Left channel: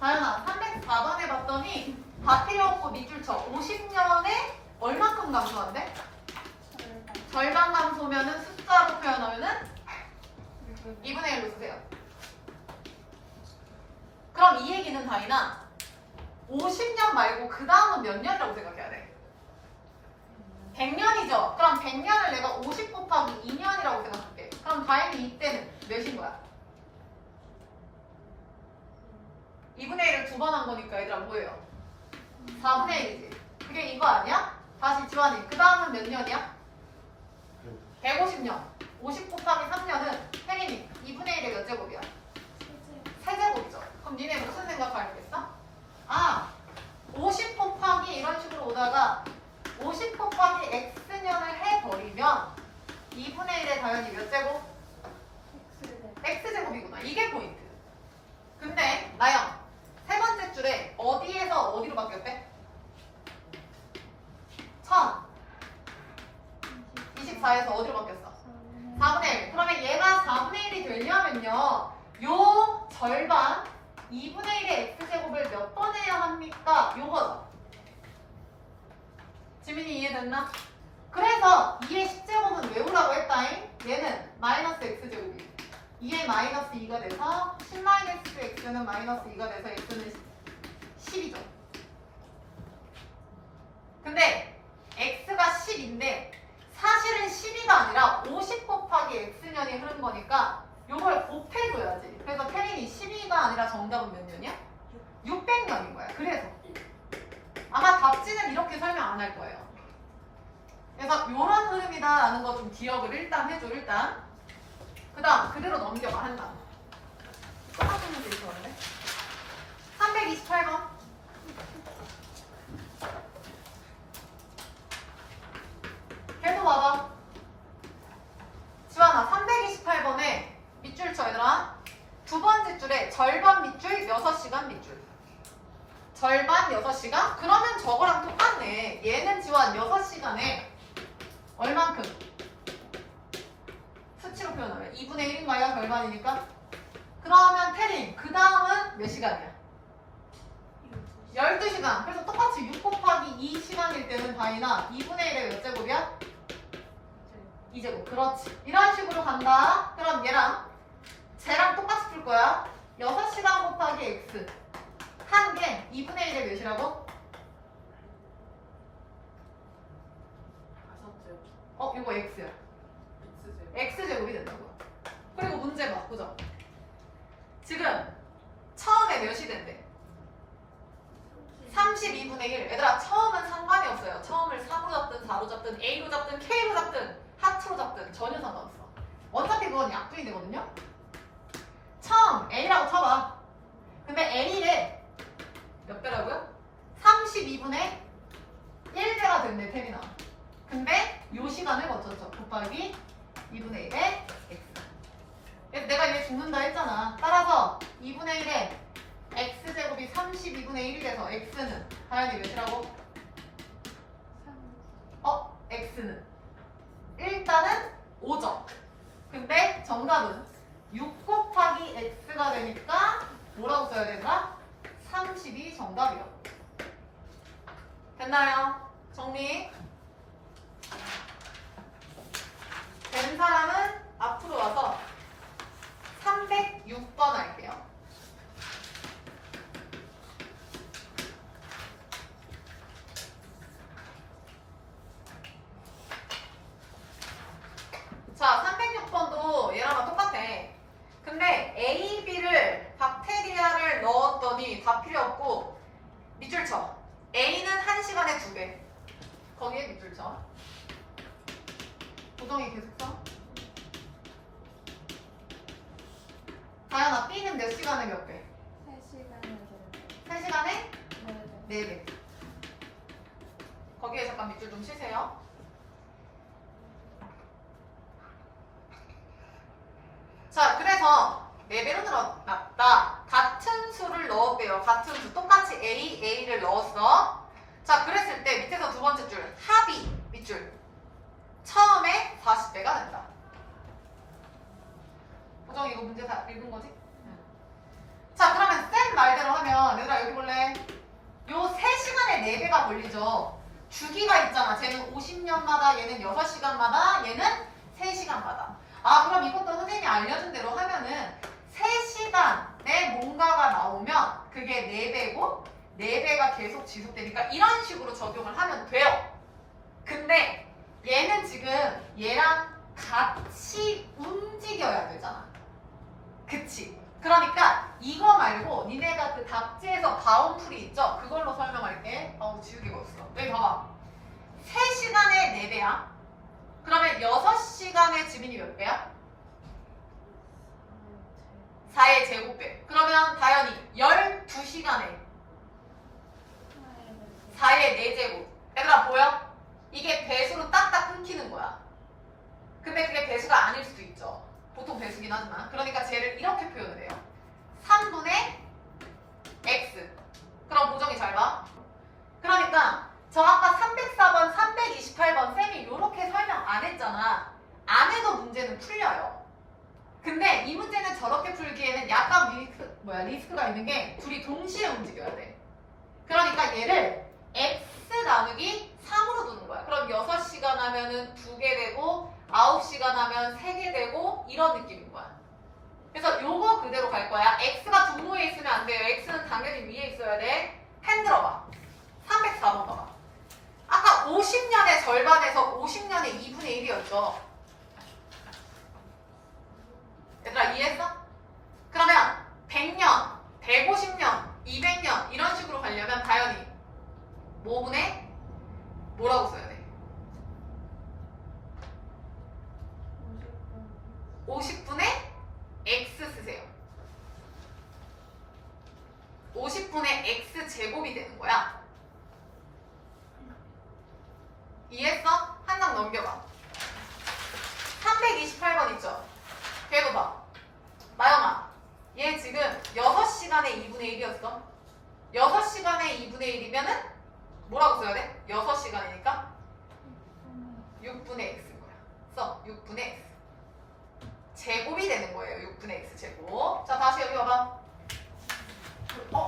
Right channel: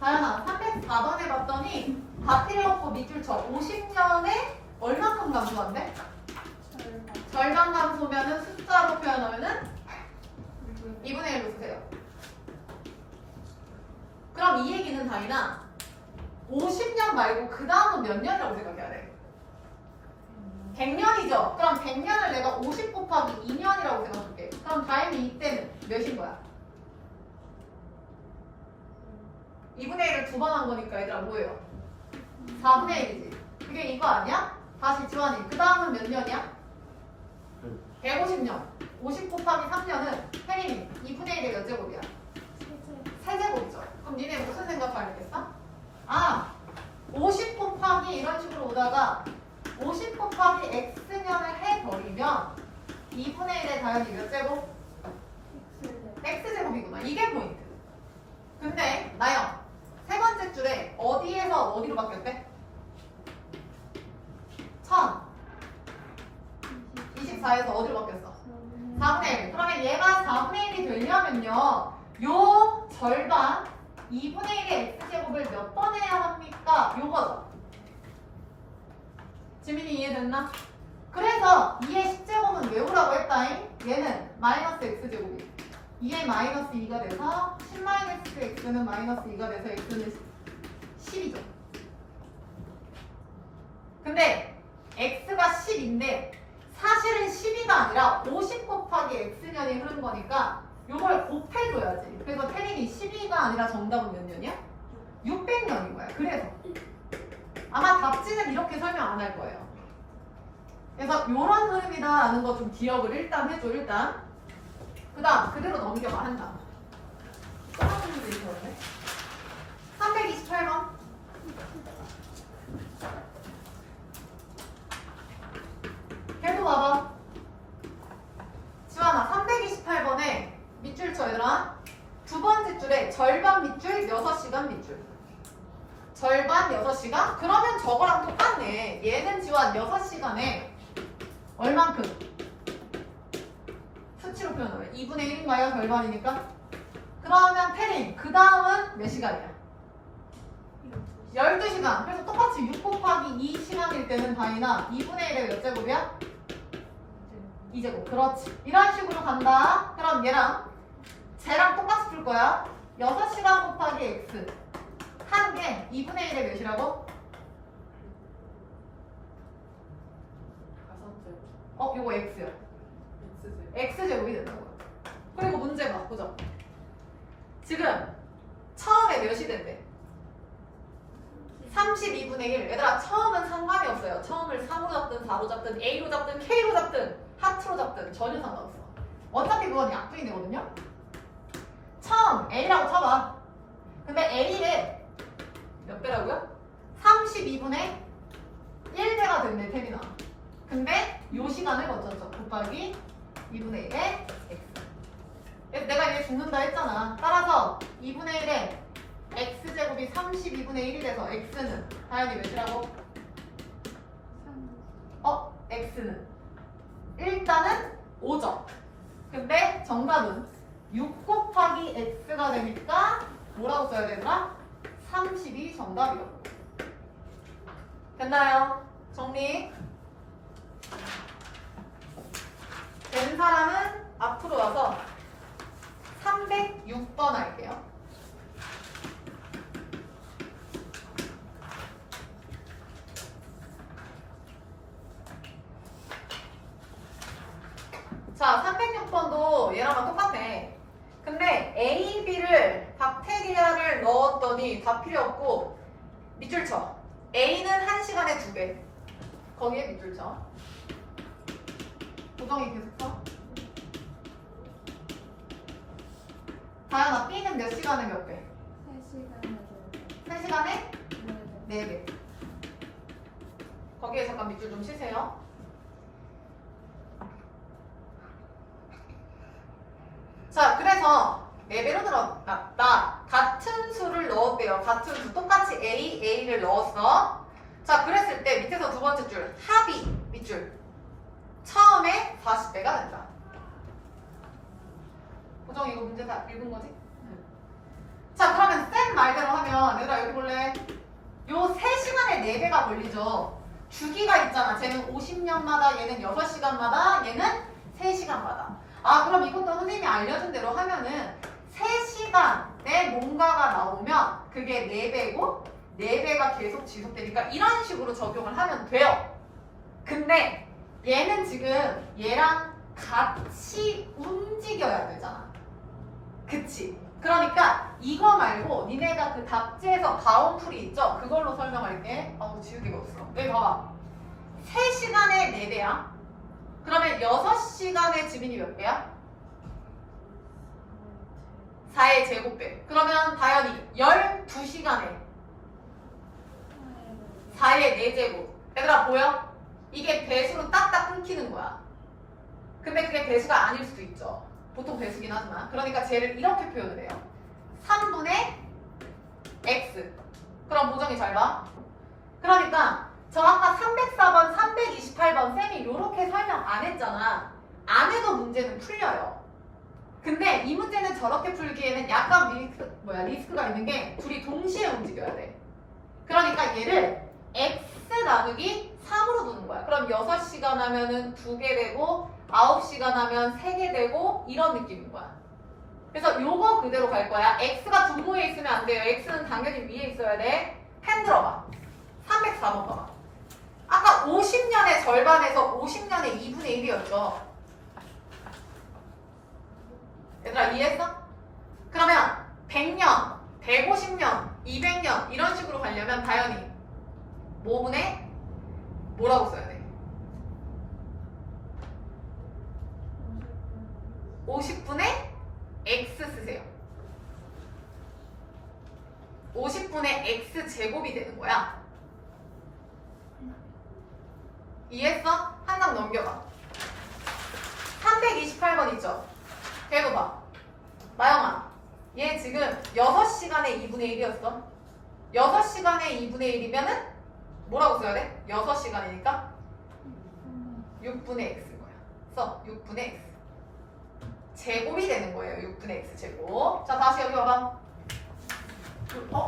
다현아, 304번에 봤더니 다 필요 없고 밑줄 쳐. 50년에 얼마큼 감소한대? 절반 감소면은 숫자로 표현하면은 2분의 1로 쓰세요. 그럼 이 얘기는 다이나 50년 말고 그 다음은 몇 년이라고 생각해야 돼? 100년이죠? 그럼 100년을 내가 50 곱하기 2년이라고 생각할게. 그럼 다행히 이때는 몇인 거야? 2분의 1을 두 번 한 거니까 얘들아 뭐예요? 4분의 1이지. 그게 이거 아니야? 다시 지환이. 그 다음은 몇 년이야? 150년. 50 곱하기 3년은 혜린이 2분의 1의 몇 제곱이야? 세제곱이죠. 그럼 니네 무슨 생각하겠어? 아, 50 곱하기 이런 식으로 오다가 50 곱하기 x년을 해버리면 2분의 1의 당연히 몇 제곱? x제곱이구나. 이게 포인트. 근데 나영, 세 번째 줄에 어디에서 어디로 바뀌었대? 1024에서 어디로 바뀌었어? 4분의 1. 그러면 얘가 4분의 1이 되려면요. 요 절반 2분의 1의 x제곱을 몇 번 해야 합니까? 요거죠. 지민이 이해됐나? 그래서 2의 10제곱은 외우라고 했다잉. 얘는 마이너스 x제곱이 2의 마이너스 2가 돼서 10 마이너스 x는 마이너스 2가 돼서 x는 10이죠. 근데 x가 10인데 사실은 12가 아니라 50 곱하기 x년이 흐른 거니까 요걸 곱해줘야지. 그래서 태린이 12가 아니라 정답은 몇 년이야? 600년인 거야. 그래서 아마 답지는 이렇게 설명 안 할 거예요. 그래서 요런 흐름이다라는 거 좀 기억을 일단 해줘. 일단 그 다음 그대로 넘겨봐. 한다. 똑같은 문제 있었는데 328번 계속 봐봐. 지환아, 328번에 밑줄 쳐 얘들아. 두 번째 줄에 절반 밑줄 6시간 밑줄. 절반 6시간? 그러면 저거랑 똑같네. 얘는 지환 6시간에 얼만큼? 수치로 표현하면 2분의 1인가요? 절반이니까? 그러면 태린 그 다음은 몇 시간이야? 12시간. 그래서 똑같이 6 곱하기 2시간일 때는 다이나 2분의 1의 몇 제곱이야? 2제곱. 그렇지. 이런 식으로 간다. 그럼 얘랑 쟤랑 똑같이 풀 거야. 6시간 곱하기 x 하는 게 2분의 1의 몇이라고? 이거 x야. x제곱이 된다고. 그리고 문제 봐. 보자. 지금 처음에 몇이 된대? 32분의 1. 얘들아, 처음은 상관이 없어요. 처음을 3로 잡든 4로 잡든 A로 잡든 K로 잡든 하트로 잡든 전혀 상관없어. 어차피 그건 약분이되거든요. 처음 A라고 쳐봐. 근데 A에 몇 배라고요? 32분의 1배가 됐네, 태민아. 근데 요 시간을 거쳤죠. 곱하기 2분의 1의 x. 그래서 내가 이게 죽는다 했잖아. 따라서 2분의 1의 x제곱이 32분의 1이 돼서 x는 다현이 몇이라고? x는 일단은 5점. 근데 정답은 6 곱하기 x가 되니까 뭐라고 써야 되나? 30이 정답이라고. 됐나요? 정리. 된 사람은 앞으로 와서 306번 할게요. 자, 306번도 얘랑 똑같아. 근데 A, B를 박테리아를 넣었더니 다 필요 없고 밑줄 쳐. A는 1시간에 2배. 거기에 밑줄 쳐. 고정이 계속 써. 다현아, B는 몇 시간에 몇 배? 3시간에 4배. 거기에 잠깐 밑줄 좀 치세요. 자, 그래서 4배로 늘어났다. 같은 수를 넣었대요. 같은 수. 똑같이 A를 넣었어. 자, 그랬을 때 밑에서 두 번째 줄 합이 밑줄. 처음에 40배가 된다. 보정 이거 문제 다 읽은 거지? 자, 그러면 쌤 말대로 하면 시간에 4배가 걸리죠. 주기가 있잖아. 쟤는 50년마다, 얘는 6시간마다, 얘는 3시간마다. 아, 그럼 이것도 선생님이 알려준 대로 하면은 3시간에 뭔가가 나오면 그게 4배고 4배가 계속 지속되니까 이런 식으로 적용을 하면 돼요. 근데 얘는 지금 얘랑 같이 움직여야 되잖아. 그치? 그러니까 이거 말고 니네가 그 답지에서 다운풀이 있죠? 그걸로 설명할게. 지우개가 없어. 여기 봐봐. 3시간에 4배야. 그러면 6시간에 지민이 몇 배야? 4의 제곱배. 그러면 다현이 12시간에 4의 4제곱. 얘들아 보여? 이게 배수로 딱딱 끊기는 거야. 근데 그게 배수가 아닐 수도 있죠. 보통 배수긴 하지만. 그러니까 쟤를 이렇게 표현을 해요. 3분의 x. 그럼 보정이 잘 봐. 그러니까 저 아까 304번, 328번 쌤이 이렇게 설명 안 했잖아. 안 해도 문제는 풀려요. 근데 이 문제는 저렇게 풀기에는 약간 리스크가 있는 게 둘이 동시에 움직여야 돼. 그러니까 얘를 x 나누기 3으로 두는 거야. 그럼 6시간 하면은 2개 되고 9시간 하면 3개 되고 이런 느낌인 거야. 그래서 요거 그대로 갈 거야. x가 분모에 있으면 안 돼요. x는 당연히 위에 있어야 돼. 펜 들어봐. 304번 봐봐. 아까 50년의 절반에서 50년의 2분의 1이었죠. 얘들아 이해했어? 그러면 100년, 150년, 200년 이런 식으로 가려면 다현이 뭐분의 뭐라고 써야 돼? 50분의 x 쓰세요. 50분의 x 제곱이 되는 거야. 이해했어? 한 장 넘겨봐. 328번 있죠? 걔도 봐. 마영아, 얘 지금 6시간에 2분의 1이었어. 6시간에 2분의 1이면은 뭐라고 써야 돼? 6시간이니까 6분의 x인 거야. 써. 6분의 x. 제곱이 되는 거예요. 6분의 x 제곱. 자, 다시 여기 와봐.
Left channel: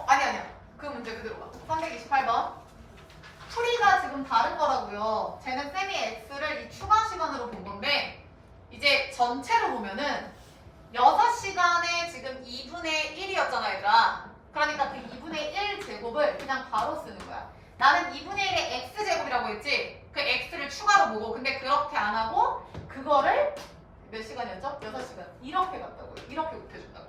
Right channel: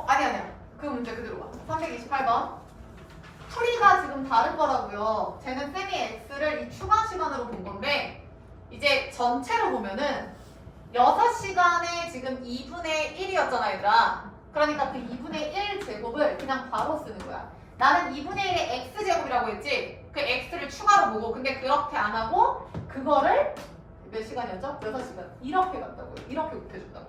아니야. 그 문제 그대로 봐. 328번. 풀이가 지금 다른 거라고요. 쟤는 쌤이 x를 이 추가 시간으로 본 건데 이제 전체로 보면은 6시간에 지금 2분의 1이었잖아 얘들아. 그러니까 그 2분의 1 제곱을 그냥 바로 쓰는 거야. 나는 2분의 1의 x제곱이라고 했지? 그 x를 추가로 보고 근데 그렇게 안 하고 그거를 몇 시간이었죠? 6시간. 이렇게 갔다고요. 이렇게 곱해준다고.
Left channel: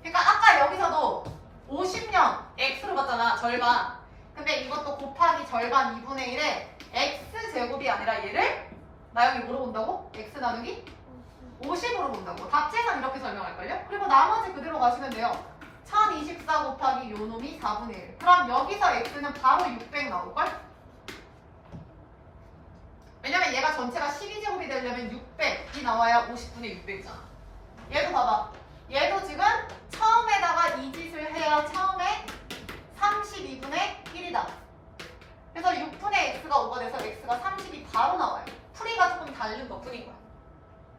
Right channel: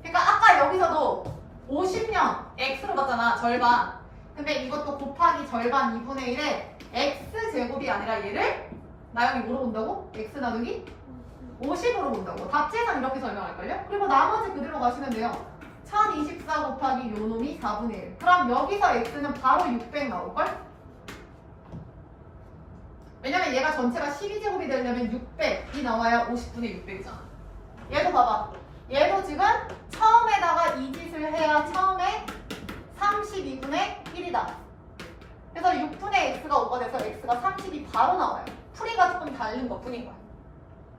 그러니까 아까 여기서도 50년 x로 갔잖아. 절반. 근데 이것도 곱하기 절반 2분의 1에 x제곱이 아니라 얘를 나영이 뭐로 본다고? x 나누기 50으로 본다고. 답지에선 이렇게 설명할걸요? 그리고 나머지 그대로 가시면 돼요. 1024 곱하기 요 놈이 4분의 1. 그럼 여기서 x는 바로 600 나올걸? 왜냐면 얘가 전체가 12제곱이 되려면 600이 나와야 50분의 600이잖아. 얘도 봐봐. 얘도 지금 처음에다가 이 짓을 해야 처음에 32분의 1이다. 그래서 6분의 x가 오가 돼서 x가 30이 바로 나와요. 풀이가 조금 다른 것 뿐인 거야.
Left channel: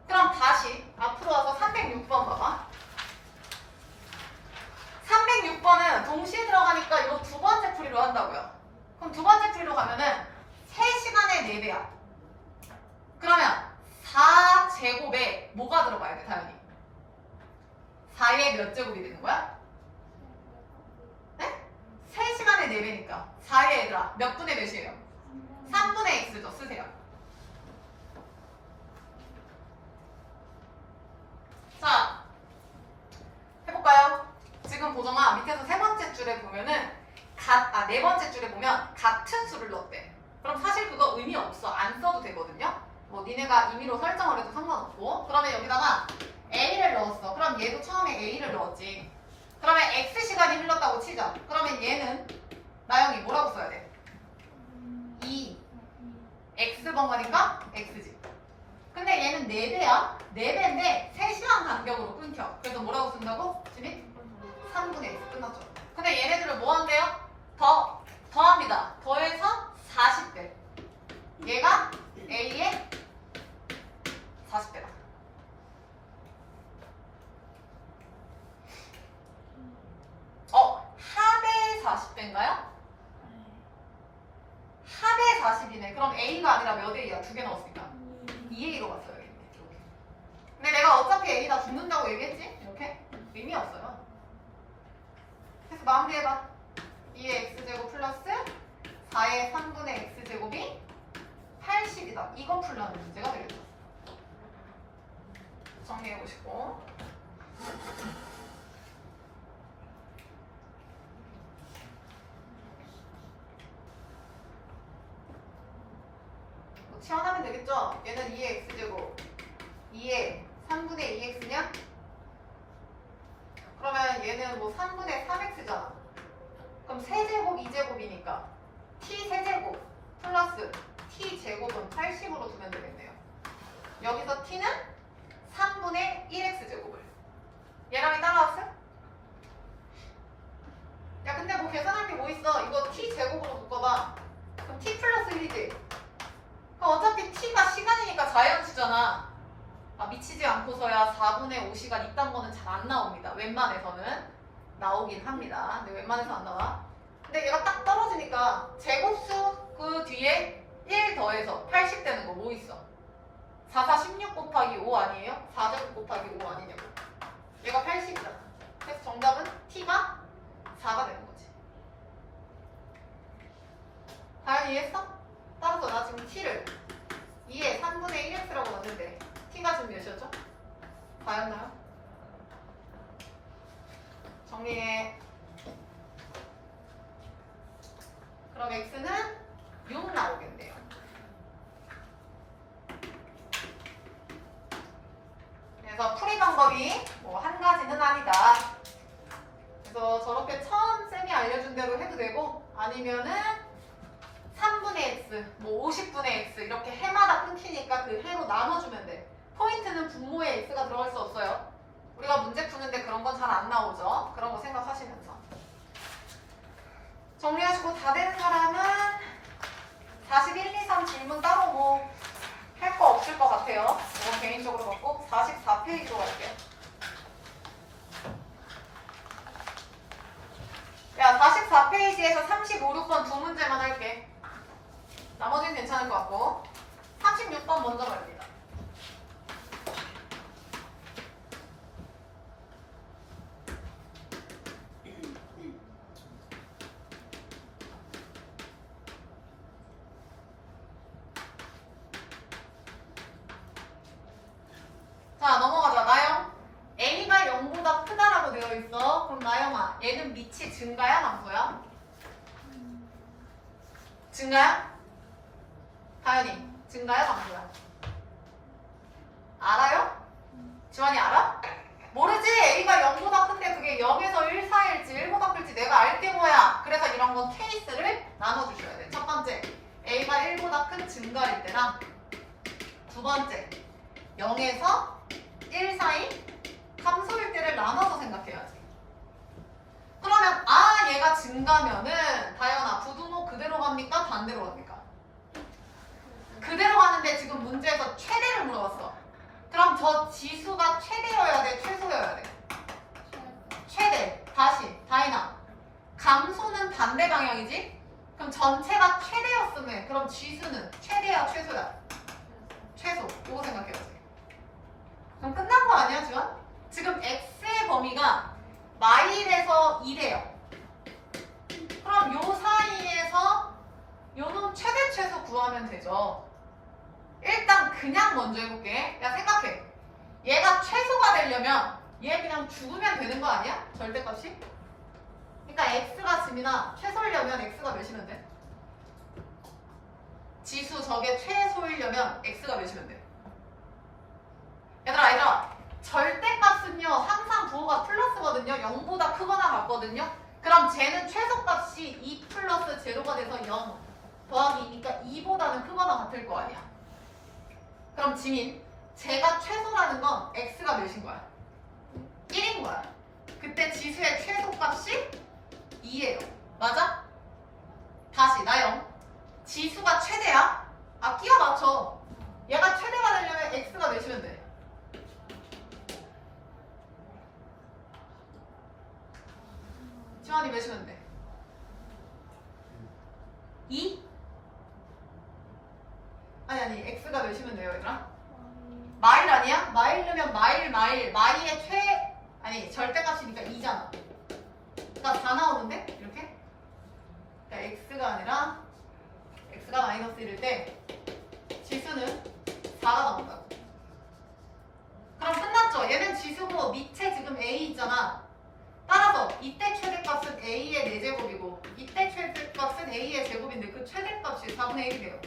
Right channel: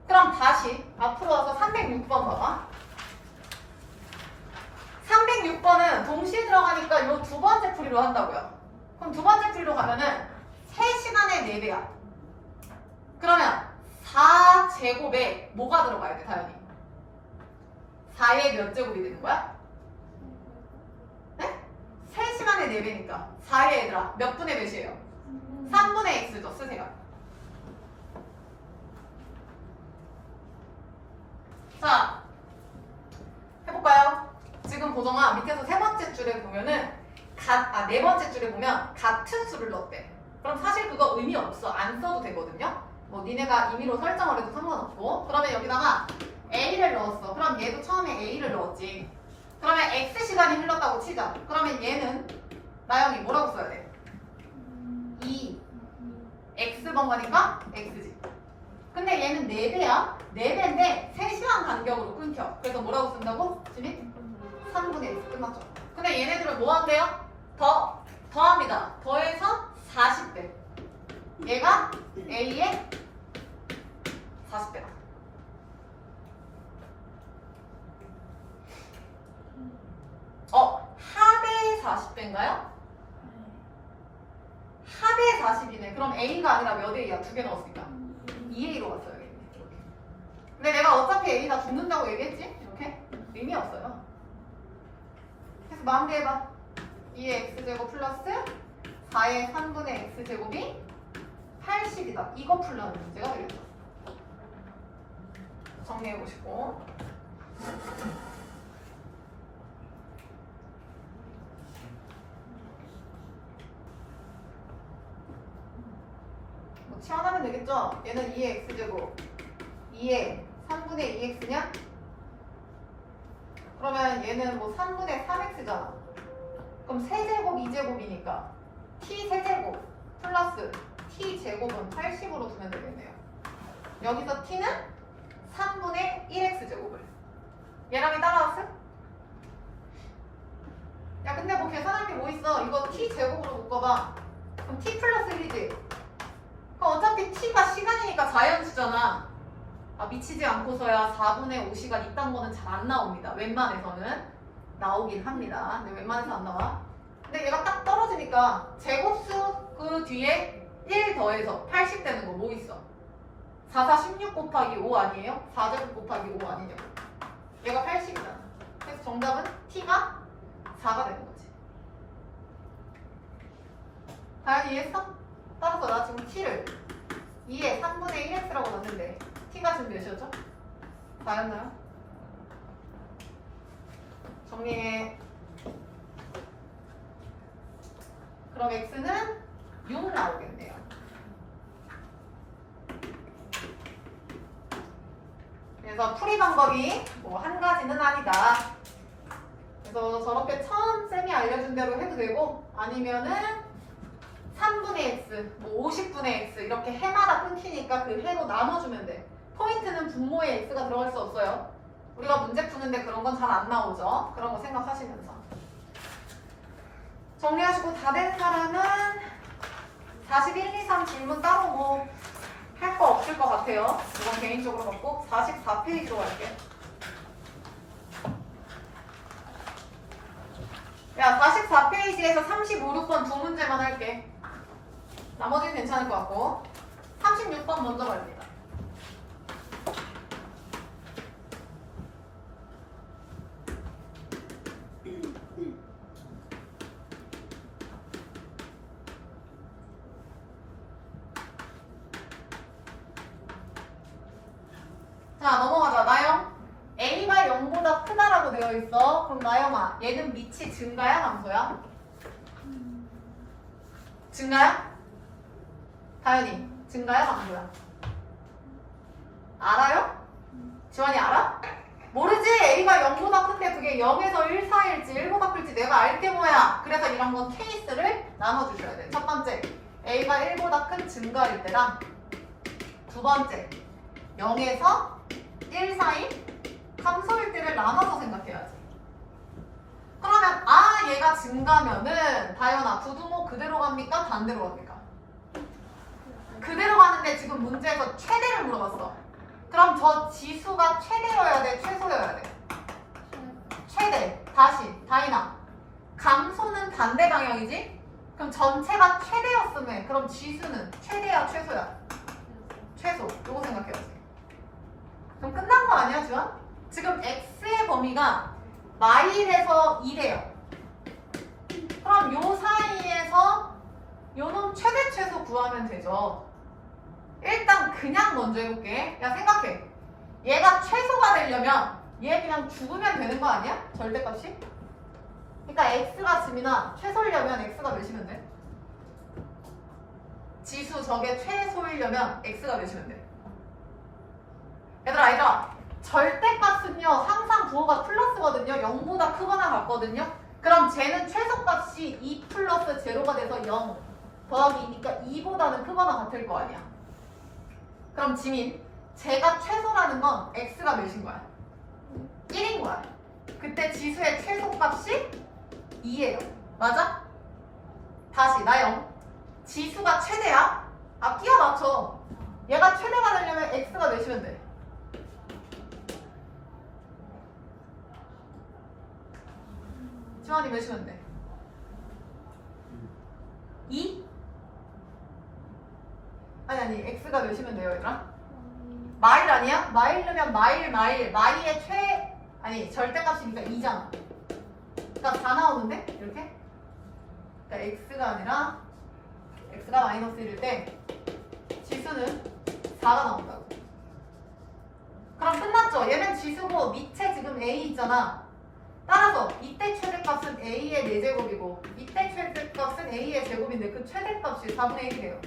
그럼 다시 앞으로 와서 306번 봐봐. 306번은 동시에 들어가니까 이 두 번째 풀이로 한다고요. 그럼 두 번째 풀이로 가면은 3시간에 4배야. 그러면 4제곱에 뭐가 들어가야 돼, 다현이? 4의 몇 제곱이 되는 거야? 네? 3시간에 4배니까 4의 얘들아 몇 분의 몇이에요? 3분의 x죠. 쓰세요. 자, 해볼까요? 지금 보정아 밑에서 세 번째 줄에 보면은 네 번째 줄에 보면 같은 수를 넣었대. 그럼 사실 그거 의미 없어. 안 써도 되거든요. 뭐 니네가 임의로 설정을 해도 상관없고. 그러면 여기다가 a를 넣었어. 그럼 얘도 처음에 a를 넣었지. 그러면 x 시간이 흘렀다고 치자. 그러면 얘는 나영이 뭐라고 써야 돼? 2 x번 가니까 x지. 근데 얘는 4배야. 4배인데 3시간 간격으로 끊겨. 그래서 뭐라고 쓴다고? 지민? 3분의 x 끝났죠. 근데 얘네들을 뭐 한대요? 더합니다. 더해서 40배. 얘가 a의 40배다. 합의 40배인가요? 합의 40이네. 그럼 A가 아니라 몇 A야? 2개 넣었으니까 2A로 갔어요. 이렇게. 근데 내가 어차피 A 다 붙는다고 얘기했지? 이렇게? 의미 없어요. 그래서 마무리해봐. 2의 x제곱 플러스 4의 3분의 x제곱이 80이다. 이거 풀려는 문제가 되겠죠. 정리해보시고. 뭐 치환하면 되겠죠? 얘는 2의 x제곱 2의 3분의 2x냐? 그러면 얘는 뭐 3분의 3x잖아. 그럼 세제곱 2제곱이니까 t 세제곱 플러스 t 제곱은 80으로 두면 되겠네요. 여기서 t는 3분의 1x제곱을. 얘랑이 따라왔어? 야 근데 뭐 계산할 게 뭐 있어? 이거 t 제곱으로 묶어봐. 그럼 t 플러스 1이지. 그럼 어차피 t가 시간이니까 자연수잖아. 아, 미치지 않고서야 4분의 5시간 이딴 거는 잘 안 나옵니다. 웬만해서는 나오긴 합니다. 근데 웬만해서 안 나와. 근데 얘가 딱 떨어지니까 제곱수 그 뒤에 1 더해서 80 되는 거 뭐 있어? 4, 4, 16 곱하기 5 아니에요? 4제곱 곱하기 5 아니냐고. 얘가 80이잖아. 그래서 정답은 t가 4가 되는 거지. 다현이 이해했어? 따라서 나 지금 t를 2에 3분의 1x라고 놨는데 t가 지금 몇이었죠? 4였나요? 정리해. 그럼 x는 6 나오겠네요. 그래서 풀이 방법이 뭐 한 가지는 아니다. 그래서 저렇게 처음 쌤이 알려준 대로 해도 되고 아니면은 3분의 x, 뭐 50분의 x 이렇게 해마다 끊기니까 그 해로 나눠주면 돼. 포인트는 분모에 x가 들어갈 수 없어요. 우리가 문제 푸는데 그런 건 잘 안 나오죠. 그런 거 생각하시면서. 정리하시고 다 된 사람은 41, 2, 3 질문 따로 뭐 할 거 없을 것 같아요. 이건 개인적으로 갖고 44페이지로 갈게. 야 44페이지에서 35, 6번 두 문제만 할게. 나머지는 괜찮을 것 같고 36번 먼저 갑니다. 자 넘어가자. 나영 A가 0보다 크다라고 되어 있어. 그럼 나영아 얘는 밑이 증가야 감소야? 증가야? 다현이 증가야 감소야? 알아요? 지환이 알아? 모르지? A가 0보다 큰데 그게 0에서 1 사이일지 1보다 클지 내가 알게 뭐야. 그래서 이런 건 케이스를 나눠주셔야 돼. 첫 번째 A가 1보다 큰 증가일 때랑 두 번째 0에서 1 사이 감소일 때를 나눠서 생각해야지. 그러면 아 얘가 증가면은 다현아 부두모 그대로 갑니까? 반대로 갑니까? 그대로 가는데 지금 문제에서 최대를 물어봤어. 그럼 저 지수가 최대여야 돼? 최소여야 돼? 최대. 다시 다이나 감소는 반대 방향이지? 그럼 전체가 최대였으면 그럼 지수는 최대야 최소야? 최소. 요거 생각해야지. 그럼 끝난 거 아니야 지원? 지금 x의 범위가 마일에서 1이에요. 그럼 요 사이에서 요놈 최대 최소 구하면 되죠. 일단 그냥 먼저 해볼게. 야 생각해. 얘가 최소가 되려면 얘 그냥 죽으면 되는 거 아니야? 절대값이? 그러니까 x가 지민아 최소이려면 x가 몇이면 돼? 지수 저게 최소이려면 x가 몇이면 돼? 얘들아 절대값은요 항상 부호가 플러스거든요. 0보다 크거나 같거든요. 그럼 쟤는 최소값이 2 플러스 제로가 돼서 0 더하기 2니까 2보다는 크거나 같을 거 아니야. 그럼 지민 쟤가 최소라는 건 x가 몇인 거야? 1인 거야. 그때 지수의 최소값이 2예요. 맞아? 다시 나영 지수가 최대야? 아 끼워 맞춰. 얘가 최대가 되려면 x가 몇이면 돼? 지원이 몇이면 돼? 2? x가 되시면 돼요, 얘들아. 마일 아니야? 마일 넣으면 마일의 절대값이니까 2잖아. 그러니까 4 나오는데? 이렇게? 그러니까 x가 아니라 x가 마이너스 1일 때 지수는 4가 나온다고. 그럼 끝났죠? 얘는 지수고 밑에 지금 a 있잖아. 따라서 이때 최대값은 a의 4제곱이고 이때 최대값은 a의 제곱인데 그 최대값이 4분의 1이 돼요.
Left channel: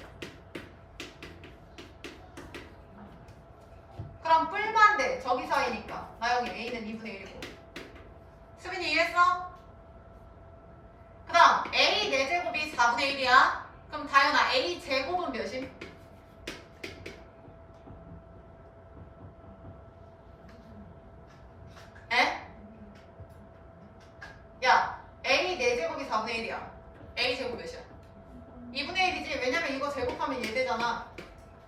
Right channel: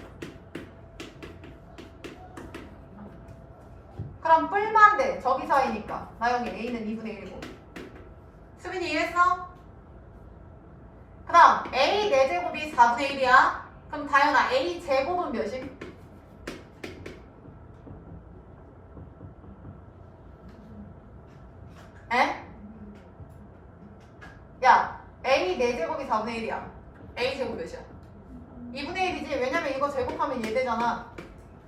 그럼 뿔만 돼. 저기 사이니까. 나영이 a는 2분의 1이고. 수빈이 이해했어? 그 다음 a 4제곱이 4분의 1이야. 그럼 다현아 a 제곱은 몇임? 에? 야 a 4제곱이 4분의 1이야. a 제곱 몇이야? 2분의 1이지. 왜냐면 이거 제곱하면 얘 되잖아.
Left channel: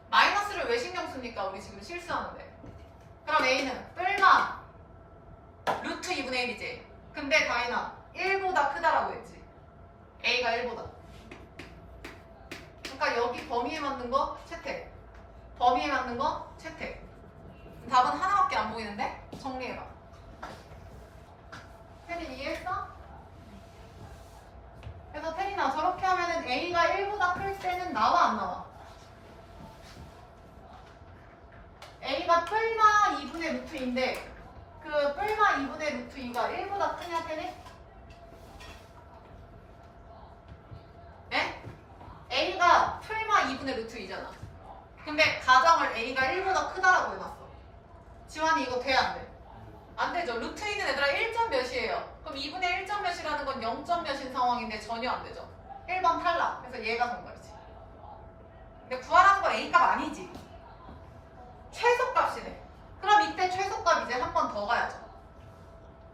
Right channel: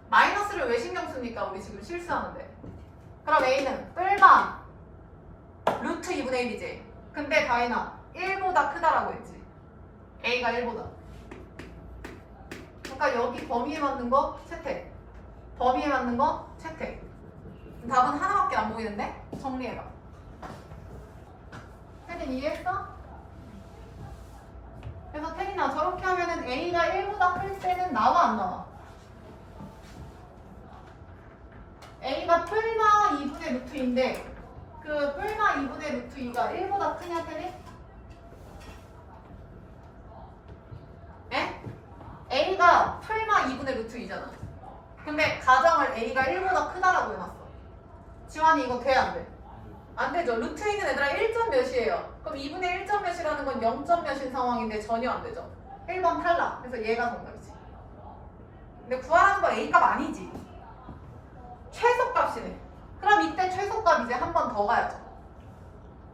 마이너스를 왜 신경 씁니까? 우리 지금 실수하는데. 그럼 a는 뿔마 루트 2분의 1이지. 근데 다현아 1보다 크다라고 했지. a가 1보다. 그러니까 여기 범위에 맞는 거 채택. 범위에 맞는 거 채택. 답은 하나밖에 안 보이는데? 정리해봐. 태린 이해했어? 그래서 태린아 저렇게 하면은 a가 1보다 클 때는 나와 안 나와? a가 뿔마 2분의 루트 2인데 그 뿔마 2분의 루트 2가 1보다 크냐 태린? 에? a가 뿔마 2분의 루트 2잖아. 근데 가정을 a가 1보다 크다라고 해놨어. 지환이 이거 돼 안 돼? 안 되죠. 루트 2는 얘들아 1점 몇이에요. 그럼 2분의 1점 몇이라는 건 0점 몇인 상황인데 전혀 안 되죠. 1번 탈락. 그래서 얘가 정답이지. 근데 구하라는 건 a값 아니지. 최소값이네. 그럼 이때 최소값 이제 한 번 더 가야죠.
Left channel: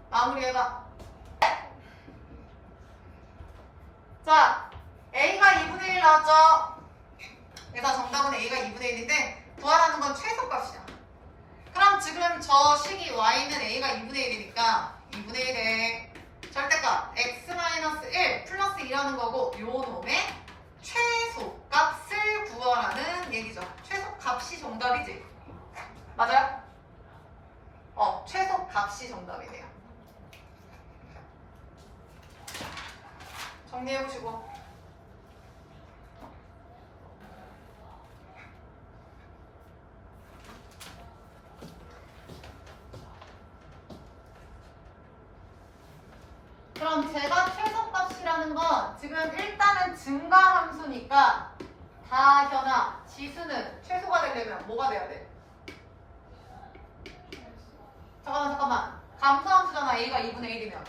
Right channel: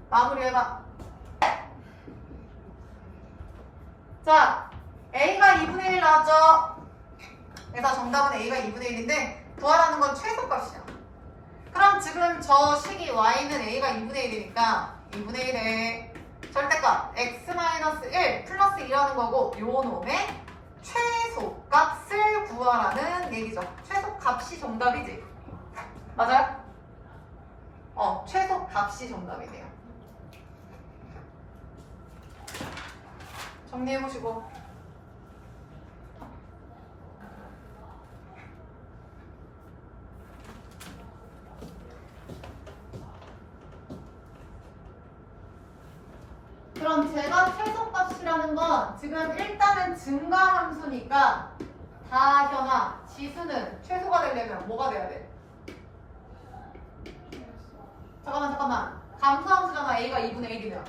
마무리해봐. 자, a가 2분의 1 나왔죠? 그래서 정답은 a가 2분의 1인데 구하라는 건 최소값이야. 그럼 지금 저 식이 y는 a가 2분의 1이니까 2분의 1에 절대값 x-1 플러스 2라는 거고 요 놈의 최소값을 구하라는 얘기죠. 최소값이 정답이지. 맞아요? 최소값이 정답이네요. 정리해보시고. 그럼 제가 최소값이라는 건 지금 일단은 증가함수니까 다현아 지수는 최소가 되려면 뭐가 돼야 돼? 잠깐만 감소함수잖아. a가 2분의 1이면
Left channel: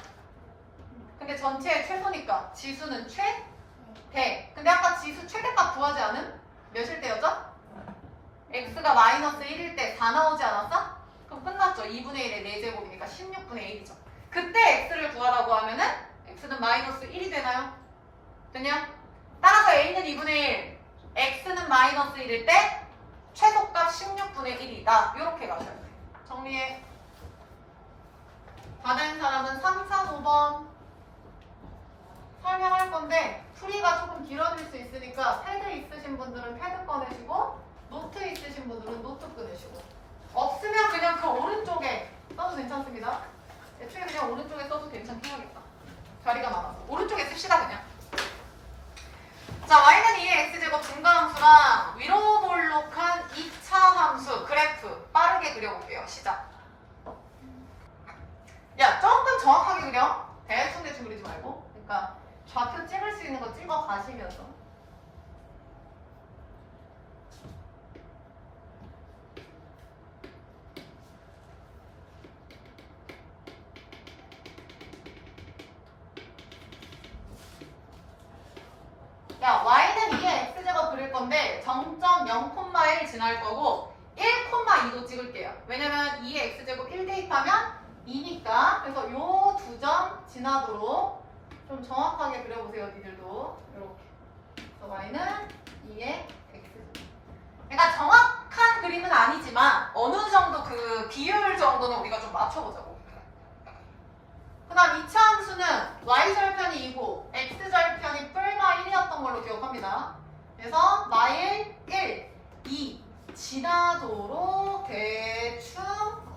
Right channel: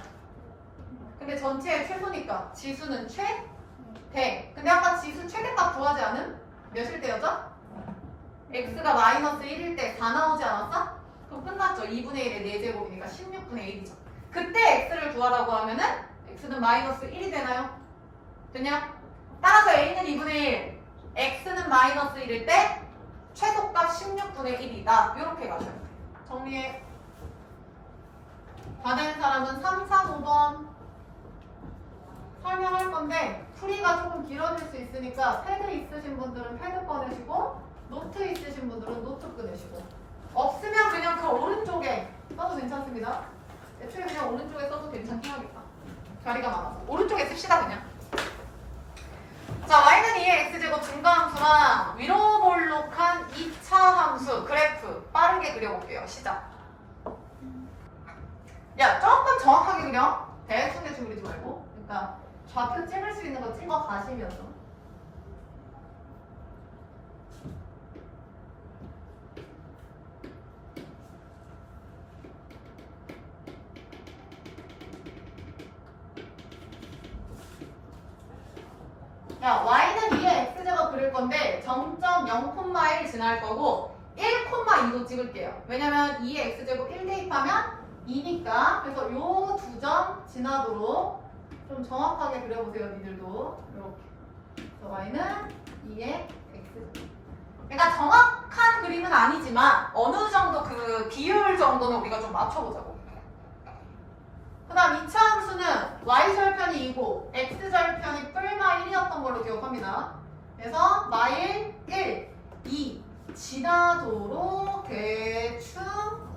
근데 전체의 최소니까 지수는 최대. 근데 아까 지수 최대값 구하지 않은? 몇일 때였죠? x가 마이너스 1일 때 다 나오지 않았어? 그럼 끝났죠. 2분의 1의 4제곱이니까 16분의 1이죠. 그때 x를 구하라고 하면은 x는 마이너스 1이 되나요? 되냐? 따라서 a는 2분의 1, x는 마이너스 1일 때 최소값 16분의 1이다. 이렇게 가셔요. 정리해. 다 된 사람은 3, 4, 5번 설명할 건데 풀이가 조금 길어질 수 있으니까 패드 있으신 분들은 패드 꺼내시고 노트 있으신 분들은 노트 꺼내시고 없으면 그냥 그 오른쪽에 써도 괜찮습니다. 애초에 그냥 오른쪽에 써도 괜찮긴 하겠다. 자리가 많아서 오른쪽에 씁시다 그냥. 자, y는 2의 x제곱 증가함수랑 위로 볼록한 2차 함수 그래프 빠르게 그려볼게요. 시작. 야, 조금 정확하게 그려. 대충 그리지 말고. 그러니까 좌표 찍을 수 있는 거 찍어 가시면서. 야, y는 2의 x제곱 그릴 건데 0.0,1 지날 거고 1,2도 찍을게요. 왜냐면 2의 x제곱 1 대입하면 2니까. 그래서 요 두 점 지나도록 좀 정확하게 그려보세요. 니들도 이렇게. 그래서 y는 2의 x. 그러니까 정확한 그림은 아니지만 어느 정도 그 비율 정도는 우리가 좀 맞춰보자고. 그 다음 2차 함수는 y절편이 2고 x절편이 뿔마 1이었던 걸로 기억합니다. 그래서 마일 1, 2, 지나도록 대충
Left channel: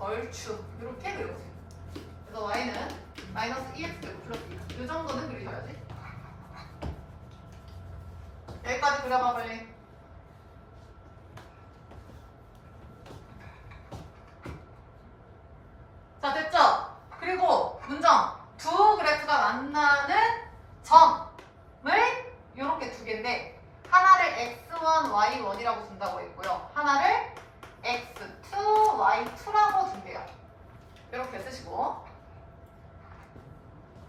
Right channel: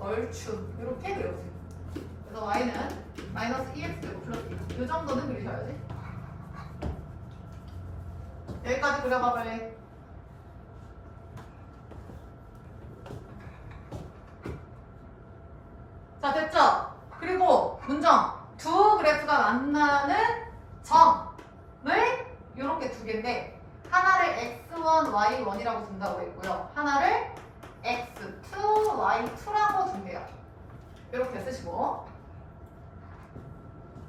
얼춤 이렇게 그려주세요. 그래서 y는 마이너스 2x 플러스 2. 이 정도는 그리셔야지. 여기까지 그려봐 빨리. 자 됐죠? 그리고 문정 두 그래프가 만나는 점을 이렇게 두 개인데 하나를 x1, y1이라고 준다고 했고요. 하나를 x2, y2라고 준대요. 이렇게 쓰시고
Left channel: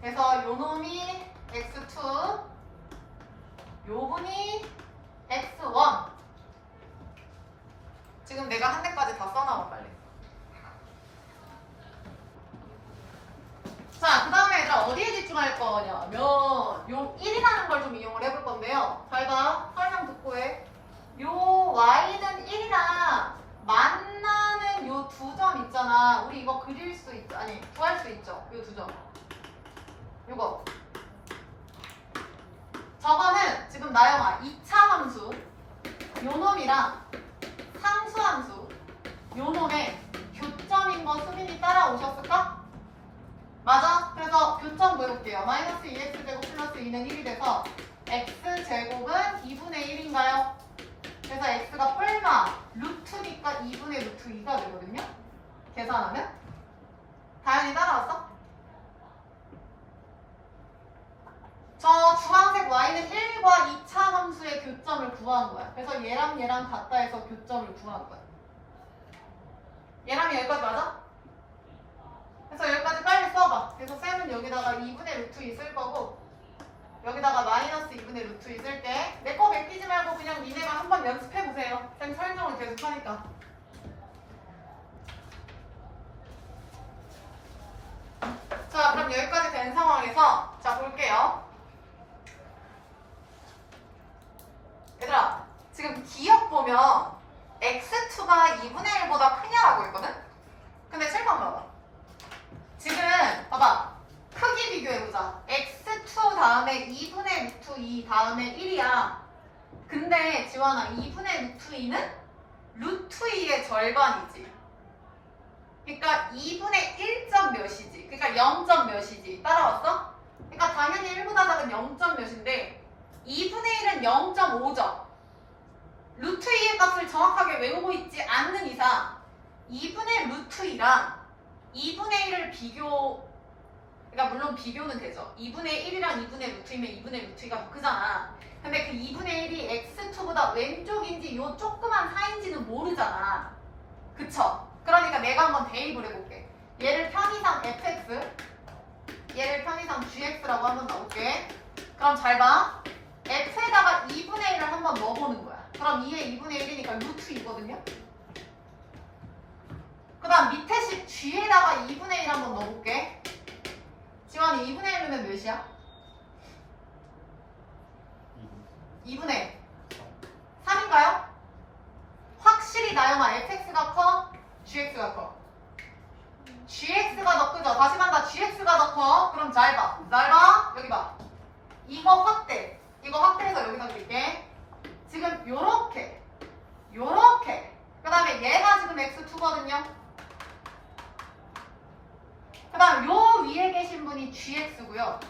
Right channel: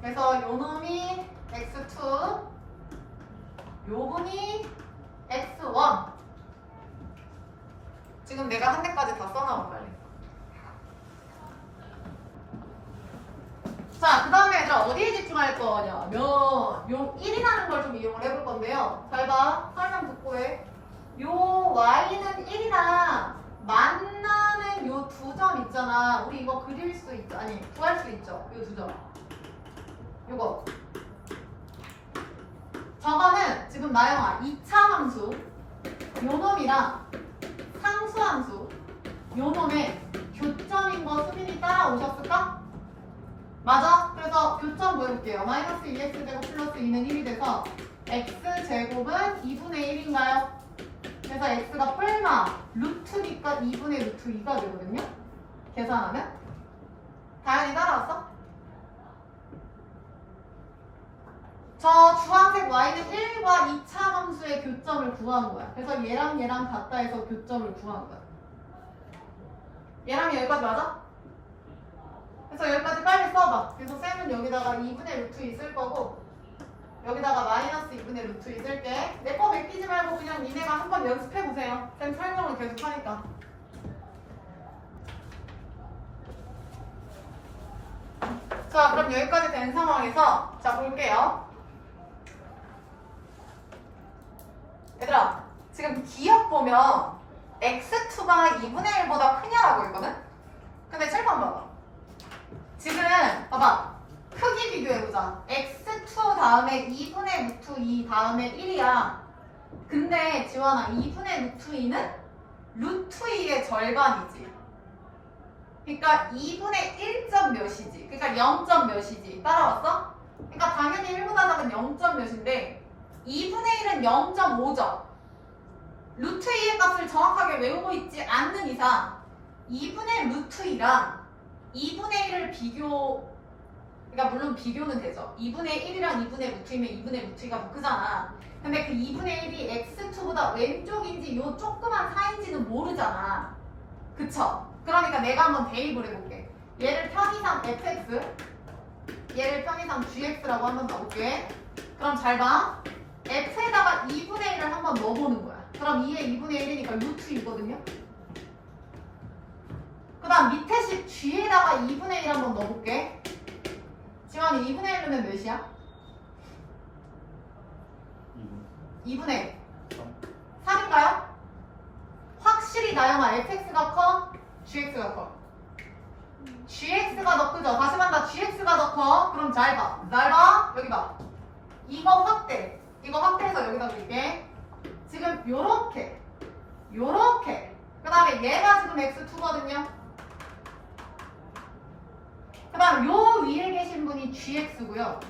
그래서 요 놈이 x2 요분이 x1 지금 내가 한 대까지 다 써놔봐 빨리. 자, 그 다음에 어디에 집중할 거냐면 요 1이라는 걸 좀 이용을 해볼 건데요. 잘 봐. 설명 듣고 해. 요 y는 1이랑 만나는 요 두 점 있잖아. 우리 이거 그릴 수 있죠. 아니, 구할 수 있죠. 요 두 점. 요거. 저거는 지금 나영아 2차 함수 요 놈이랑 상수 함수 요 놈의 교점인 거 수민이 따라오셨을까? 맞아? 그래서 교점 보여볼게요. 마이너스 2x제곱 플러스 2는 1이 돼서 x제곱은 2분의 1인가요? 그래서 x가 뿔마 루트니까 2분의 루트 2가 되거든요? 계산하면? 다현이 따라왔어? 저 주황색 y는 1과 2차 함수의 교점을 구한 거야. 그래서 얘랑 얘랑 같다 해서 교점을 구한 거야. 얘랑 여기까지 맞아? 그래서 여기까지 빨리 써봐. 그래서 쌤은 여기다가 2분의 루트 있을 거고 여기다가 마이너스 2분의 루트 있을게. 내 거 베끼지 말고 그냥 니네가 한번 연습해보세요. 쌤 설명을 계속 하니까. 자, 그럼 여기까지 된 상황에서 자 볼게요. 얘들아, 지금 기억 보면 x2가 2분의 1보다 크냐라고 했거든? 근데 칠판 봐봐. 지금 봐봐. 크기 비교해보자. x2 다음에 2분의 루트 2 다음에 1이야. 근데 지원아 2분의 루트 2는 루트 2의 절반이지. 그러니까 2분의 1점 몇이지. 그러니까 0점 몇이지. 따라왔어? 그러니까 당연히 1보다 작은 0점 몇인데 2분의 1은 0.5점. 루트 2의 값을 정확하게 외우고 있지 않는 이상 2분의 루트 2랑 2분의 1을 비교, 그러니까 물론 비교는 되죠. 2분의 1이랑 2분의 루트 2면 2분의 루트 2가 더 크잖아. 근데 그 2분의 1이 x2보다 왼쪽인지 요 조그만 사인지는 모르잖아. 그쵸? 그러니까 내가 한번 대입을 해볼게. 얘를 편의상 fx, 얘를 편의상 gx라고 한번 넣어볼게. 그럼 잘 봐. f에다가 2분의 1을 한번 넣어보는 거야. 그럼 2의 2분의 1이니까 루트 2거든요. 그 다음 밑에 식 g에다가 2분의 1 한번 넣어볼게. 지원이 2분의 1이면 몇이야? 2분의 1. 3인가요? 확실히 나영아 fx가 커? gx가 커? gx가 더 크죠? 다시 만다 gx가 더 커? 그럼 잘 봐. 잘 봐. 여기 봐. 이거 확대. 이거 확대해서 여기다 그릴게. 지금 요렇게 요렇게 그 다음에 얘가 지금 x2거든요. 그 다음 요 위에 계신 분이 gx고요.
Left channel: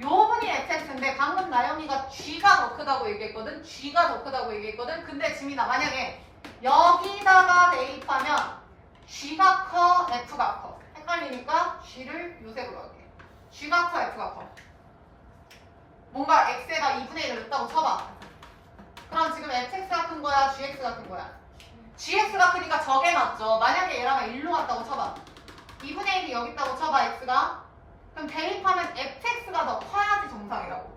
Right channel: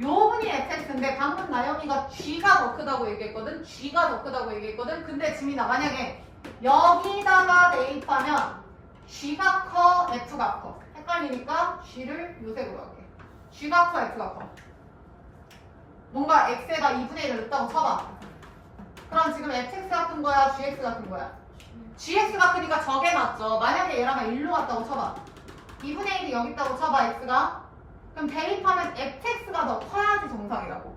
요 분이 fx인데 방금 나영이가 g가 더 크다고 얘기했거든. g가 더 크다고 얘기했거든. 근데 지민아 만약에 여기다가 대입하면 g가 커 f가 커 헷갈리니까 g를 요색으로 할게. g가 커 f가 커. 뭔가 x에다 2분의 1을 넣었다고 쳐봐. 그럼 지금 fx가 큰 거야 gx가 큰 거야? gx가 크니까 저게 맞죠. 만약에 얘랑 일로 갔다고 쳐봐. 2분의 1이 여기 있다고 쳐봐 x가. 그럼 대입하면 fx가 더 커야지 정상이라고.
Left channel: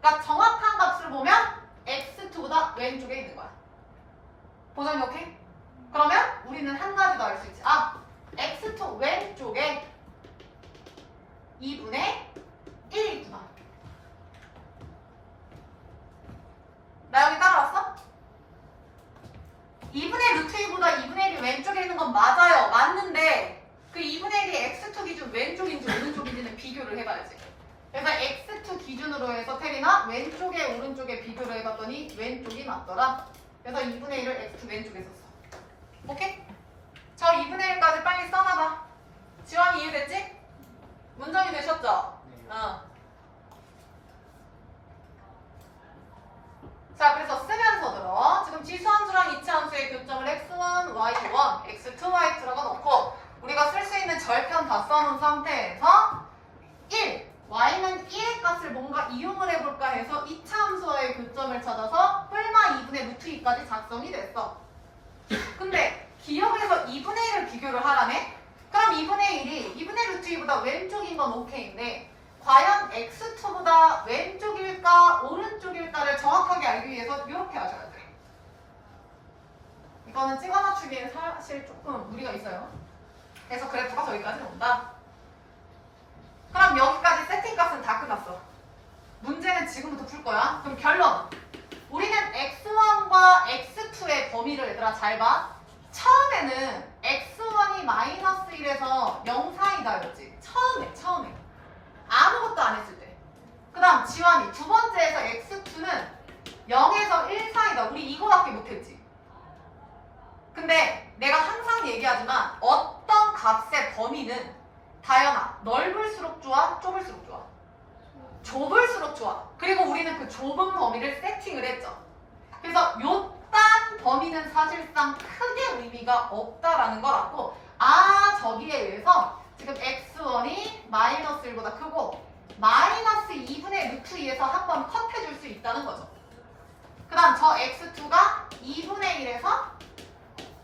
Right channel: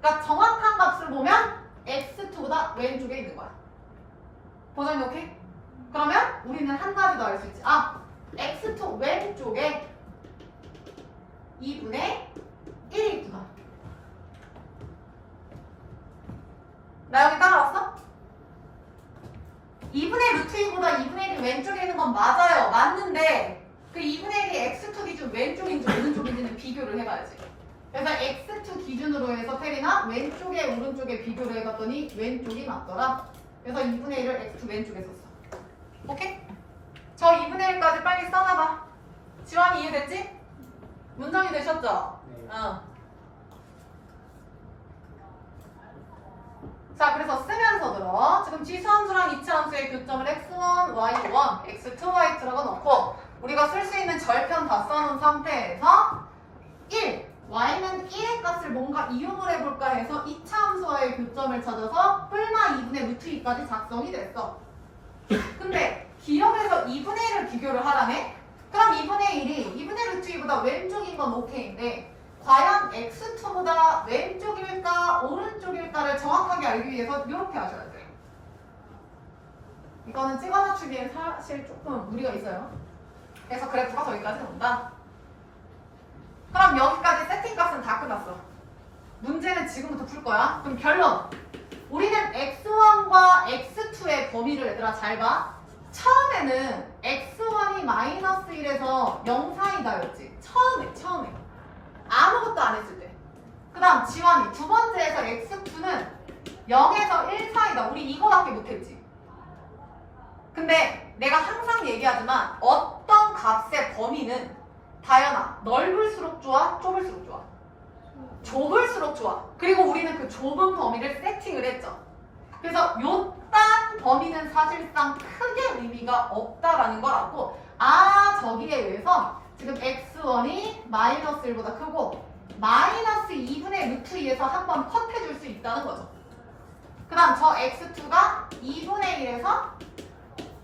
그러니까 정확한 값을 보면 x2보다 왼쪽에 있는 거야. 보정이 오케이? 그러면 우리는 한 가지 더 알 수 있지. 아, x2 왼쪽에 2분의 1이 있구나. 나 여기 따라왔어? 2분의 루트 2보다 2분의 1이 왼쪽에 있는 건 맞아요. 맞는데 그 2분의 1이 x2 기준 왼쪽인지 오른쪽인지는 비교를 해봐야지. 그래서 x2 기준으로 해서 테리나 왼쪽에 오른쪽에 비교를 해봤더니 왼쪽이 맞더라. 그래서 2분의 1을 x2 왼쪽에 썼어. 오케이? 저 2분의 1까지 빨리 써놔봐. 지환이 이해됐지? 문정이 되셨죠? 네. 자, 그래서 쓰면서 들어. 지금 지수함수랑 이차함수의 교점을 x1, y1, x2, y2라고 놓고 우리가 쓸 수 있는 절편 다 써놓은 상태에서 1, y는 1의 값을 뭔가 이용을 해볼까 해서 이차함수와의 교점을 찾아서 뿔마 2분의 루트 2까지 작성이 됐어. 근데 기억에서 2분의 1을 비교를 하라네? 그럼 2분의 1이 2분의 루트 2보다 왼쪽인 건 오케이인데 과연 x2보다 왼쪽일까 오른쪽일까를 정확하게 알기 위해서 이렇게 하셔야 돼요. 이거는 찍어 맞추기엔 사실 조금 무리가 있어요. 그래서 그래프가 저기까지 온다. 그럼 여기까지 세팅값은 다 끝났어. 문제는 지금부터 풀 거야. 그럼 결론. 우리는 x1과 x2의 범위를 얘들아 잘 봐. 처음에는 x1이 마이너스 1에서 0 사이다였지. 처음에. 아무것도 안 했을 때. 그 다음 지환이 두 번째에서 x2는 0에서 1 사이다. 우리 이거밖에 못했지. 근데 내가 항상 얘기하지만 어떤 값의 범위는 다연아 넓을수록 좋아? 좁을수록 좋아? 좁을수록 좋아. 그리고 우리는 그 좁은 범위를 세팅을 했죠. 그래서 요딴 범위는 사실상 크게 의미가 없다라는 걸 알고 저기에 의해서 지금 x1이 마이너스 1보다 크고 마이너스 2분의 루트 2에서 한번 컷해줄 수 있다는 거죠. 그 다음 저 x2가 2분의 1에서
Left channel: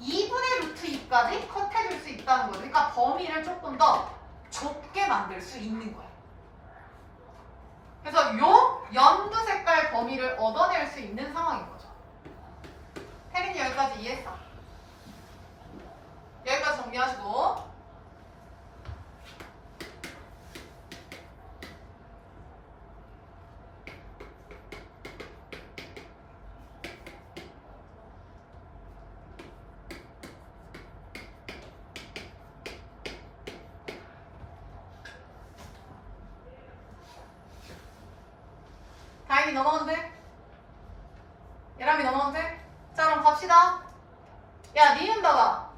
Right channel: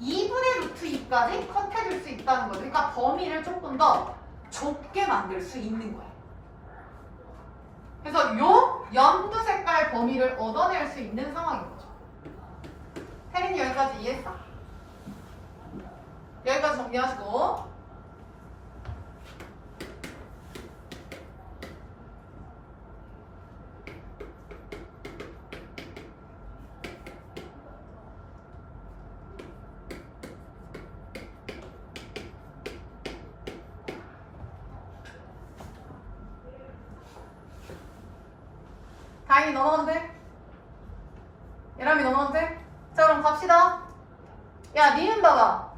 2분의 루트 2까지 컷해줄 수 있다는 거죠. 그러니까 범위를 조금 더 좁게 만들 수 있는 거예요. 그래서 요 연두 색깔 범위를 얻어낼 수 있는 상황인 거죠. 혜린이 여기까지 이해했어? 여기까지 정리하시고 다행히 넘어가면 돼? 예람이 넘어가면 돼? 자 그럼 갑시다. 야 니은 봐봐.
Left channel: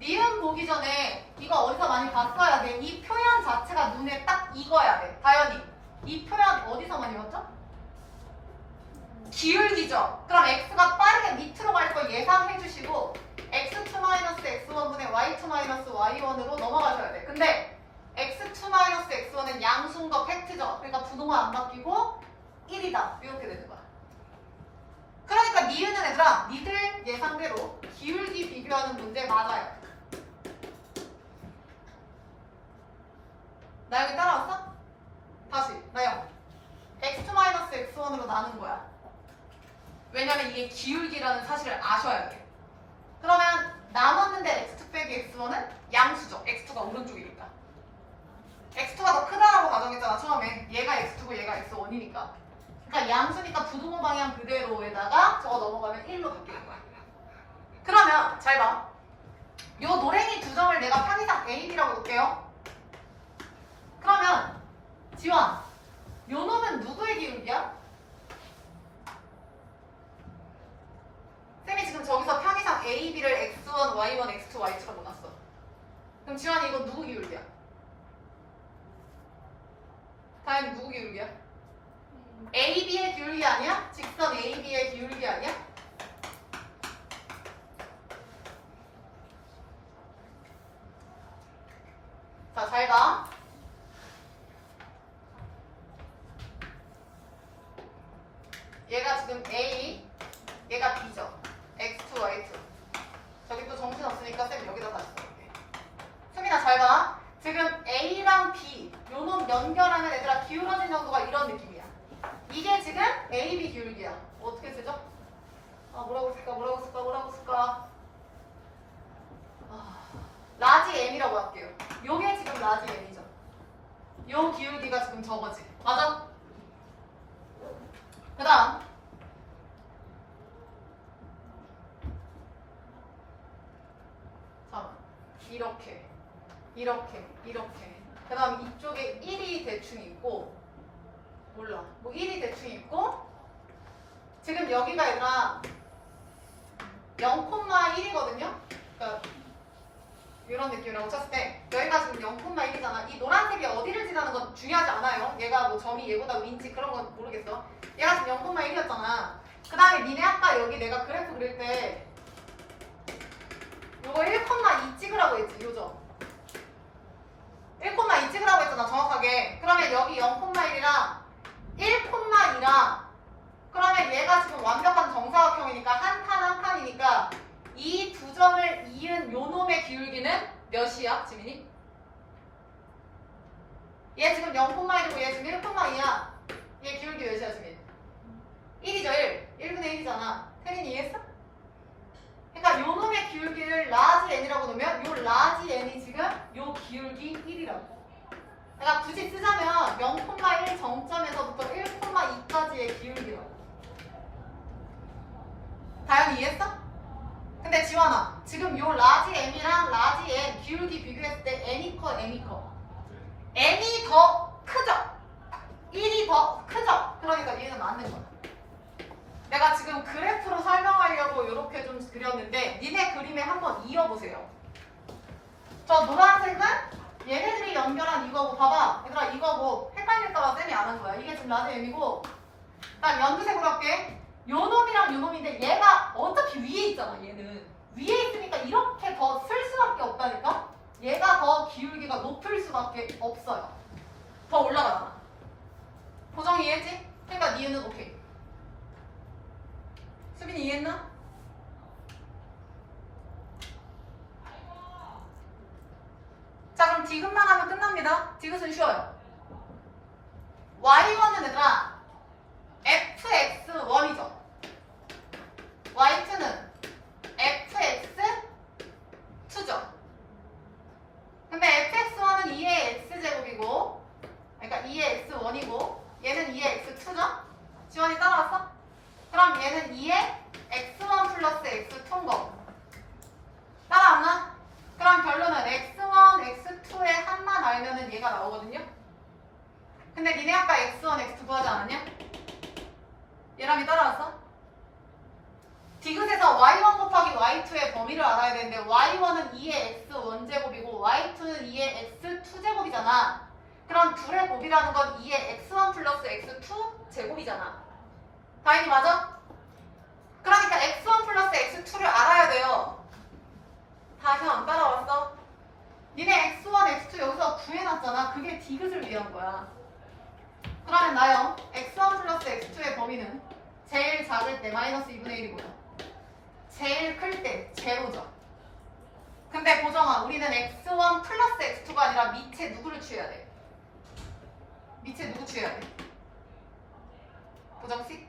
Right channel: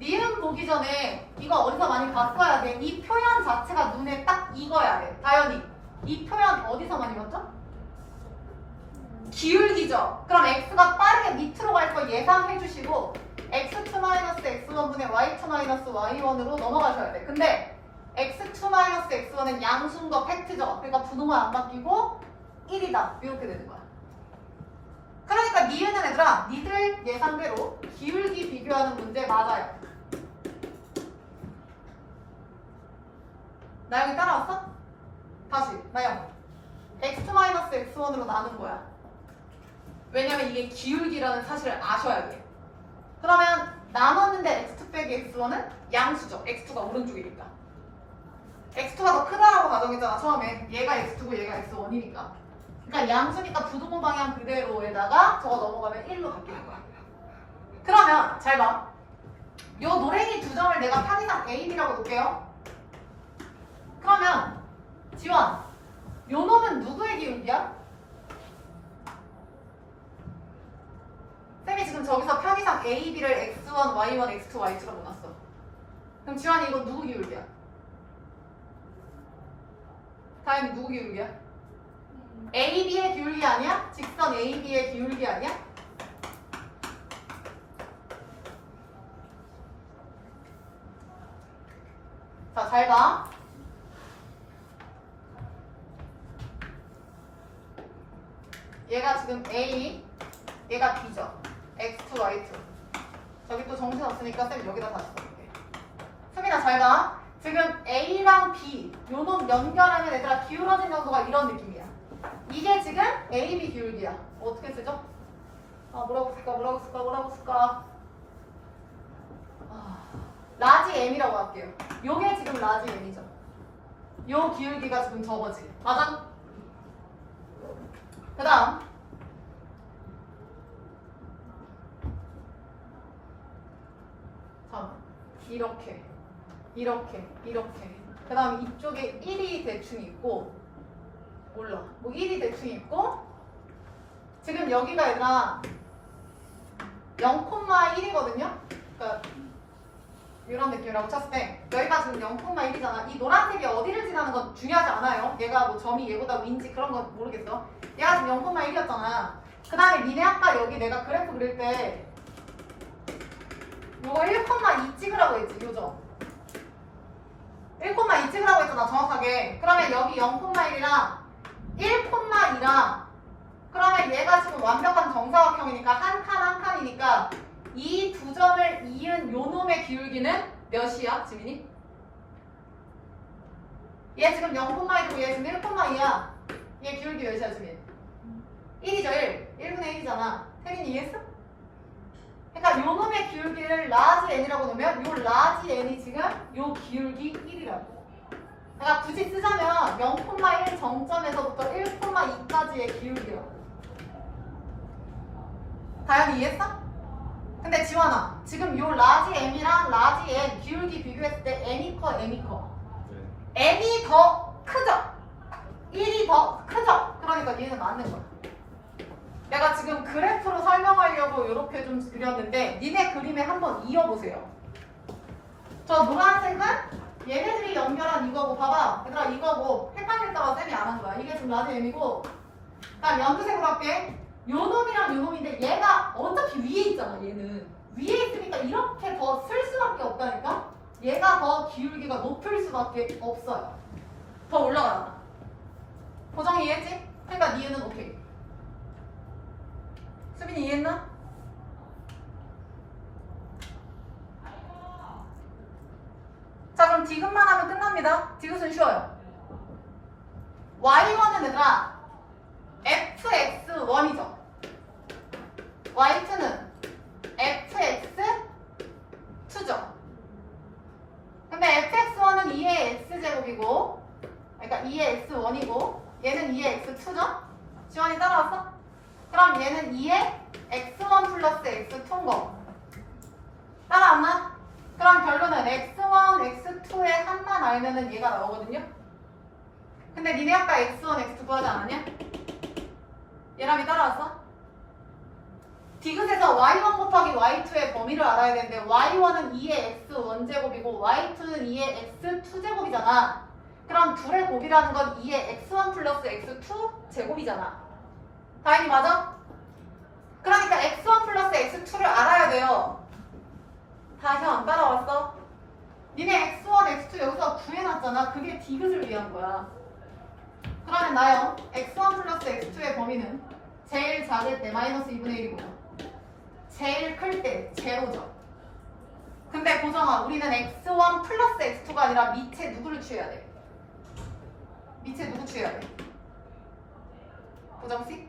니은 보기 전에 이거 어디서 많이 봤어야 돼. 이 표현 자체가 눈에 딱 익어야 돼. 다현이 이 표현 어디서 많이 봤죠? 기울기죠. 그럼 x가 빠르게 밑으로 갈 거 예상해 주시고 x2-x1분의 y2-y1으로 넘어가셔야 돼. 근데 x2-x1은 양수인 거 팩트죠. 그러니까 부동은 안 바뀌고 1이다. 이렇게 되는 거야. 그러니까 니은은 얘들아 니들 예상대로 기울기 비교하는 문제 맞아요. 나영이 따라왔어? 다시 나영 x-x1으로 나눈 거야. 왜냐면 이게 기울기라는 사실을 아셔야 돼. 그러면 나눴는데 x2 빼기 x1은 양수죠. x2가 오른쪽이니까 x2가 더 크다라고 가정했잖아 처음에. 얘가 x2고 얘가 x1이니까. 그러니까 양수니까 부등호 방향 그대로에다가 저거 넘어가면 1로 바뀌는 거야. 그러면 잘 봐. 요 노랭이 두 점을 내가 편의상 A, B라고 놓을게요. 그러면 지원, 요 놈은 누구의 기울기야? 쌤이 지금 저기서 편의상 A, B를 x1, y1, x2, y2라고 놨어. 그럼 지원이 이거 누구 기울기야? 다현이 누구 기울기야? AB의 기울기 아니야? 직선 AB의 기울기 아니야? 자, 잘 봐. 얘가 지금 A, 얘가 B죠. X2, Y2. 저기 또 정신 없으니까 쌤 여기다 다시 써볼게. 수민아 잘 봐. 지금 A랑 B 요놈 연결하면 얘들아 기울어진 정도가 이런 느낌이야. 이게 지금 AB 기울기야. 어떻게 쓰죠? 뭐라고 쓸까? 라지 M이라고 할게요. 요게 지금 라지 M이죠. 요 기울기가 지금 저거지. 맞아? 그 다음 잠깐만. 이렇게 그 다음 이쪽에 1이 대충 있고 몰라 뭐 1이 대충 있고 지금 여기가 얘들아 0,1이거든요. 그러니까 이런 느낌이라고 쳤을 때 여기가 지금 0,1이잖아. 이 노란색이 어디를 지나는 건 중요하지 않아요. 얘가 뭐 점이 얘보다 위인지 그런 건 모르겠어. 얘가 지금 0,1이었잖아. 그 다음에 니네 아까 여기 내가 그래프 그릴 때 요거 1,2 찍으라고 했지, 요점. 1,2 찍으라고 했잖아, 정확하게. 그러면 여기 0,1이랑 1,2랑 그러면 얘가 지금 완벽한 정사각형이니까 한 칸 한 칸이니까 이 두 점을 이은 요 놈의 기울기는 몇이야, 지민이? 얘 지금 0,1이고 얘 지금 1,2야. 얘 기울기 몇이야, 지민? 1이죠, 1. 1분의 1이잖아. 태린이 이해했어? 그러니까 요 놈의 기울기를 라지 n이라고 놓으면 요 라지 n이 지금 요 기울기 1이라고. 그러니까 굳이 쓰자면 0,1 정점에서부터 1,2까지의 기울기라고. 다현이 이해했어? 근데 지원아, 지금 요 라지 n이랑 라지 n 기울기 비교했을 때 n이 커, m이 커? n이 더 크죠? 1이 더 크죠? 그러니까 얘는 맞는 거야. 내가 지금 그래프로 설명하려고 이렇게 좀 그렸는데 니네 그림에 한번 이어보세요. 저 노란색은 얘네들이 연결한 이거고 봐봐. 얘들아 이거고 헷갈릴까봐 쌤이 안 한 거야. 이게 지금 라지 n이고 난 연두색으로 할게. 요 놈이랑 요 놈인데 얘가 어차피 위에 있잖아. 얘는 위에 있으니까 이렇게 더 쓸 수밖에 없다니까. 얘가 더 기울기가 높을 수밖에 없어요. 더 올라가잖아. 고정 이해했지? 그러니까 니은은 오케이. 수빈이 이해했나? 자 그럼 디귿만 하면 끝납니다. 디귿은 쉬워요. y1은 얘들아 fx1이죠. y2는 fx2죠. 근데 fx1은 2의 x제곱이고 그러니까 2의 x1이고 얘는 2의 x2죠? 지원이 따라왔어? 그럼 얘는 2의 x1 플러스 x2인 거 따라왔나? 그럼 결론은 x1, x2의 한만 알면은 얘가 나오거든요? 근데 니네 아까 x1, x2 구하지 않았냐? 얘랑이 따라왔어? 디귿에서 y1 곱하기 y2의 범위를 알아야 되는데 y1은 2의 x1제곱이고 y2는 2의 x2제곱이잖아. 그럼 둘의 곱이라는 건 2의 x1 플러스 x2 제곱이잖아. 다행히 맞아? 그러니까 x1 플러스 x2를 알아야 돼요. 다시 안 따라왔어? 니네 x1, x2 여기서 구해놨잖아. 그게 디귿을 위한 거야. 그러면 나요. x1 플러스 x2의 범위는 제일 작을 때 마이너스 2분의 1이고요. 제일 클 때 제로죠. 근데 고정아, 우리는 x1 플러스 x2가 아니라 밑에 누구를 취해야 돼? 밑에 누구 취해야 돼? 고정씨?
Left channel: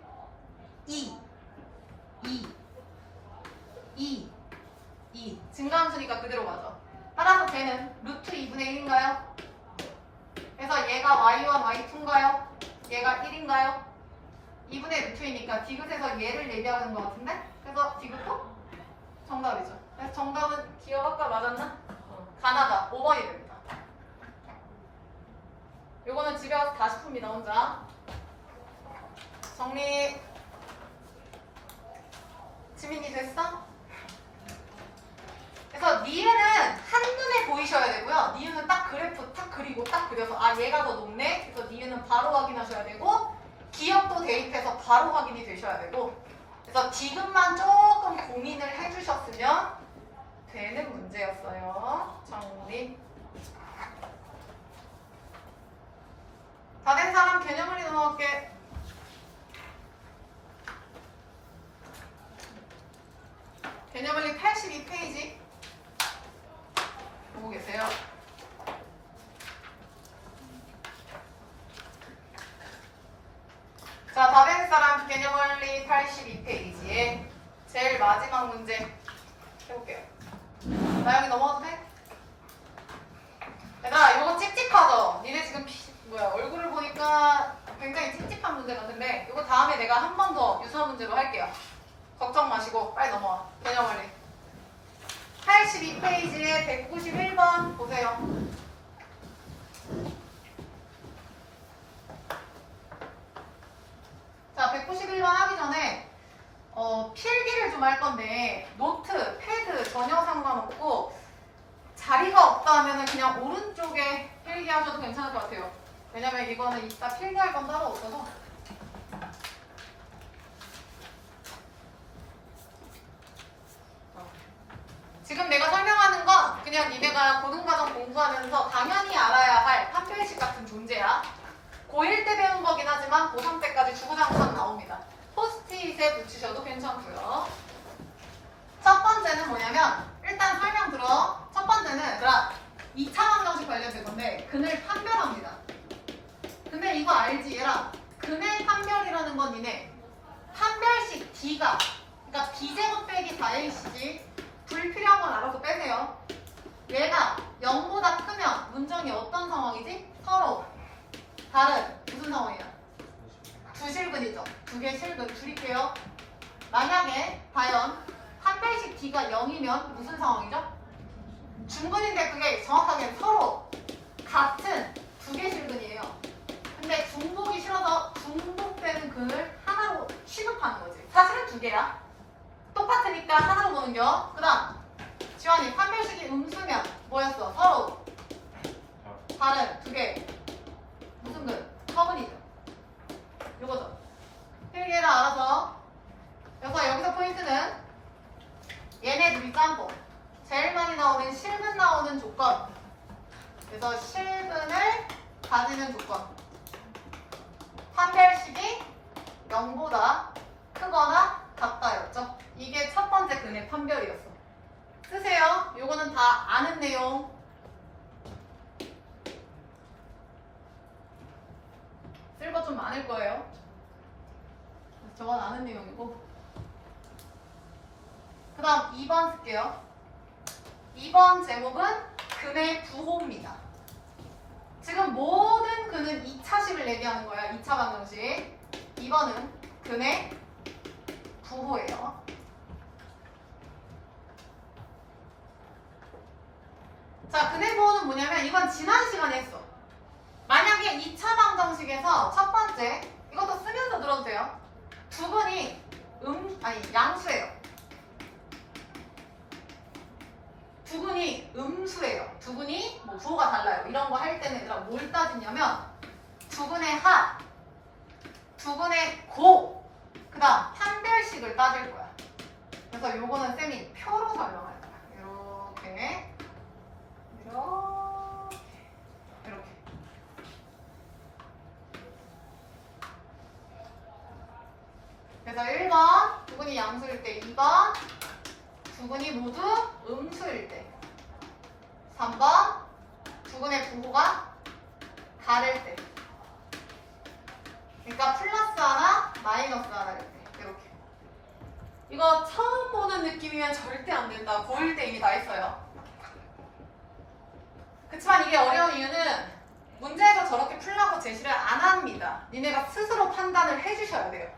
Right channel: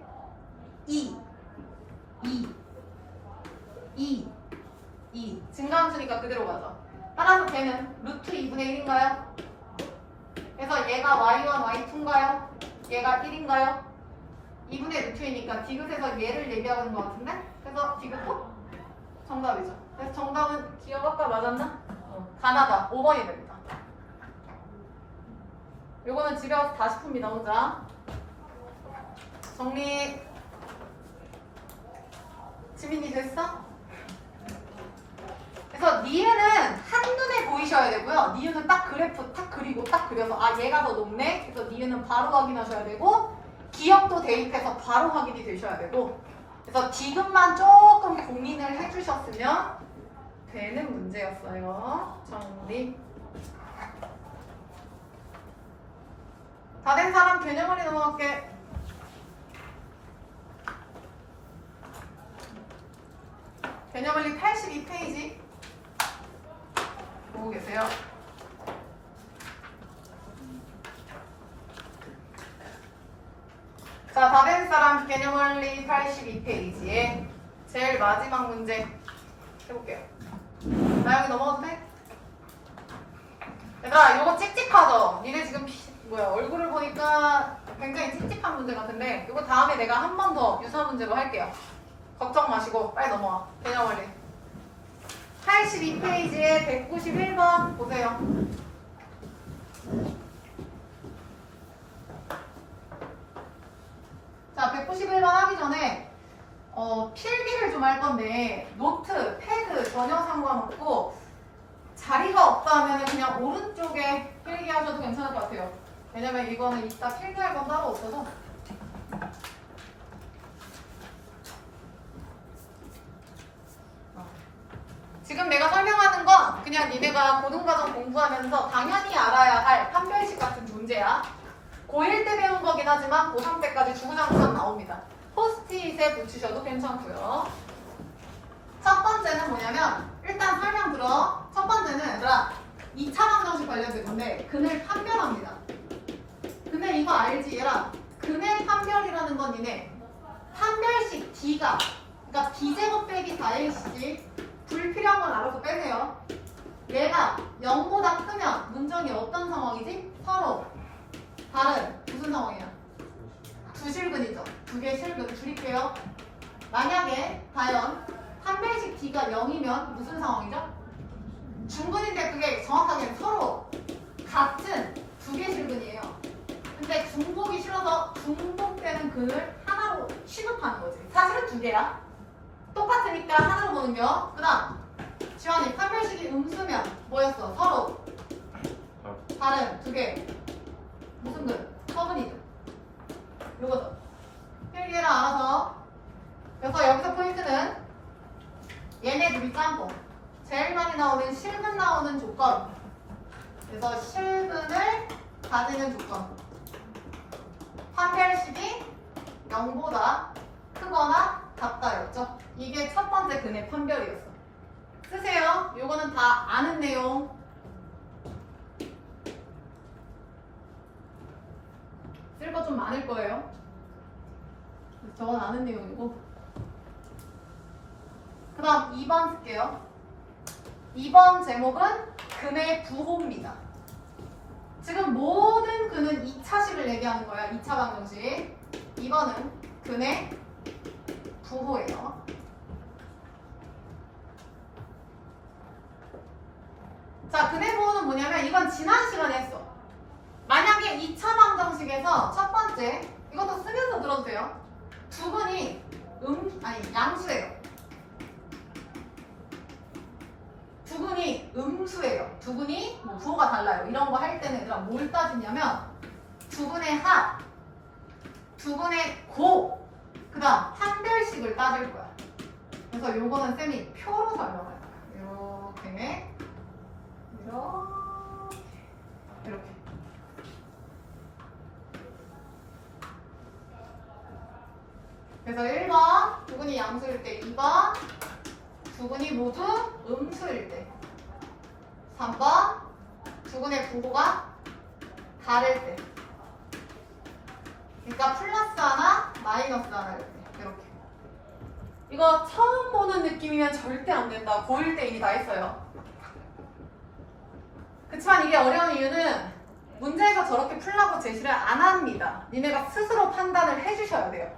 2 증가함수니까 그대로 가죠. 따라서 걔는 루트 2분의 1인가요? 그래서 얘가 y1, y2인가요? 얘가 1인가요? 2분의 루트이니까 디귿에서 얘를 얘기하는 것 같은데? 그래서 디귿도 정답이죠. 그래서 정답은 기억 아까 맞았나? 가나다 5번이 됩니다. 요거는 집에 와서 다시 풉니다. 혼자 정리. 지민이 됐어? 그래서 니은은 한눈에 보이셔야 되고요. 니은은 딱 그래프 딱 그리고 딱 그려서 아 얘가 더 높네. 그래서 니은은 바로 확인하셔야 되고 기억도 대입해서 바로 확인이 되셔야 되고 그래서 디귿만 조금 고민을 해주셨으면 되는 문제였어요. 정리. 다 된 사람 개념원리 넘어갈게. 개념원리 82페이지 보고 계세요. 자, 다 된 사람 개념원리 82페이지에 제일 마지막 문제 해볼게요. 나영이 넘어가도 돼? 얘들아, 요거 찝찝하죠? 니네 지금 얼굴을 보니까 굉장히 찝찝한 문제 같은데 요거 다음에 내가 한 번 더 유사 문제로 할게요. 걱정 마시고 빨리 넘어와. 개념원리 82페이지에 191번 보세요. 자, 191번 하기 전에 필기를 좀 할 건데 노트, 패드 전혀 상관없고 자리가 없다 하면 그냥 오른쪽에 필기하셔도 괜찮을 것 같아요. 왜냐면 이거는 이따 필기할 건 따로 없어서. 지금 내가 설명하는 건 그냥 니네가 고등과정 공부하면서 당연히 알아야 할 판별식 같은 존재야. 고1 때 배운 거긴 하지만 고3 때까지 중고등학생 나옵니다. 포스트잇에 붙이셔도 괜찮고요. 첫 번째는 뭐냐면 일단 설명 들어. 첫 번째는 얘들아 2차 방정식 관련된 건데 근을 판별합니다. 근데 이거 알지 얘라? 근의 판별이라는 건 니네 판별식 D가 그러니까 B제곱 빼기 4AC지 불필요한 건 알아서 빼세요. 얘가 0보다 크면 문정이 어떤 상황이지? 서로 다른 무슨 상황이야? 두 실근이죠. 두 개의 실근 줄일게요. 만약에 과연 판별식 D가 0이면 무슨 상황이죠? 중근인데 그게 정확하게 서로 같은 두 개의 실근이에요. 근데 중복이 싫어서 중복되는 근을 하나로 취급하는 거지. 사실은 두 개야. 똑같으니까 하나로 보는겨. 그 다음 지환이 판별식이 음수면 뭐였어? 서로 다른 두 개. 무슨 근? 서근이죠. 요거죠. 필기를 알아서. 그래서 여기서 포인트는 얘네 둘이 짬뽕. 제일 많이 나오는 실근 나오는 조건. 그래서 실근을 가지는 조건. 판별식이 0보다 크거나 같다였죠. 이게 첫 번째 근의 판별이었어. 쓰세요. 요거는 다 아는 내용. 쓸 거 좀 많을 거예요. 저건 아는 내용이고. 그 다음 2번 쓸게요. 2번 제목은 근의 부호입니다. 지금 모든 근은 2차식을 얘기하는 거야. 2차 방정식. 2번은 근의 부호예요. 자, 근의 부호는 뭐냐면 이건 지난 시간에 했어. 만약에 2차 방정식에서 첫 번째 이것도 쓰면서 들어주세요. 두 근이 양수예요. 두 근이 음수예요. 두 근이 뭐 부호가 달라요. 이런 거 할 때는 얘들아 뭘 따지냐면 두 근의 합, 두 근의 곱, 그 다음 판별식을 따질 거야. 그래서 요거는 쌤이 표로 설명할 거야. 이렇게 이렇게 그래서 1번 두 근이 양수일 때, 2번 두 근이 모두 음수일 때, 3번 두 근의 부호가 다를 때. 그러니까 플러스 하나, 마이너스 하나일 때. 이렇게. 이거 처음 보는 느낌이면 절대 안 된다. 고1 때 이미 다 했어요. 그치만 이게 어려운 이유는 문제에서 저렇게 풀라고 제시를 안 합니다. 니네가 스스로 판단을 해주셔야 돼요.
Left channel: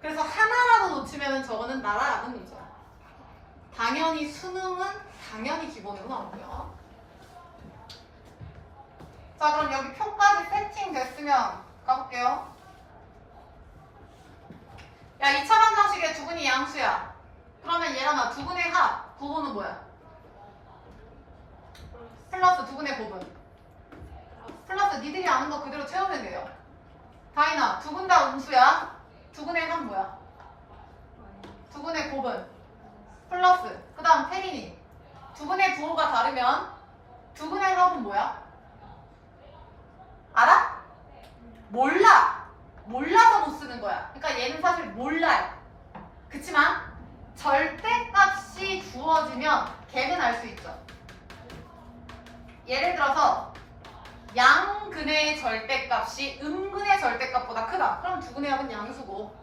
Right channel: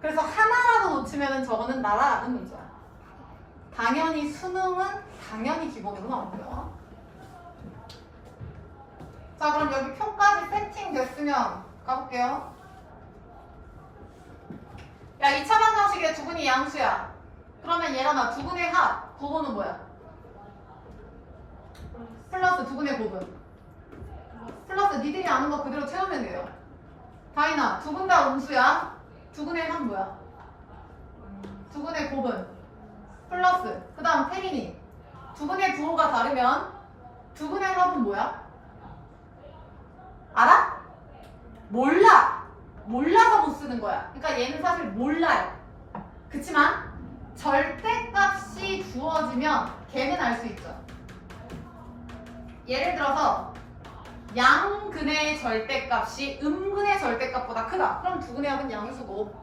그래서 하나라도 놓치면 저거는 나라라는 문제야. 당연히 수능은 당연히 기본으로 나오고요. 자, 그럼 여기 표까지 세팅됐으면 가볼게요. 야, 2차 방정식에 두 근이 양수야. 그러면 얘랑아 두 근의 합, 부호는 뭐야? 플러스 두 근의 곱은? 플러스 니들이 아는 거 그대로 채우면 돼요. 다인아, 두 근 다 음수야. 두 근의 합 뭐야? 두 근의 곱은? 플러스. 그 다음 태린이. 두 근의 부호가 다르면 두 근의 합은 뭐야? 알아? 몰라. 몰라서 못 쓰는 거야. 그러니까 얘는 사실 몰라요. 그치만 절대값이 주어지면 걔는 알 수 있죠. 예를 들어서 양근의 절대값이 음근의 절대값보다 크다. 그럼 두 근의 합은 양수고,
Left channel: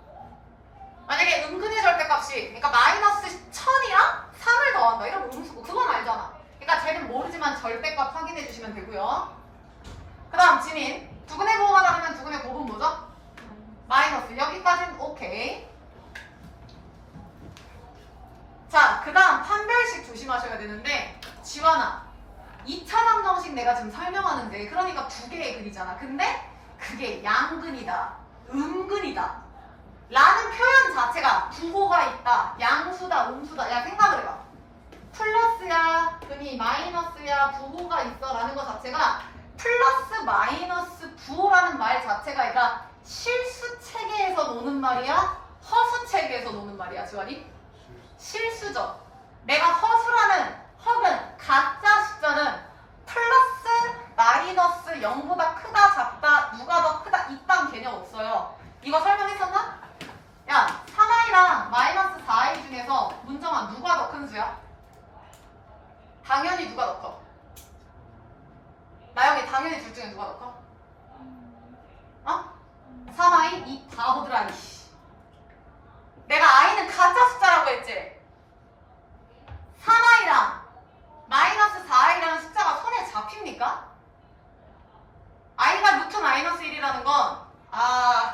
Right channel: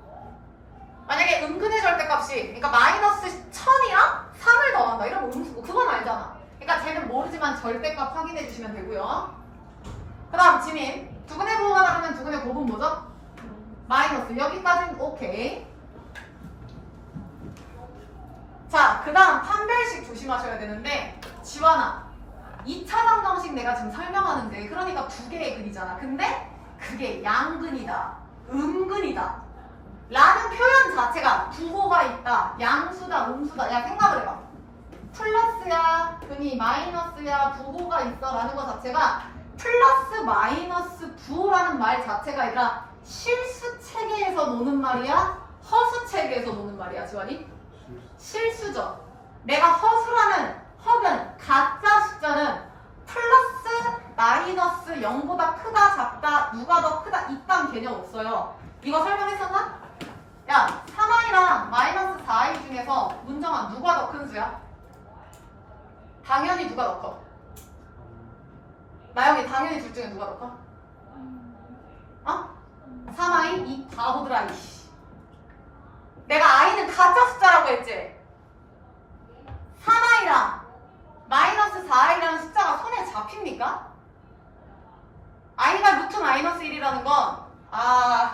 만약에 음근의 절대값이 그러니까 마이너스 1000이랑 3을 더한다. 이러면 음수고. 그건 알잖아. 그러니까 쟤는 모르지만 절대값 확인해 주시면 되고요. 그 다음 지민. 두 근의 부호가 다르면 두 근의 곱은 뭐죠? 마이너스. 여기까지는 오케이. 자, 그 다음 판별식 조심하셔야 되는데, 지원아 2차 방정식 내가 지금 설명하는데 그러니까 두 개의 근이잖아. 근데 그게 양근이다, 음근이다 라는 표현 자체가 부호가 있다. 양수다, 음수다. 야, 생각을 해봐. 플러스야, 근이 마이너스야, 부호가 있어 라는 것 자체가 플러스 마이너스 부호라는 말 자체가 아니라 실수 체계에서 노는 말이야? 허수 체계에서 노는 말이야, 지환이? 실수죠. 내가 허수라는 허는 가짜 숫자는 플러스 마이너스 0보다 크다 작다 누가 더 크다 이딴 개념 없어요. 이거 설명했었나? 야 3i랑 마이너스 4i 중에서 문정아 누가 더 큰 수야? 당연히 누가 더 커? 나영이 당연히 둘 중에 누가 더 커? 어? 3i? 이 바보들아 이씨. 내가 i는 가짜 숫자라고 했지? 3i랑 마이너스 4i라는 숫자가 손에 잡힙니까? i가 루트 마이너스 1이라는 건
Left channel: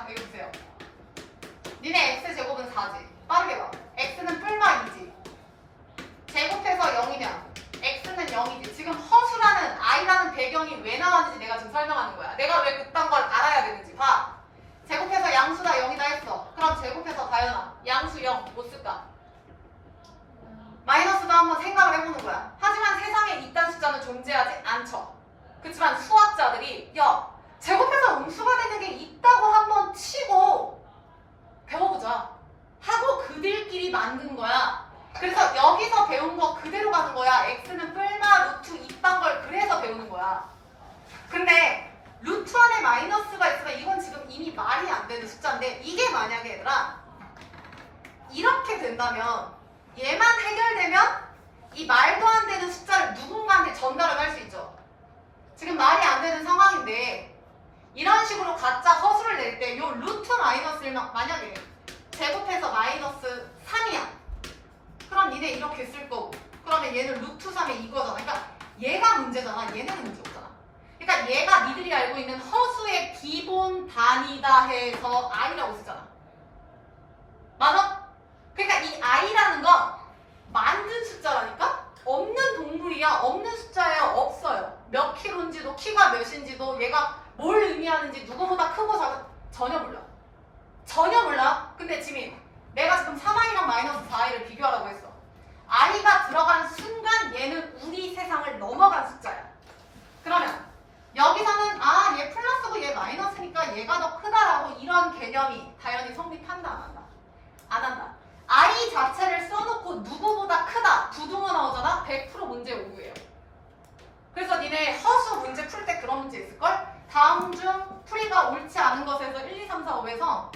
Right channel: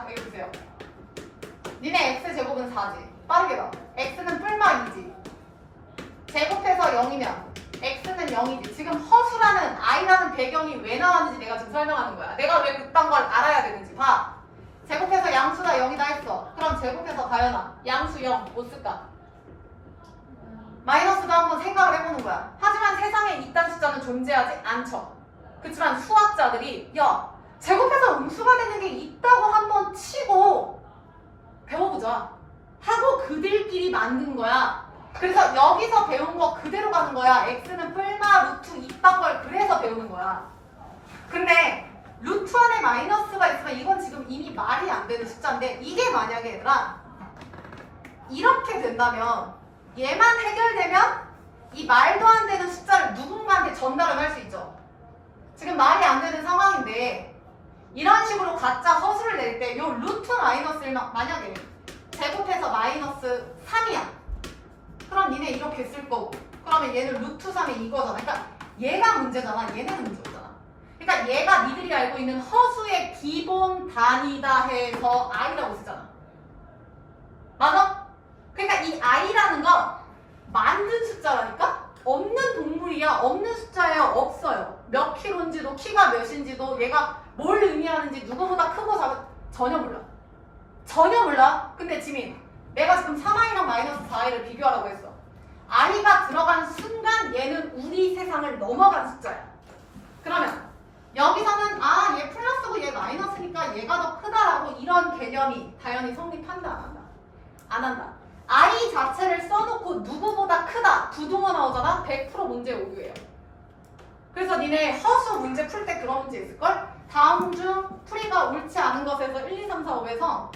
여기 보세요. 니네 x제곱은 4지. 빠르게 봐. x는 뿔마 2지. 제곱해서 0이면 x는 0이지. 지금 허수라는 i라는 배경이 왜 나왔는지 내가 지금 설명하는 거야. 내가 왜 그딴 걸 알아야 되는지 봐. 제곱해서 양수다 0이다 했어. 그럼 제곱해서 가연아 양수 0 뭐 쓸까? 마이너스도 한번 생각을 해보는 거야. 하지만 세상에 이딴 숫자는 존재하지 않죠. 그렇지만 수학자들이 야 제곱해서 음수가 되는 게 있다고 한번 치고 배워보자 하고 그들끼리 만든 거야. 그래서 여기서 배운 거 그대로 가는 거야. x는 뿔마 루트 이딴 걸 그래서 배우는 거야. 근데 루트 안에 마이너스가 있으면 이건 지금 이미 말이 안 되는 숫자인데 이게 만약에 얘들아 이렇게 된다면 얘만 해결되면 이 말도 안 되는 숫자를 누군가한테 전달을 할 수 있죠. 지금 말이 안 되는 상황인데 이런 식으로 가짜 허수를 낼 때 요 루트 마이너스 1만 만약에 제곱해서 마이너스 3이야. 그럼 니네 이렇게 쓸 거고 그러면 얘는 루트 3이 이거잖아. 그러니까 얘가 문제잖아. 얘네는 문제 없잖아. 그러니까 얘가 니들이 알고 있는 허수의 기본 단위다 해서 i라고 쓰잖아. 맞아? 그러니까 이 i라는 건 만든 숫자라니까? 없는 동물이야. 없는 숫자예요. 없어요. 몇 킬로인지도 키가 몇인지도 얘가 뭘 의미하는지 누구보다 크고 작은 전혀 몰라. 전혀 몰라. 근데 지민 내가 지금 3i랑 마이너스 4i를 비교하라고 했어. i가 들어간 순간 얘는 우리 세상을 넘어간 숫자야. 그러면 여기서는 얘 플러스고 얘 마이너스니까 얘가 더 크다라고 이런 개념이 당연히 성립한다 안 한다? 안 한다. i 자체를 써놓고 누구보다 크다 부등호 나오잖아. 100% 문제 오류예요. 그래서 니네 허수 문제 풀 때 그런 문제 있을걸? 다음 중 풀이가 옳지 않은 것에서 1, 2, 3, 4, 5에서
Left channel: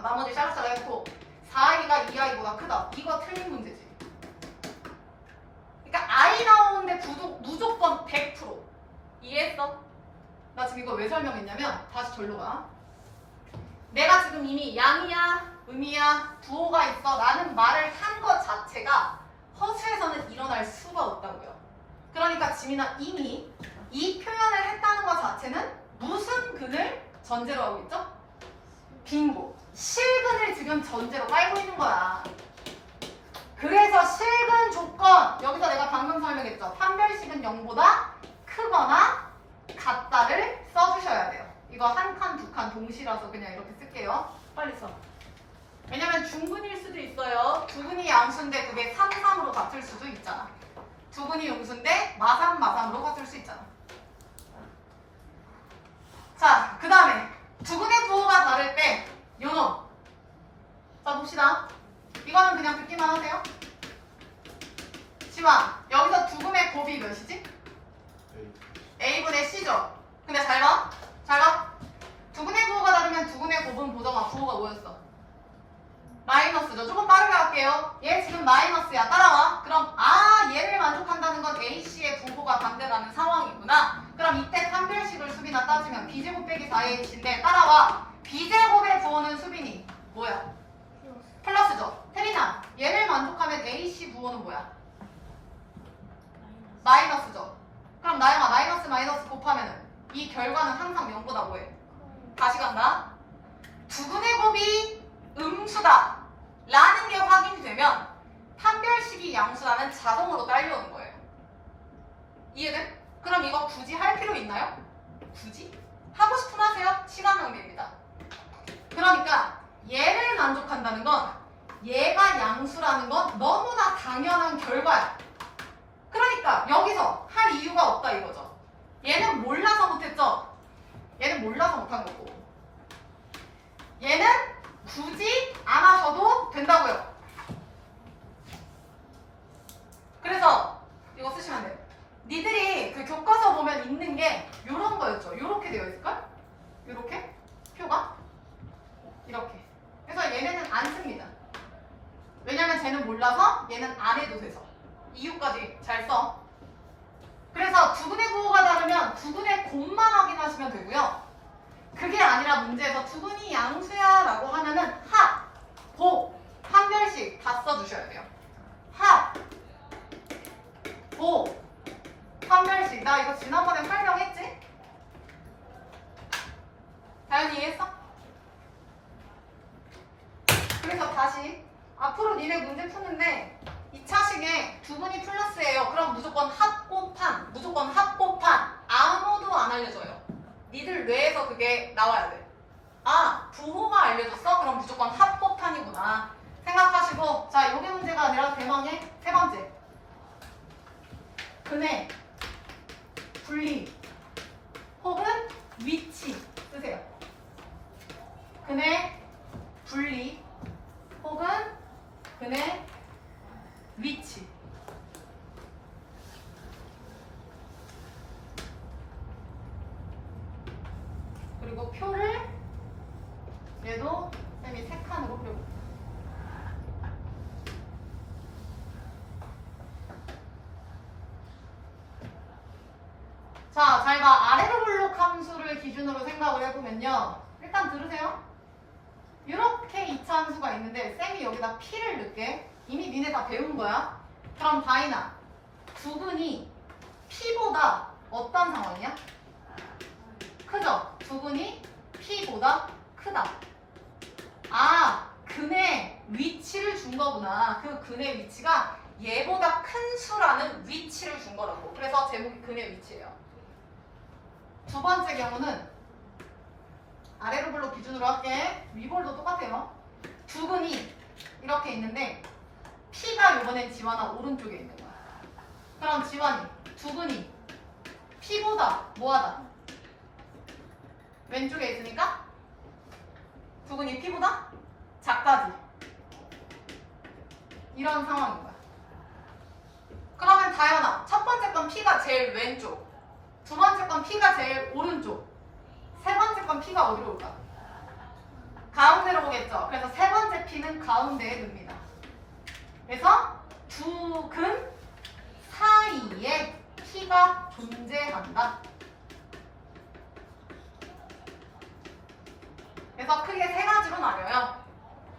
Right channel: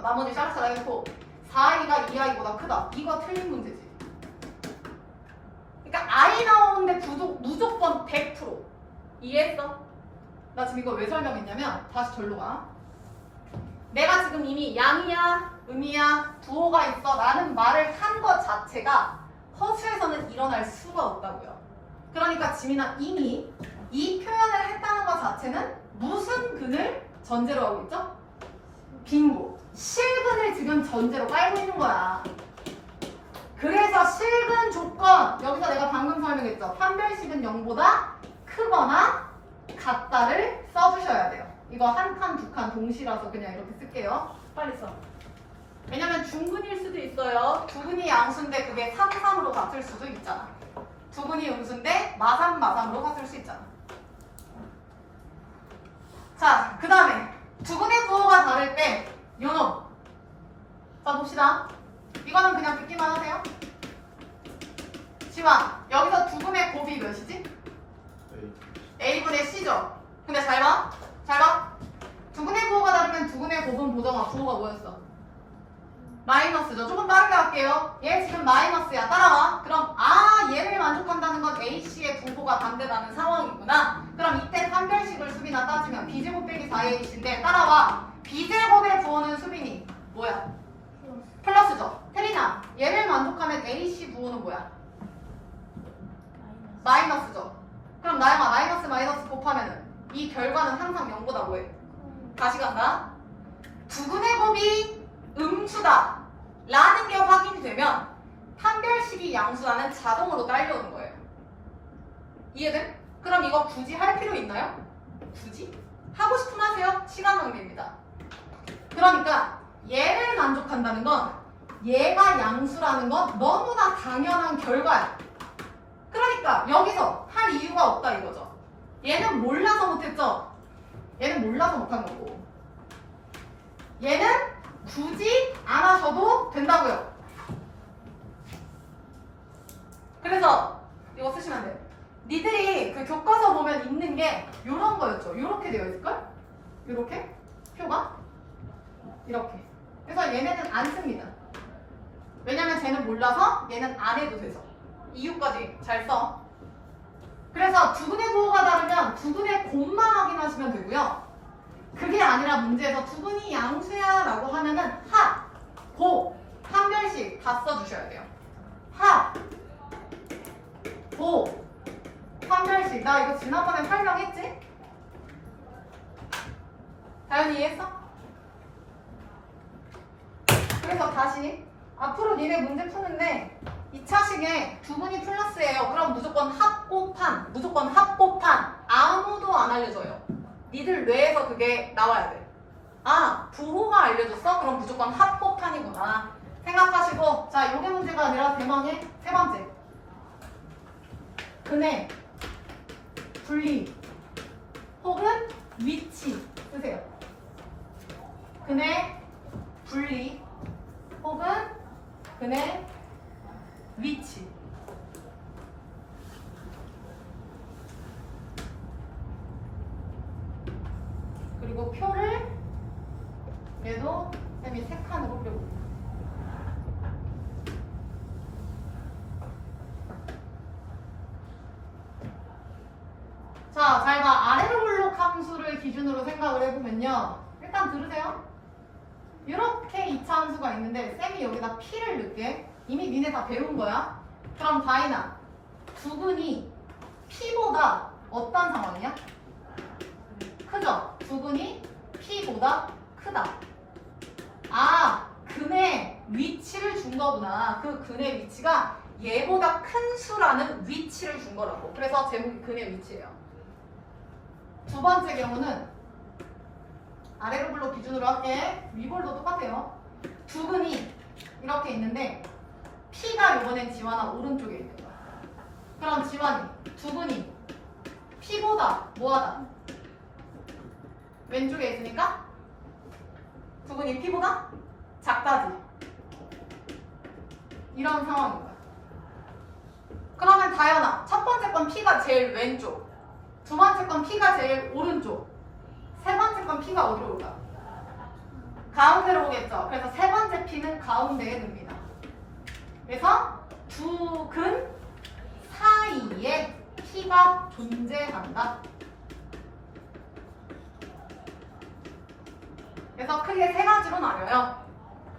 나머지 샤라샤라 해놓고 4i가 2i보다 크다. 이거 틀린 문제지. 그러니까 i 나오는데 무조건 100%. 이해했어? 나 지금 이거 왜 설명했냐면 다시 절로 가. 내가 지금 이미 양이야 음이야 부호가 있어 라는 말을 한 것 자체가 허수에서는 일어날 수가 없다고요. 그러니까 지민아 이미 이 표현을 했다는 것 자체는 무슨 근을 전제로 하고 있죠? 빙고. 실근을 지금 전제로 깔고 있는 거야. 그래서 실근 조건 여기서 내가 방금 설명했죠. 판별식은 0보다 크거나 같다를 써주셔야 돼요. 이거 한 칸, 두 칸 동시라서 그냥 이렇게 쓸게요. 빨리 써. 왜냐면 중근일 수도 있어요. 두근이 양수인데 그게 3, 3으로 같을 수도 있잖아. 두근이 음수인데 마삼, 마삼으로 같을 수 있잖아. 자, 그 다음에 두근의 부호가 다를 때 요놈. 자, 봅시다. 이거는 그냥 듣기만 하세요. 지환, 여기서 두근의 곱이 몇이지? A분의 C죠? 근데 잘 봐. 잘 봐. 두근의 부호가 다르면 두근의 곱은 보정아 부호가 뭐였어? 마이너스죠. 조금 빠르게 할게요. 얘 지금 마이너스야. 따라와. 그럼 얘를 만족한다는 건 AC의 부호가 반대라는 상황이구나. 그럼 이때 판별식을 수빈아 따지면 B제곱 빼기 4AC인데 따라와. B제곱의 부호는 수빈이 뭐야? 플러스죠. 태린아 얘를 만족하면 AC 부호는 뭐야? 마이너스죠. 그럼 나영아 마이너스 마이너스 곱하면은 이 결과는 항상 0보다 뭐해? 다시 간다. 두근의 곱이 음수다 라는 게 확인이 되면 판별식이 양수라는 자동으로 딸려오는 거예요. 이해돼? 그럼 이거 굳이 할 필요 있나요? 굳이? 하고 싶으면 하세요. 시간 낭비입니다. 그러니까 얘를 만족한다는 건 얘가 양수라는 건 너무나 당연한 결과야. 그러니까 여기서 할 이유가 없다 이거죠. 얘는 몰라서 못했죠? 얘는 몰라서 못한 거고. 얘는 굳이 안 하셔도 된다고요. 그래서 이거 쓰시면 돼요. 니들이 그 교과서 보면 있는 게 요런 거였죠. 요렇게 되어 있을걸? 요렇게? 표가? 이렇게. 그래서 얘네는 안 씁니다. 왜냐면 쟤는 몰라서 얘는 안 해도 돼서. 이유까지 잘 써. 그래서 두근의 부호가 다르면 두근의 곱만 확인하시면 되고요. 그게 아니라 문제에서 두근이 양수야 라고 하면은 하, 고, 판별식 다 써주셔야 돼요. 하, 고, 판별식. 나 이거 지난번에 설명했지? 다현이 이해했어? 그래서 다시 앞으로 니네 문제 푸는데 2차식에 두근이 플러스예요. 그럼 무조건 합곱한, 무조건 합곱한. 아무도 안 알려줘요. 니들 뇌에서 그게 나와야 돼. 아, 부호가 알려줬어? 그럼 무조건 합곱한이구나 생각하시고, 자, 요게 문제가 아니라 대망의 세 번째. 근해, 분리, 혹은 위치 쓰세요. 근해, 분리, 혹은 근해, 위치. 그리고 표를 얘도 쌤이 3칸으로 그려볼게요. 자, 잘 봐. 아래로 블록 함수를 기준으로 생각을 해보면요. 일단 들으세요. 이렇게 2차 함수가 있는데 쌤이 여기다 P를 넣게. 이미 니네 다 배운 거야. 그럼 다이나, 두근이 P보다 어떤 상황이야? 크죠? 두근이 P보다 크다. 아, 근의 위치를 준 거구나. 그 근의 위치가 얘보다 큰 수라는 위치를 준 거라고. 그래서 제목이 근의 위치예요. 두 번째 경우는 아래로 블록 기준으로 할게. 위볼도 똑같아요. 두근이 이렇게 있는데 P가 이번엔 지환아 오른쪽에 있는 거야. 그럼 지환이, 두근이 P보다 뭐하다? 왼쪽에 있으니까 두근이 P보다 작다지. 이런 상황인 거야. 그러면 다현아, 첫 번째 건 P가 제일 왼쪽, 두 번째 건 P가 제일 오른쪽, 세 번째 건 P가 어디로 올까? 가운데로 오겠죠. 그래서 세 번째 P는 가운데에 둡니다. 그래서 두 근 사이에 P가 존재한다. 그래서 크게 세 가지로 나뉘어요.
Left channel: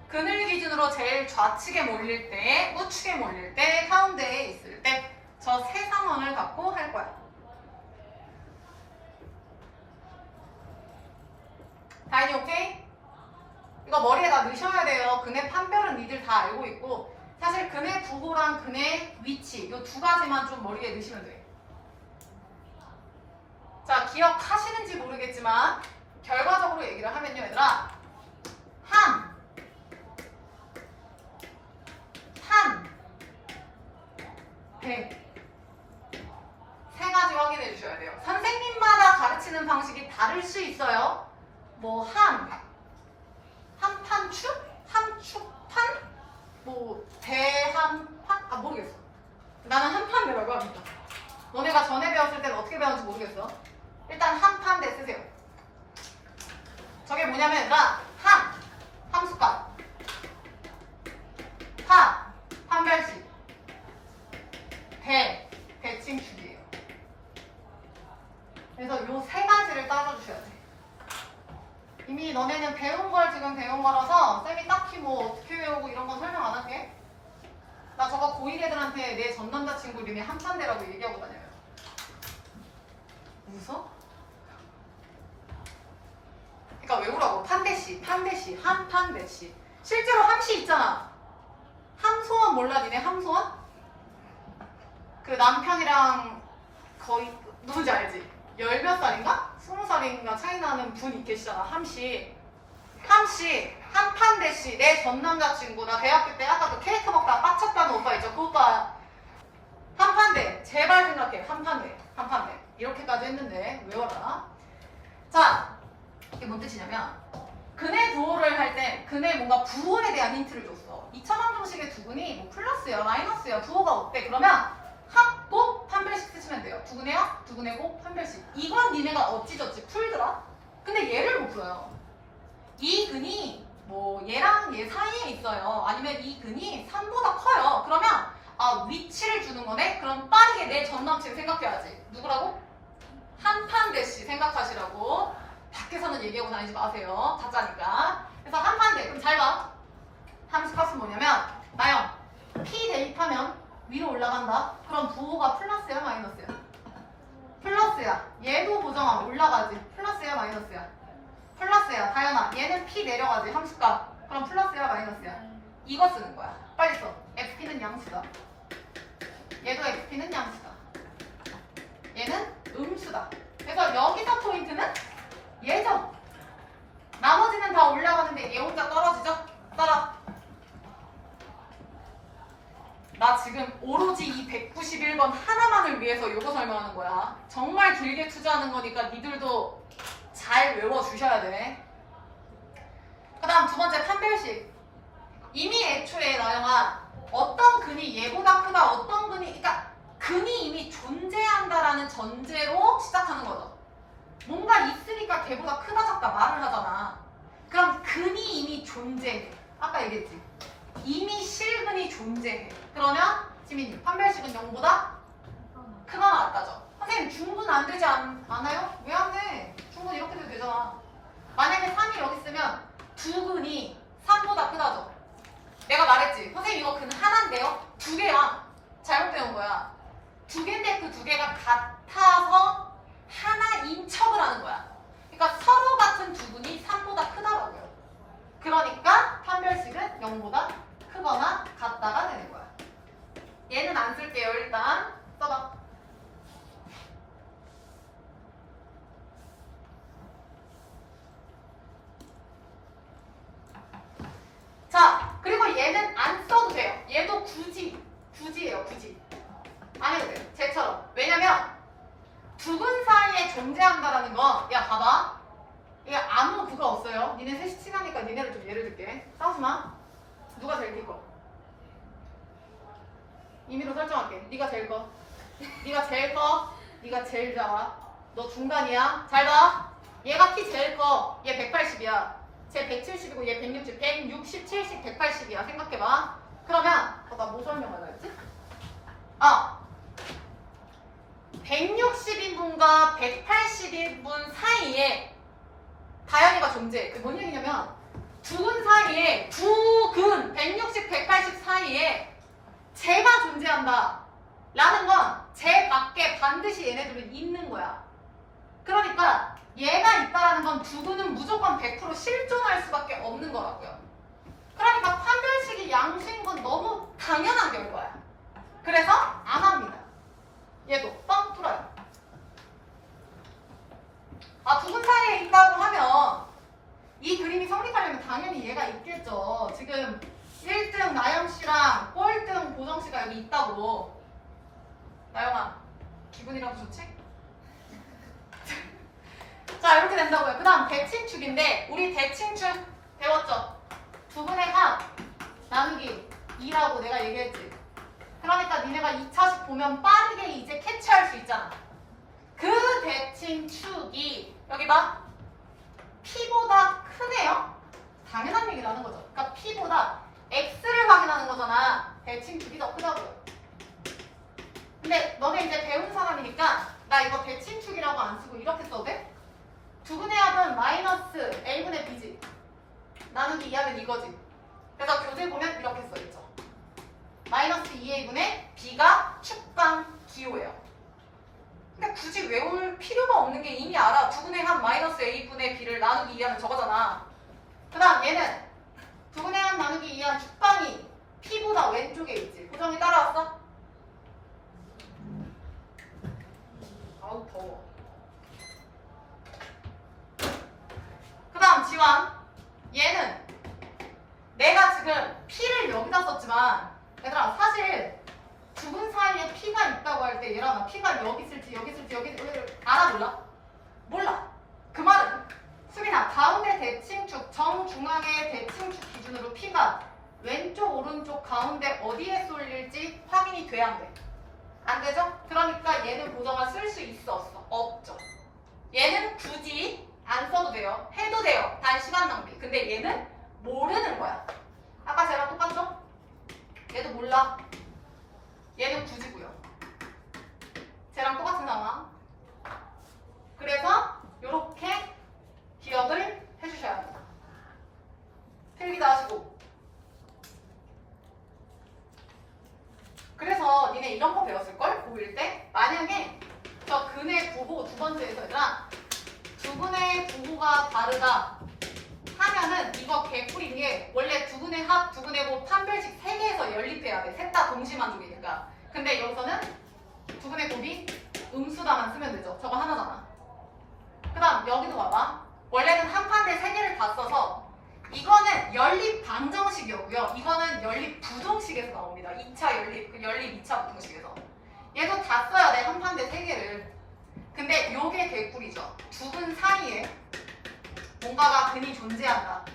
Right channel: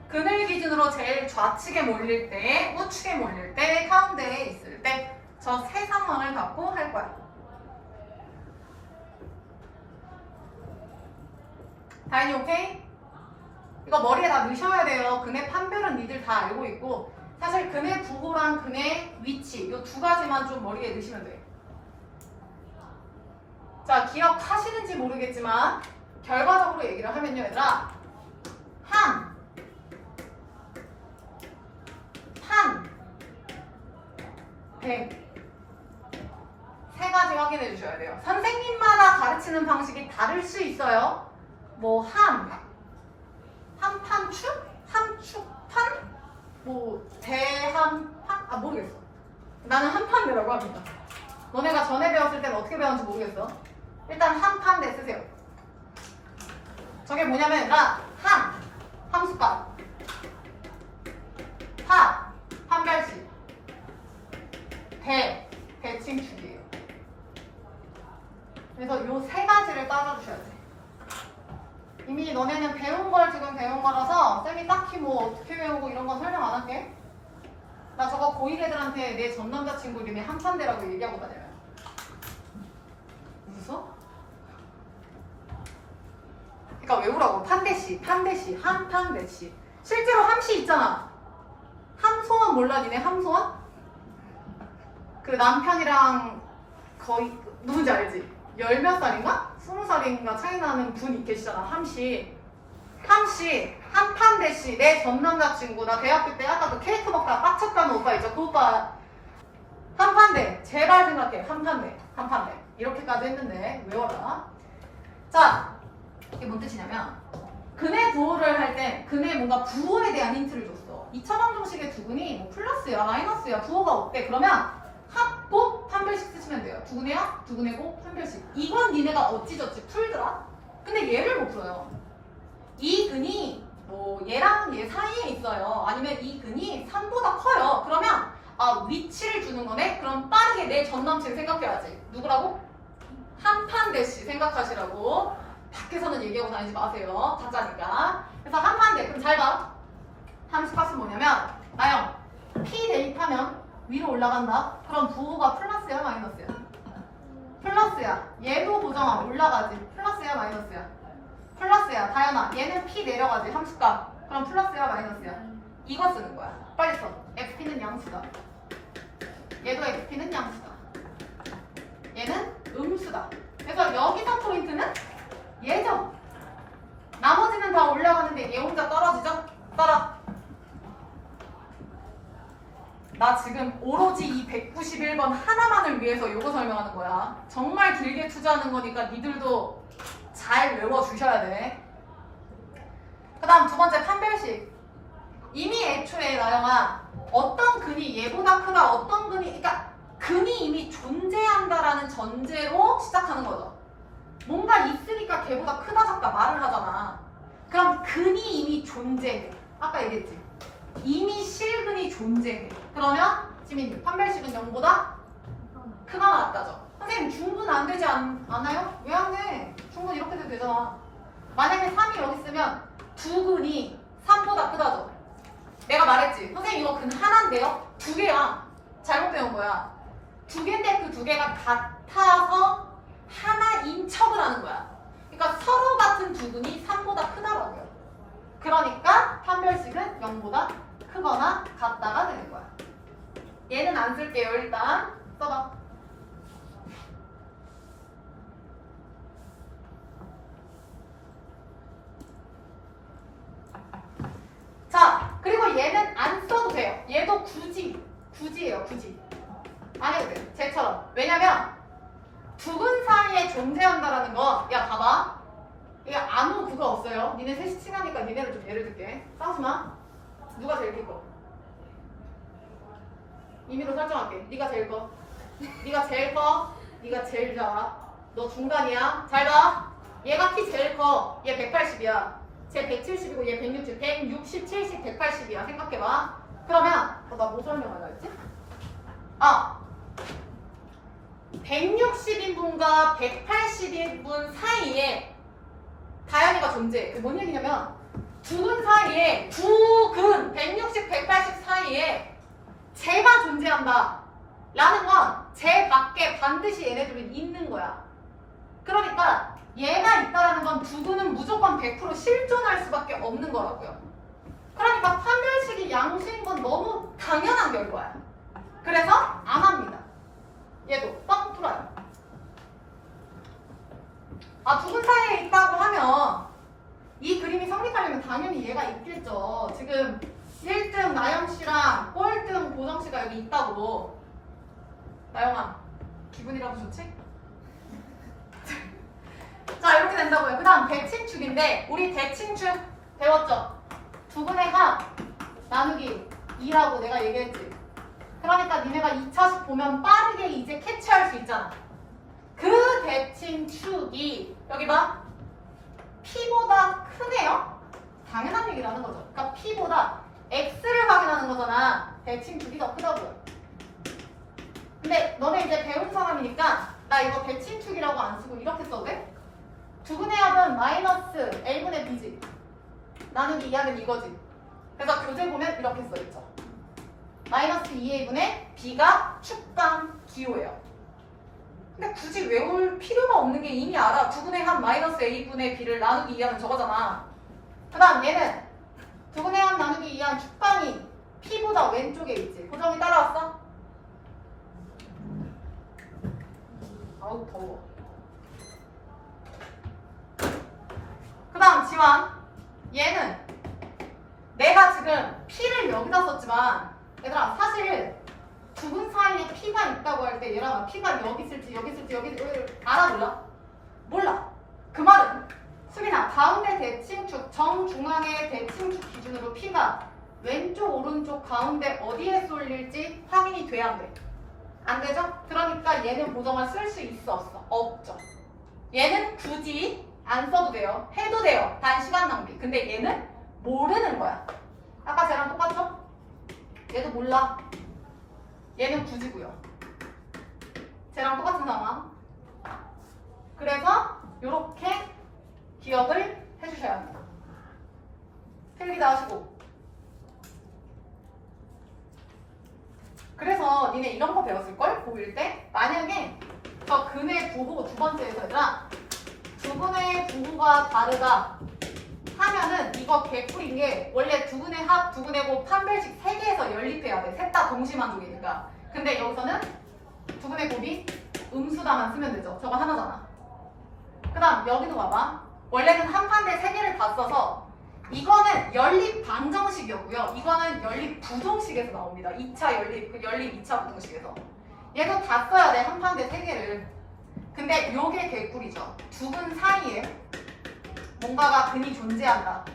근을 기준으로 제일 좌측에 몰릴 때, 우측에 몰릴 때, 가운데에 있을 때, 저 세 상황을 갖고 할 거야. 다현이 오케이? 이거 머리에다 넣으셔야 돼요. 근의 판별은 니들 다 알고 있고, 사실 근의 부호랑 근의 위치, 이 두 가지만 좀 머리에 넣으시면 돼. 자, 기억하시는지 모르겠지만 결과적으로 얘기를 하면요, 얘들아. 함, 판, 백. 세 가지 확인해 주셔야 돼요. 선생님마다 가르치는 방식이 다를 수 있어요. 뭐 한판축? 한축판? 뭐 대한판? 아, 모르겠어. 나는 한판대라고 합니다. 너네가 전에 배웠을 때는 어떻게 배웠는지 모르겠어. 일단 한판대 쓰세요. 저게 뭐냐면 얘들아, 함수값, 판별식, 대칭축이에요. 그래서 요 세 가지를 따져주셔야 돼. 이미 너네는 배운 걸 지금 배운 거라서 쌤이 딱히 뭐 어떻게 배우고 이런 건 설명 안 할게. 나 저거 고1 애들한테 내 전 남자친구 이름이 한판대라고 얘기하고 다녀요. 웃어? 그러니까 외우라고. 판대씨, 한판대씨. 실제로 함씨 있잖아. 함소원 몰라 니네? 함소원? 그 남편이랑 거의 누군지 알지? 10몇 살인가? 20살인가 차이 나는 분 계시잖아. 함씨 한판 대시 내 전 남자친구 나 대학교 때 아까 그 케이크 먹다가 빡쳤다는 오빠 있죠? 그 오빠 한판대 제발 생각해. 한판대 이렇게까지 했는데 외워라. 자 이게 뭔 뜻이냐면 근의 부호를 할 때 근의 뭔가 부호에 대한 힌트를 줬어. 2차원 정식의 두근이 뭐 플러스야 마이너스야 부호가 어때? 그러면 합곱 판별식 쓰시면 돼요. 두근의 합, 두근의 곱, 판별식. 이건 니네가 어찌저찌 풀더라? 근데 얘를 못 풀어요. 이 근이 뭐 얘랑 얘 사이에 있어요. 아니면 이 근이 3보다 커요. 그러면 아 위치를 주는 거네? 그럼 빠르게 내 전 남친 생각해야지. 누구라고? 한판 대시 생각하시라고. 밖에서는 얘기하고 다니지 마세요. 가짜니까. 그래서 한판대. 그럼 잘 봐. 함수값은 뭐냐면 나영 P 대입하면 위로 올라간다. 그럼 부호가 플러스야 마이너스야? 플러스야. 얘도 고정하면 올라가지. 플러스야 마이너스야? 플러스야. 다현아 얘는 P 내려가지. 함수값. 그럼 플러스야 마이너스야? 이거 쓰는 거야. 빨리 써. XP는 양수다. 얘도 XP는 양수다. 얘는 음수다. 그래서 여기서 포인트는 얘죠. 나머지는 다 올라가는데 얘 혼자 떨어지죠? 따라. 나 지금 오로지 이 191번 하나만을 위해서 이거 설명하는 거야. 정말 길게 투자하는 거니까 니들도 잘 외워주셔야 돼. 그 다음 두 번째 판별식. 이미 애초에 나영아 어떤 근이 얘보다 크다 어떤 근이 그러니까 근이 이미 존재한다라는 전제로 시작하는 거죠. 뭔가 있으니까 걔보다 크다 작다 말을 하잖아. 그럼 근이 이미 존재해. 아까 얘기했지. 이미 실근이 존재해. 그러면 지민이 판별식은 0보다 크거나 같다죠. 선생님 중분 안 되지 않아요? 왜 안 돼? 중분 이렇게 돼도 되잖아. 만약에 3이 여기 있으면 두 근이 3보다 크다죠. 내가 말했지. 선생님 이거 근 하나인데요? 두 개야. 잘못 배운 거야. 두 개인데 그 두 개가 같아서 하나인 척을 하는 거야. 그러니까 서로 같은 두 근이 3보다 크다라고요. 그러니까 판별식은 0보다 크거나 같다가 되는 거야. 얘는 안 쓸게요. 일단 써봐. 자, 그리고 얘는 안 써도 돼요. 얘도 굳이예요. 굳이. 안 해도 돼요. 쟤처럼. 왜냐면 두 근 사이에 존재한다라는 건, 야 봐봐. 이게 아무 그거 없어요. 니네 셋이 친하니까 니네를 좀 예를 들게. 싸우지 마. 누가 제일 클 거? 임의로 설정할게. 네가 제일 커. 네가 제일 커. 네가 제일 작아. 너 중간이야. 잘 봐. 얘가 키 제일 커. 얘 180이야. 쟤 170이고 얘 160. 160, 70, 180이야. 생각해봐. 그러면 나 뭐 설명하려 했지? 160인분과 180인분 사이에 다현이가 존재해. 그게 뭔 얘기냐면 두 근 사이에 두 근 160, 180 사이에 쟤가 존재한다 라는 건 쟤 밖에 반드시 얘네들은 있는 거야. 그러니까 얘가 있다라는 건 두 근은 무조건 100% 실존할 수밖에 없는 거라고요. 그러니까 판별식이 양수인 건 너무 당연한 결과야. 그래서 안 합니다. 얘도 뻥 뚫어요. 두 근 사이에 있다고 하면 이 그림이 성립하려면 당연히 얘가 있겠죠. 지금 1등 나영씨랑 꼴등 보정씨가 여기 있다고. 나영아 기분이라도 좋지? 자 이렇게 된다고요. 그 다음 대칭축인데 우리 대칭축 배웠죠? 두 근의 합 나누기 2라고 내가 얘기했지. 그러니까 니네가 2차식 보면 빠르게 이제 캐치할 수 있잖아. 그 대칭축이 여기 봐. P보다 크네요? 당연한 얘기라는 거죠. 그러니까 P보다 X를 확인하는 거잖아. 대칭축이 더 크다고요. 근데 너네 이제 배운 사람이니까 나 이거 대칭축이라고 안 쓰고 이렇게 써도 돼? 두 근의 합은 마이너스 A분의 B지. 나누기 2하면 이거지. 그래서 교재 보면 이렇게 써있죠. 마이너스 2A분의 B가 축강 기호예요. 근데 굳이 외울 필요가 없는 게 이미 알아. 두 근의 합 마이너스 A분의 B를 나누기 2하면 저거잖아. 그 다음 얘는 두 근의 합 나누기 2한 축강이 P보다 왼쪽에 있지. 고정이 따라왔어? 아우 더워. 그 다음 지환 얘는 지금 P를 여기다 썼지만 얘들아 사실 두 근 사이에 P가 있다고 할 때 얘랑 P가 여기 있을지 여기 있을지 여기 알아 몰라? 몰라. 그 말은 수빈아 가운데 대칭축 정중앙의 대칭축 기준으로 P가 왼쪽 오른쪽 가운데 어디에 쏠릴지 확인이 돼야 안 돼. 안 되죠? 그러니까 얘는 고정을 쓸 수 있어 없어? 없죠. 얘는 굳이 안 써도 돼요. 해도 돼요. 단 시간 낭비. 근데 얘는 모르는 거야. 아까 쟤랑 똑같죠? 얘도 몰라. 얘는 굳이고요. 쟤랑 똑같은 상황. 그래서 이렇게 기억을 해주셔야 합니다. 필기도 하시고. 그래서 니네 이런 거 배웠을걸? 고1 때? 만약에 저 근의 부호 두 번째에서 얘들아 두 근의 부호가 다르다 하면은 이거 개꿀인 게 원래 두 근의 합, 두 근의 곱, 판별식 3개에서 연립해야 돼. 셋 다 동시만족이니까. 근데 여기서는 두 근의 곱이 음수다만 쓰면 되죠. 저거 하나잖아. 그 다음 여기도 봐봐. 원래는 한 판대 3개를 다 써서 이거는 연립 방정식이었고요. 이거는 연립 부동식에서 나옵니다. 2차 연립, 그 연립 2차 부동식에서. 얘도 다 써야 돼. 한 판대 3개를. 근데 요게 개꿀이죠. 두 근 사이에 뭔가가 근이 존재한다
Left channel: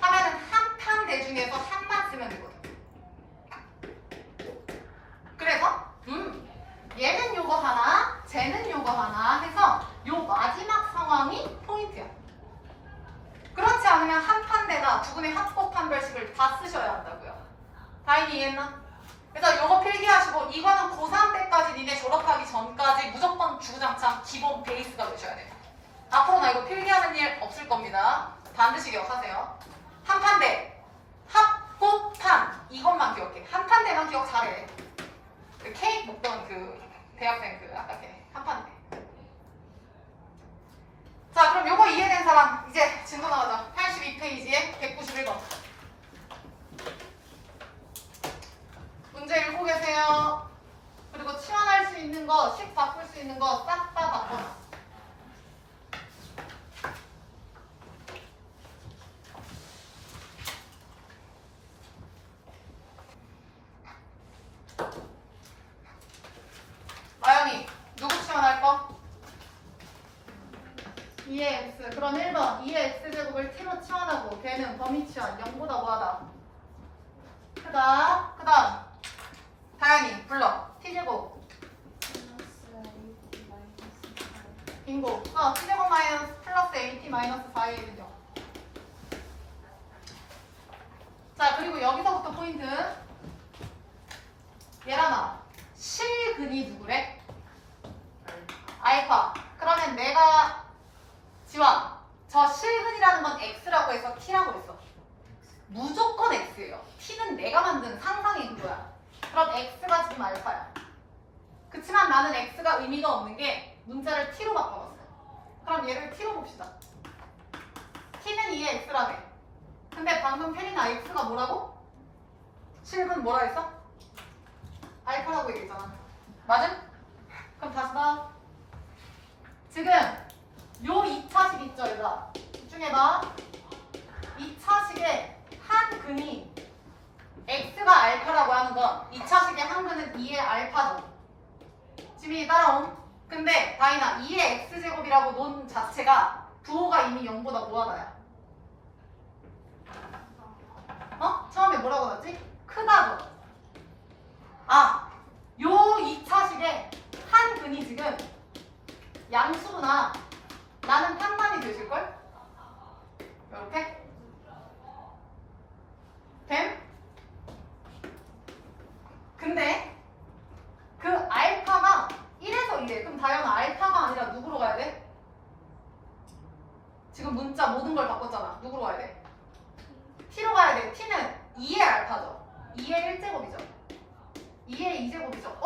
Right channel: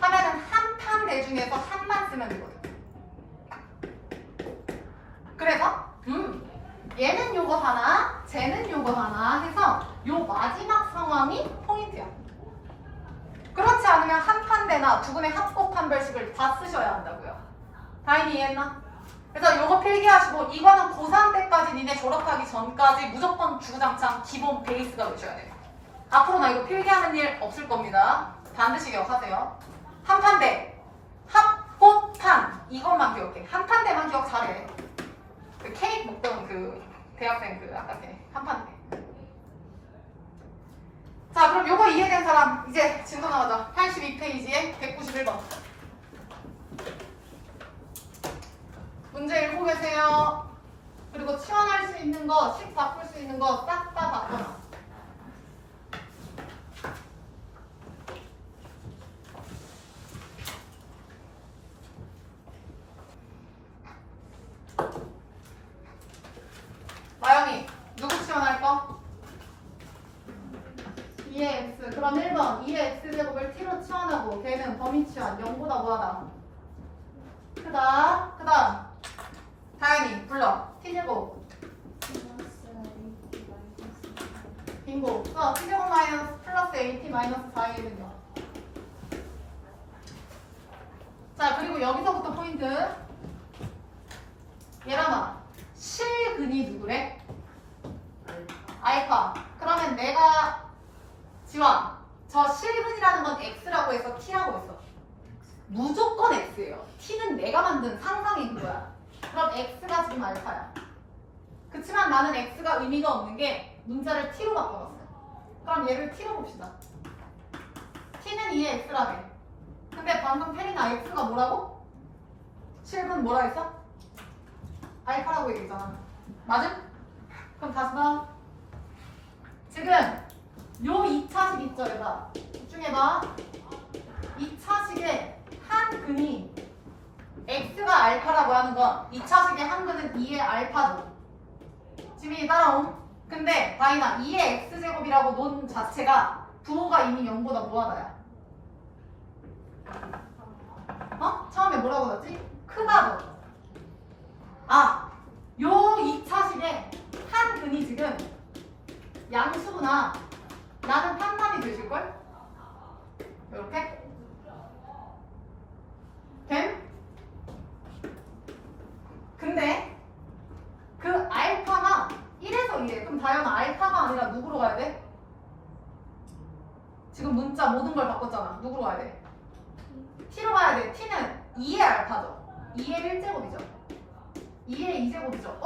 하면은 한 판대 중에서 한만 쓰면 되거든. 그래서 얘는 요거 하나, 쟤는 요거 하나 해서 요 마지막 상황이 포인트야. 그렇지 않으면 한 판대나 두 근의 합곱 판별식을 다 쓰셔야 한다고요. 다인이 이해했나? 그래서 요거 필기하시고 이거는 고3 때까지 니네 졸업하기 전까지 무조건 주구장창 기본 베이스가 되셔야 돼요. 앞으로 나 이거 필기하는 일 없을 겁니다. 반드시 기억하세요. 한 판대, 합곱판 이것만 기억해. 한 판대만 기억 잘해. 그 케이크 먹던 그 대학생 그 아까 걔 한 판대. 자 그럼 요거 이해된 사람 이제 진도 나가자. 82페이지에 191번. 문제 읽고 계세요. 그리고 치환할 수 있는 거, 식 바꿀 수 있는 거 싹 다 바꿔놔. 마영이 누구 치환할 거? 2의 x. 그럼 1번 2의 x제곱을 t로 치환하고 걔는 범위 치환 0보다 뭐하다? 크다. 그 다음 다현이 불러. t제곱 빙고. t제곱 마이너스 플러스 at 마이너스 4a는요. 자 그리고 여기서부터 포인트. 얘랑아 실근이 누구래? 알파. 그러면 내가 지원 저 실근이라는 건 x라고 해서 t라고 했어. 무조건 x예요. t는 내가 만든 상상의 그거야. 그럼 x가 지금 알파야. 그치만 나는 x가 의미가 없는 게 문자를 t로 바꿔봤어. 그럼 얘를 t로 봅시다. t는 2의 x라며. 근데 방금 태린아 x가 뭐라고? 실근 뭐라 했어? 알파라고 얘기했잖아. 맞음? 그럼 다시 봐. 지금 요 2차식 있죠 얘들아. 집중해봐. 2차식에 한 근이 x가 알파라고 하는 건 2차식의 한 근은 2의 알파죠. 지민이 따라옴. 근데 다인아 2의 x제곱이라고 논 자체가 부호가 이미 0보다 뭐하다야? 처음에 뭐라고 났지? 크다죠. 요 2차식에 한 근이 지금 양수구나. 나는 판단이 되실걸? 이렇게? 됨? 근데 그 알파가 1에서 2에. 그럼 다현아 알파가 아니라 누구로 가야 돼? 지금 문자 모든 걸 바꿨잖아. 누구로 가야 돼? t로 가야 돼. t는 2의 알파죠. 2의 1제곱이죠. 2의 2제곱이죠.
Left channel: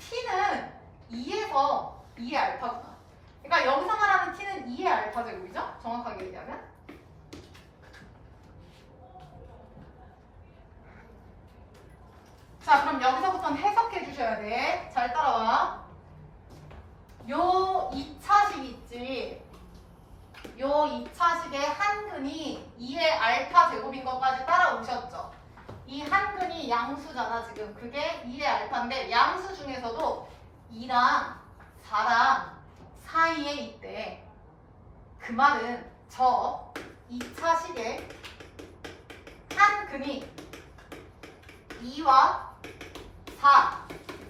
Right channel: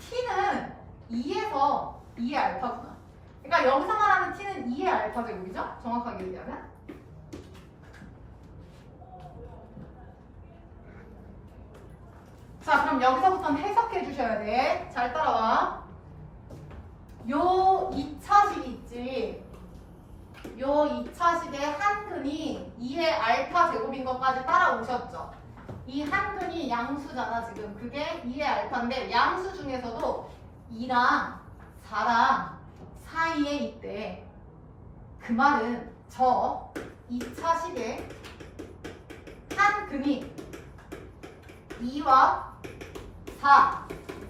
t는 2에서 2의 알파구나. 그러니까 여기서 말하는 t는 2의 알파 제곱이죠? 정확하게 얘기하면. 자 그럼 여기서부터는 해석해 주셔야 돼. 잘 따라와. 요 2차식 있지. 요 2차식의 한 근이 2의 알파 제곱인 것까지 따라오셨죠. 이 한 근이 양수잖아 지금. 그게 2의 알파인데 양수 중에서도 2랑 4랑 사이에 있대. 그 말은 저 2차 식에 한 근이 2와 4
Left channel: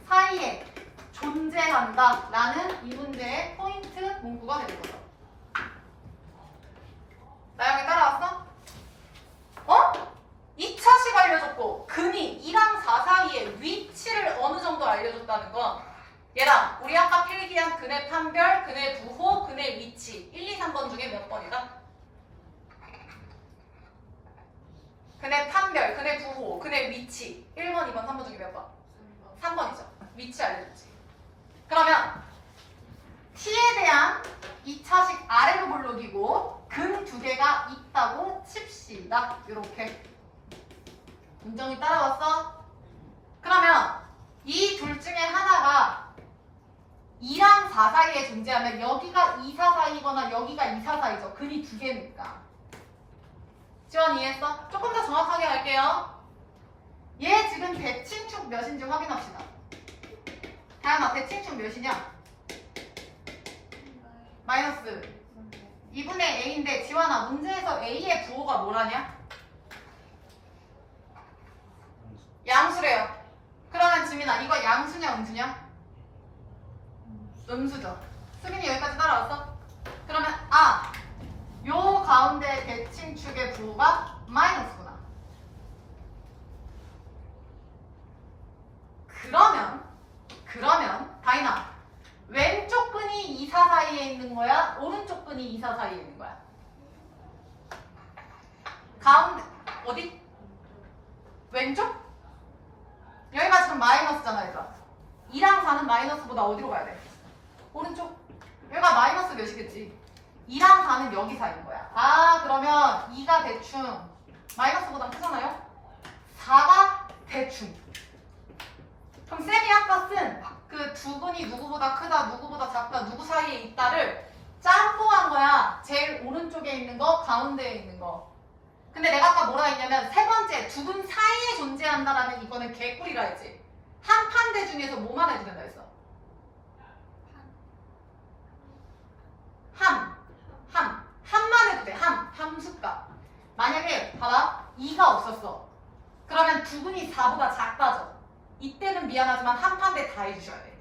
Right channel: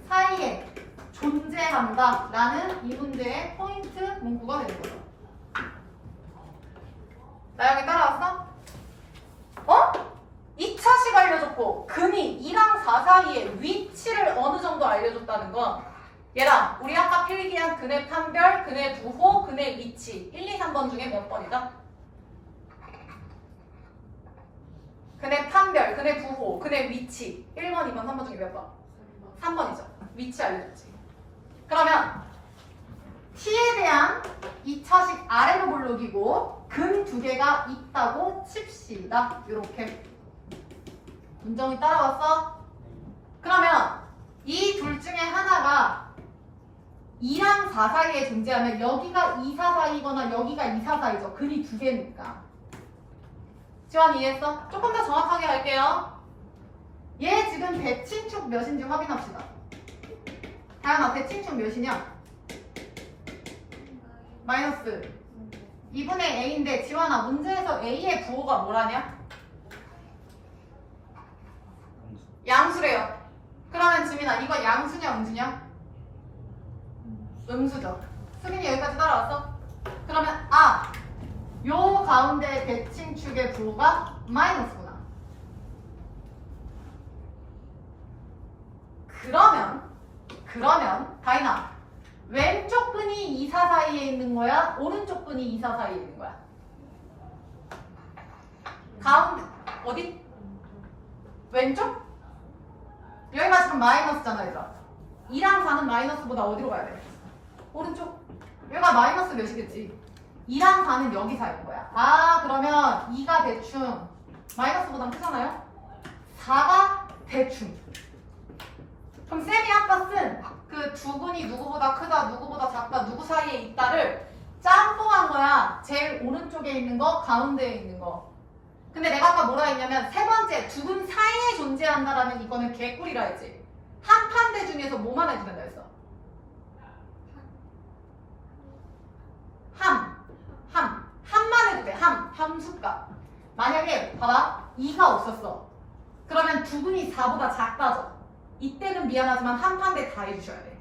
사이에 존재한다 라는 이 문제의 포인트 문구가 되는 거죠. 나영이 따라왔어? 어? 2차식 알려줬고 근이 2랑 4 사이에 위치를 어느 정도 알려줬다는 건 얘랑 우리 아까 필기한 근의 판별, 근의 부호, 근의 위치 1, 2, 3번 중에 몇 번이다? 근의 판별, 근의 부호, 근의 위치 1번, 2번, 3번 중에 몇 번? 3번이죠. 위치 알려줬지. 그러면 t에 대한 2차식 아래로 볼록이고 근 두 개가 있다고 칩시다. 이렇게 문정이 따라왔어? 그러면 이 둘 중에 하나가 2랑 4 사이에 존재하면 여기가 2, 4 사이거나 여기가 2, 4 사이죠. 근이 두 개니까. 지원 이해했어? 조금 더 정확하게 할게요. 얘 지금 대칭축 몇인지 확인합시다. 다음아 대칭축 몇이냐? 마이너스 2분의 a인데 지원아 문제에서 a의 부호가 뭐라냐? 양수래요. 그러면 지민아 이거 양수냐 음수냐? 음수죠. 수민이 여기까지 따라왔어? 그러면 요 가운데 대칭축의 부호가 마이너스구나. 그러면 다이나 왼쪽 근이 2, 4 사이에 있는 거야? 오른쪽 근이 2, 4 사이에 있는 거야? 가운데 어디? 왼쪽? 여기가 지금 마이너스잖아 얘들아. 2랑 4는 마이너스보다 어디로 가야 돼? 오른쪽? 여기가 마이너스 몇이겠지? 2랑 4는 여기 사이인 거야. 그러면 2가 대충 마이너스보다 크잖아요? 4가 대충. 그럼 쌤이 아까 쓴 그 두 근이 누구보다 크다, 누구보다 작다, 누구 사이에 있다를 짬뽕한 거야. 제일 오른쪽에 있는 거, 가운데에 있는 거. 근데 내가 아까 뭐라 했냐면 세 번째 두 근 사이에 존재한다라면 이거는 개꿀이라 했지. 한 판대 중에서 뭐만 해도 된다 했어? 함만 해도 돼. 함수값. 만약에 봐봐 2가 없었어. 그러면 두 근이 4보다 작다죠. 이때는 미안하지만 한 판대 다 해주셔야 돼.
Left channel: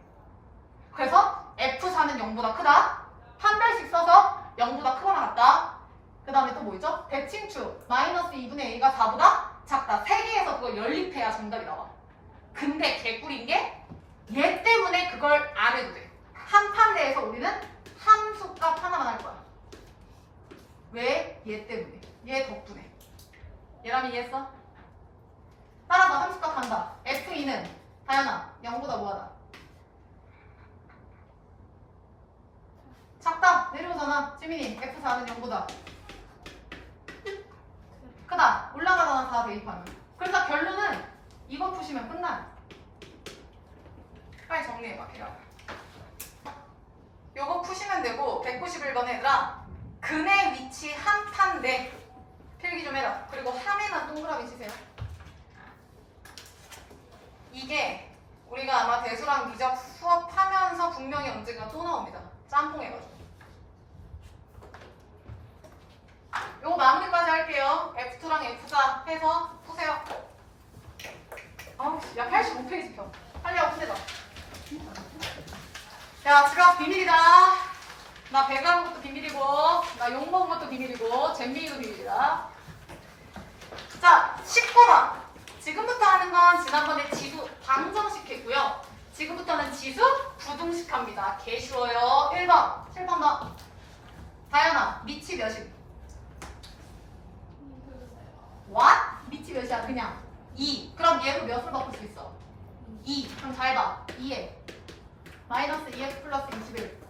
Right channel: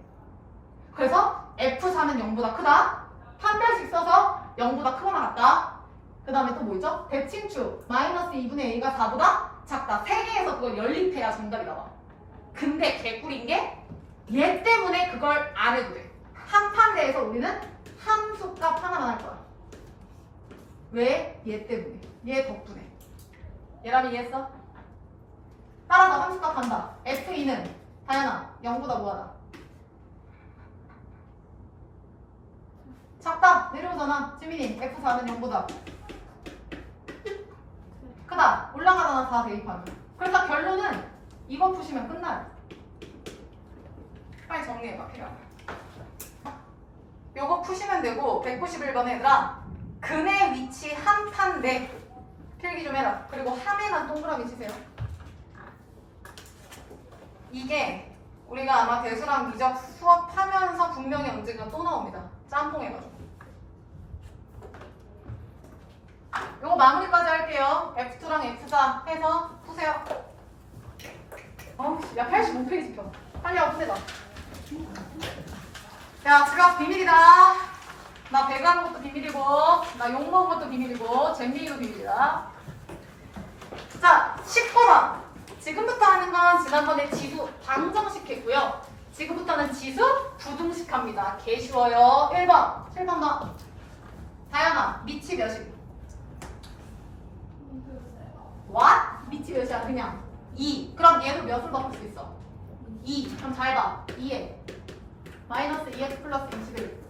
그래서 F4는 0보다 크다. 판별식 써서 0보다 크거나 같다. 그 다음에 또 뭐 있죠? 대칭축 마이너스 2분의 a가 4보다 작다. 3개에서 그걸 연립해야 정답이 나와. 근데 개꿀인 게 얘 때문에 그걸 안 해도 돼. 한 판대에서 우리는 함수값 하나만 할 거야. 왜? 얘 때문에. 얘 덕분에. 얘라면 이해했어? 따라서 함수값 한다. F2는 다현아 0보다 뭐하다? 작다. 내려오잖아. 지민이 F4는 0보다 크다. 올라가다가 4 대입하면. 그래서 결론은 이거 푸시면 끝나요. 빨리 정리해봐. 필요하면. 요거 푸시면 되고 191번 얘들아 근의 위치 한 판대 필기 좀 해라. 그리고 함에만 동그라미 치세요. 이게 우리가 아마 대수랑 미적 수업하면서 분명히 언젠가 또 나옵니다. 짬뽕 해가지고. 요거 마무리까지 할게요. F2랑 F4 해서 푸세요. 야 85페이지 펴. 빨리 하고 푸세다. 야 지갑 비밀이다. 나 배가는 것도 비밀이고 나 욕먹은 것도 비밀이고 잼민이도 비밀이다. 자 19번. 지금부터 하는 건 지난번에 지수 방정식 했고요. 지금부터는 지수 부등식 합니다. 개 쉬워요. 1번 7번 더. 다현아 미치 몇이? What? 미치 몇이야? 그냥 2. 그럼 얘로 몇으로 바꿀 수 있어? 2. 그럼 잘 봐. 2에 마이너스 2x 플러스 21.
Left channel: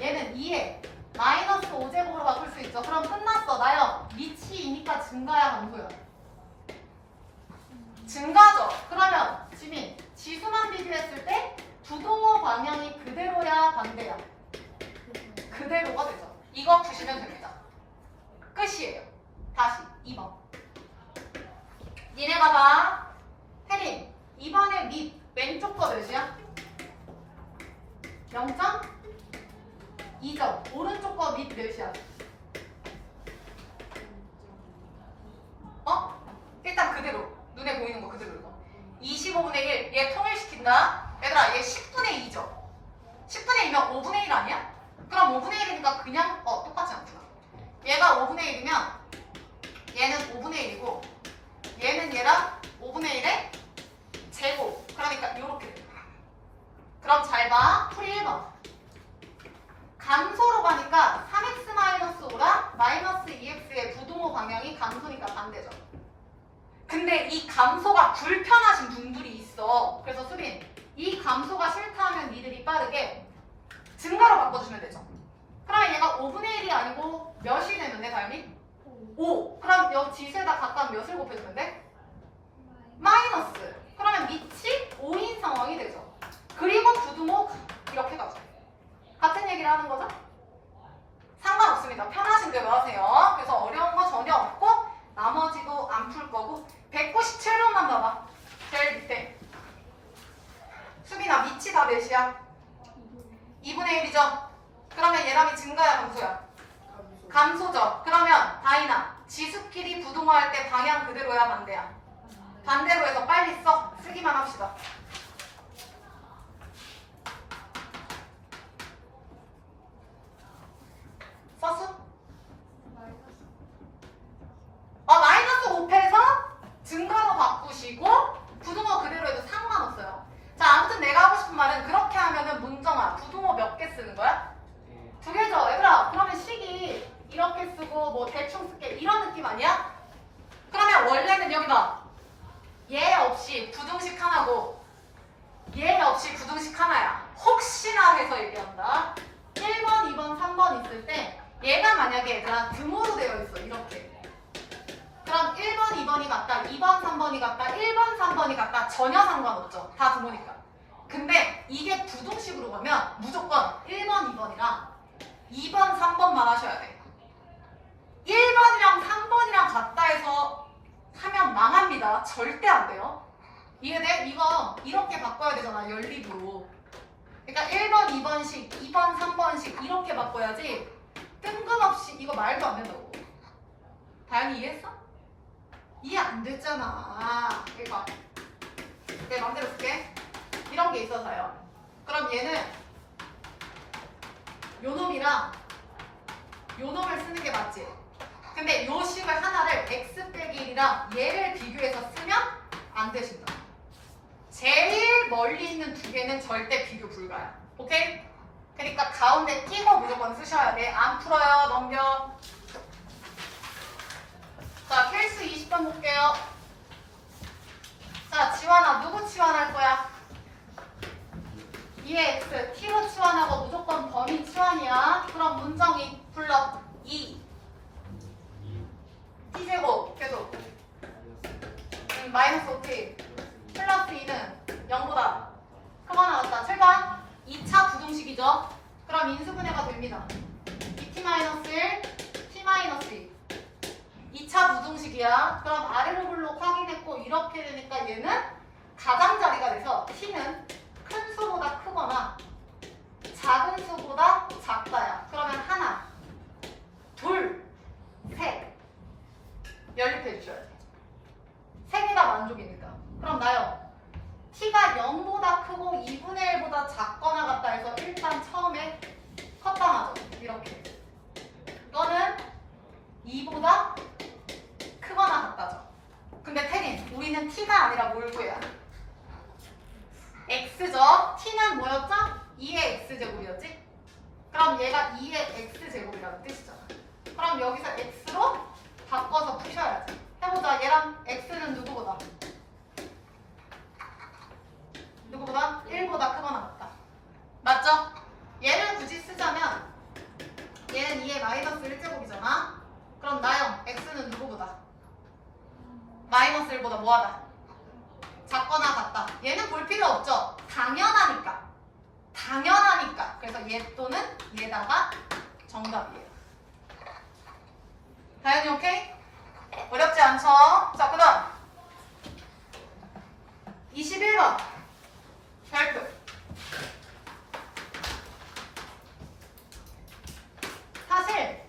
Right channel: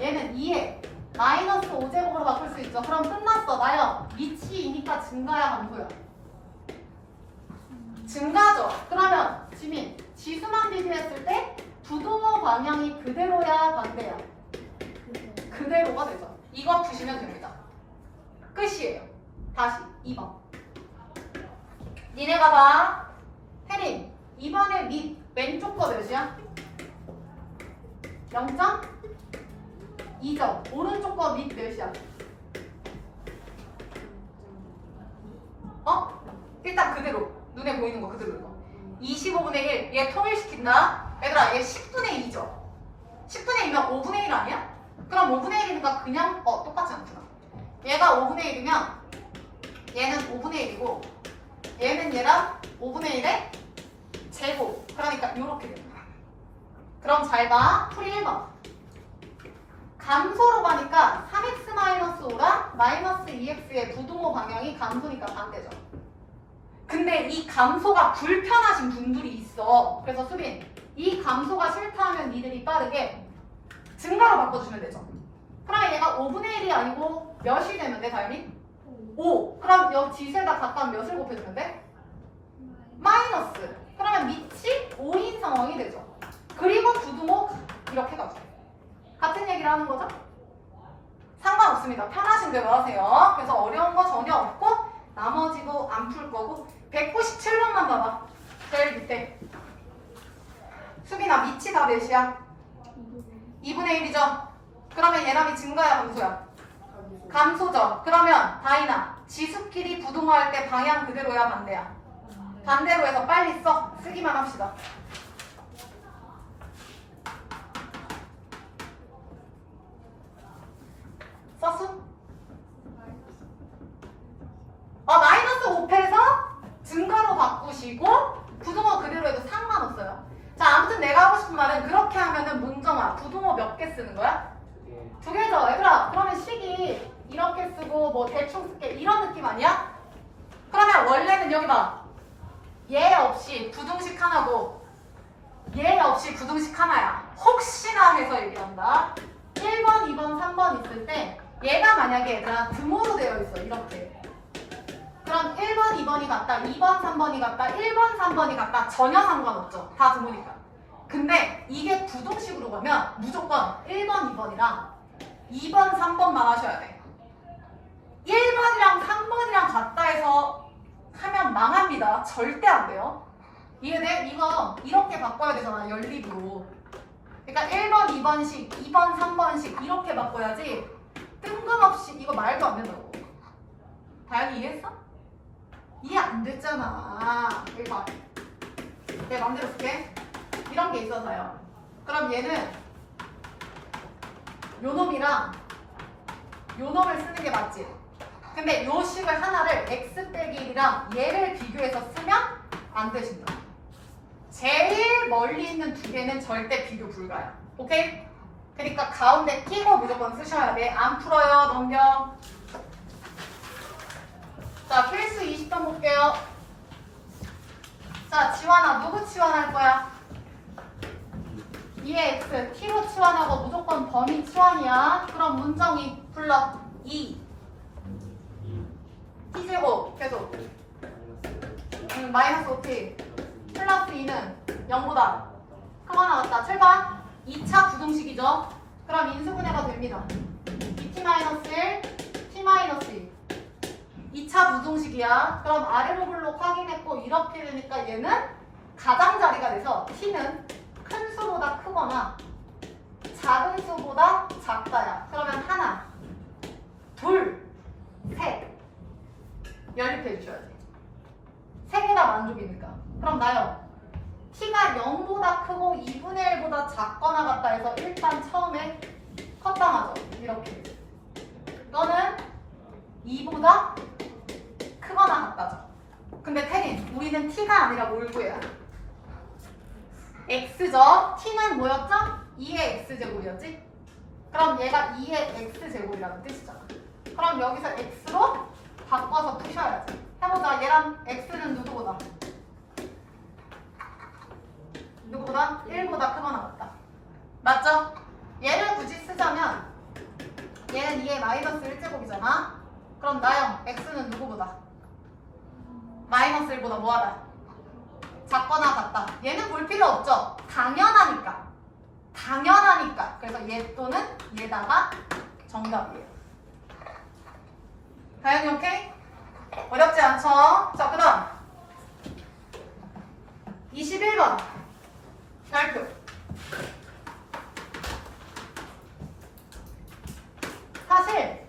얘는 2에 마이너스 5제곱으로 바꿀 수 있죠. 그럼 끝났어. 나요. 미치이니까 증가야 함수야? 증가죠. 그러면 지민 지수만 비교했을 때 부동호 방향이 그대로야 반대야? 그대로가 되죠. 이거 푸시면 됩니다. 끝이에요. 다시 2번. 니네가 봐. 태린, 2번의 밑 왼쪽 거 몇이야? 0.2점. 오른쪽 거 밑 몇이야? 일단 그대로. 눈에 보이는 거 그대로 읽어. 25분의 1. 얘 통일시킨다. 얘들아, 얘 10분의 2죠? 10분의 2면 5분의 1 아니야? 그럼 5분의 1이니까 그냥 똑같지 않구나. 얘가 5분의 1이면 얘는 5분의 1이고 얘는 얘랑 5분의 1의 제곱. 그러니까 이렇게 돼. 그럼 잘 봐. 풀이 1번. 감소로 가니까 3x-5랑 -2x의 부동호 방향이 감소니까 반대죠. 근데 이 감소가 불편하신 분들이 있어. 그래서 수빈, 이 감소가 싫다 하면 니들이 빠르게 증가로 바꿔주면 되죠. 그러면 얘가 5분의 1이 아니고 몇이 되면 돼, 다현이? 5. 그럼 여기 지세가 각각 몇을 곱해주면 돼? 마이너스. 그러면 밑이 5인 상황이 되죠. 그리고 부등호 이렇게 가죠. 같은 얘기를 하는 거죠? 상관없습니다. 편하신 대로 하세요. 그래서 어려운 거 전혀 없고 나머지도 안 풀 거고 197번만 봐봐. 제일 밑에. 수빈아, 밑이 다 몇이야? 2분의 1이죠? 그러면 얘랑이 증가야 감소야? 감소죠. 그러면 다이나, 지수끼리 부동화할 때 방향 그대로야 반대야? 반대로 해서 빨리 써. 쓰기만 합시다. 썼어? 마이너스 5패에서 증가로 바꾸시고 부동호 그대로 해도 상관없어요. 자, 아무튼 내가 하고 싶은 말은 그렇게 하면은 문정아, 부동호 몇 개 쓰는 거야? 2개죠. 얘들아, 그러면 식이 이렇게 쓰고 뭐 대충 쓸게 이런 느낌 아니야? 그러면 원래는 여기 봐. 얘 없이 부등식 하나고 얘 없이 부등식 하나야. 혹시나 해서 얘기한다. 1번, 2번, 3번 있을 때 얘가 만약에 얘들아 등호로 되어 있어. 이렇게. 그럼 1번, 2번이 같다, 2번, 3번이 같다, 1번, 3번이 같다. 전혀 상관없죠. 다 등호니까. 근데 이게 부등식으로 가면 무조건 1번, 2번이랑 2번, 3번만 하셔야 돼. 1번이랑 3번이랑 같다 해서 하면 망합니다. 절대 안 돼요. 이해돼? 이거 이렇게 바꿔야 되잖아. 연립으로. 그러니까 1번, 2번식, 2번, 3번식 이렇게 바꿔야지 뜬금없이 이거 말도 안 된다고. 다현이 이해했어? 이해 안 됐잖아. 이거 내 맘대로 쓸게. 이런 게 있어서요. 그럼 얘는 요 놈이랑 요 놈을 쓰는 게 맞지? 근데 요 식을 하나를 x 빼기 1이랑 얘를 비교해서 쓰면 안 되신다. 제일 멀리 있는 두 개는 절대 비교 불가야. 오케이? 그러니까 가운데 끼고 무조건 쓰셔야 돼. 안 풀어요. 넘겨. 자, 케이스 20번 볼게요. 자, 지환아, 누구 치환할 거야? 2의 x, t로 치환하고 무조건 범위 치환이야. 그럼 문정이 불러. 2 t제곱 계속 마이너스 5t 플러스 2는 0보다 크거나 같다. 출발. 2차 부등식이죠. 그럼 인수분해가 됩니다. 2t-1, t-2 2차 부등식이야. 그럼 아래로 블록 확인했고 이렇게 되니까 얘는 가장자리가 돼서 t는 큰 수보다 크거나 작은 수보다 작다야. 그러면 하나, 둘, 셋 연립해 주셔야 돼. 세 개가 만족이니까. 그럼 나요. t가 0보다 크고 2분의 1보다 작거나 같다 해서 일단 처음에 컷당하죠. 이렇게. 이거는 2보다 크거나 같다죠. 근데 태린, 우리는 t가 아니라 뭘 구해야 돼? x죠. t는 뭐였죠? 2의 x제곱이었지? 그럼 얘가 2의 x제곱이라는 뜻이잖아. 그럼 여기서 x로 바꿔서 푸셔야지. 해보자. 얘랑 x는 누구보다? 누구보다? 1보다 크거나 같다. 맞죠? 얘를 굳이 쓰자면 얘는 2의 마이너스 1제곱이잖아. 그럼 나영, x는 누구보다? 마이너스 1보다 뭐하다? 작거나 같다. 얘는 볼 필요 없죠? 당연하니까. 당연하니까. 그래서 얘 또는 얘다가 정답이에요. 다현이 오케이? 어렵지 않죠? 자, 그 다음 21번 발표. 사실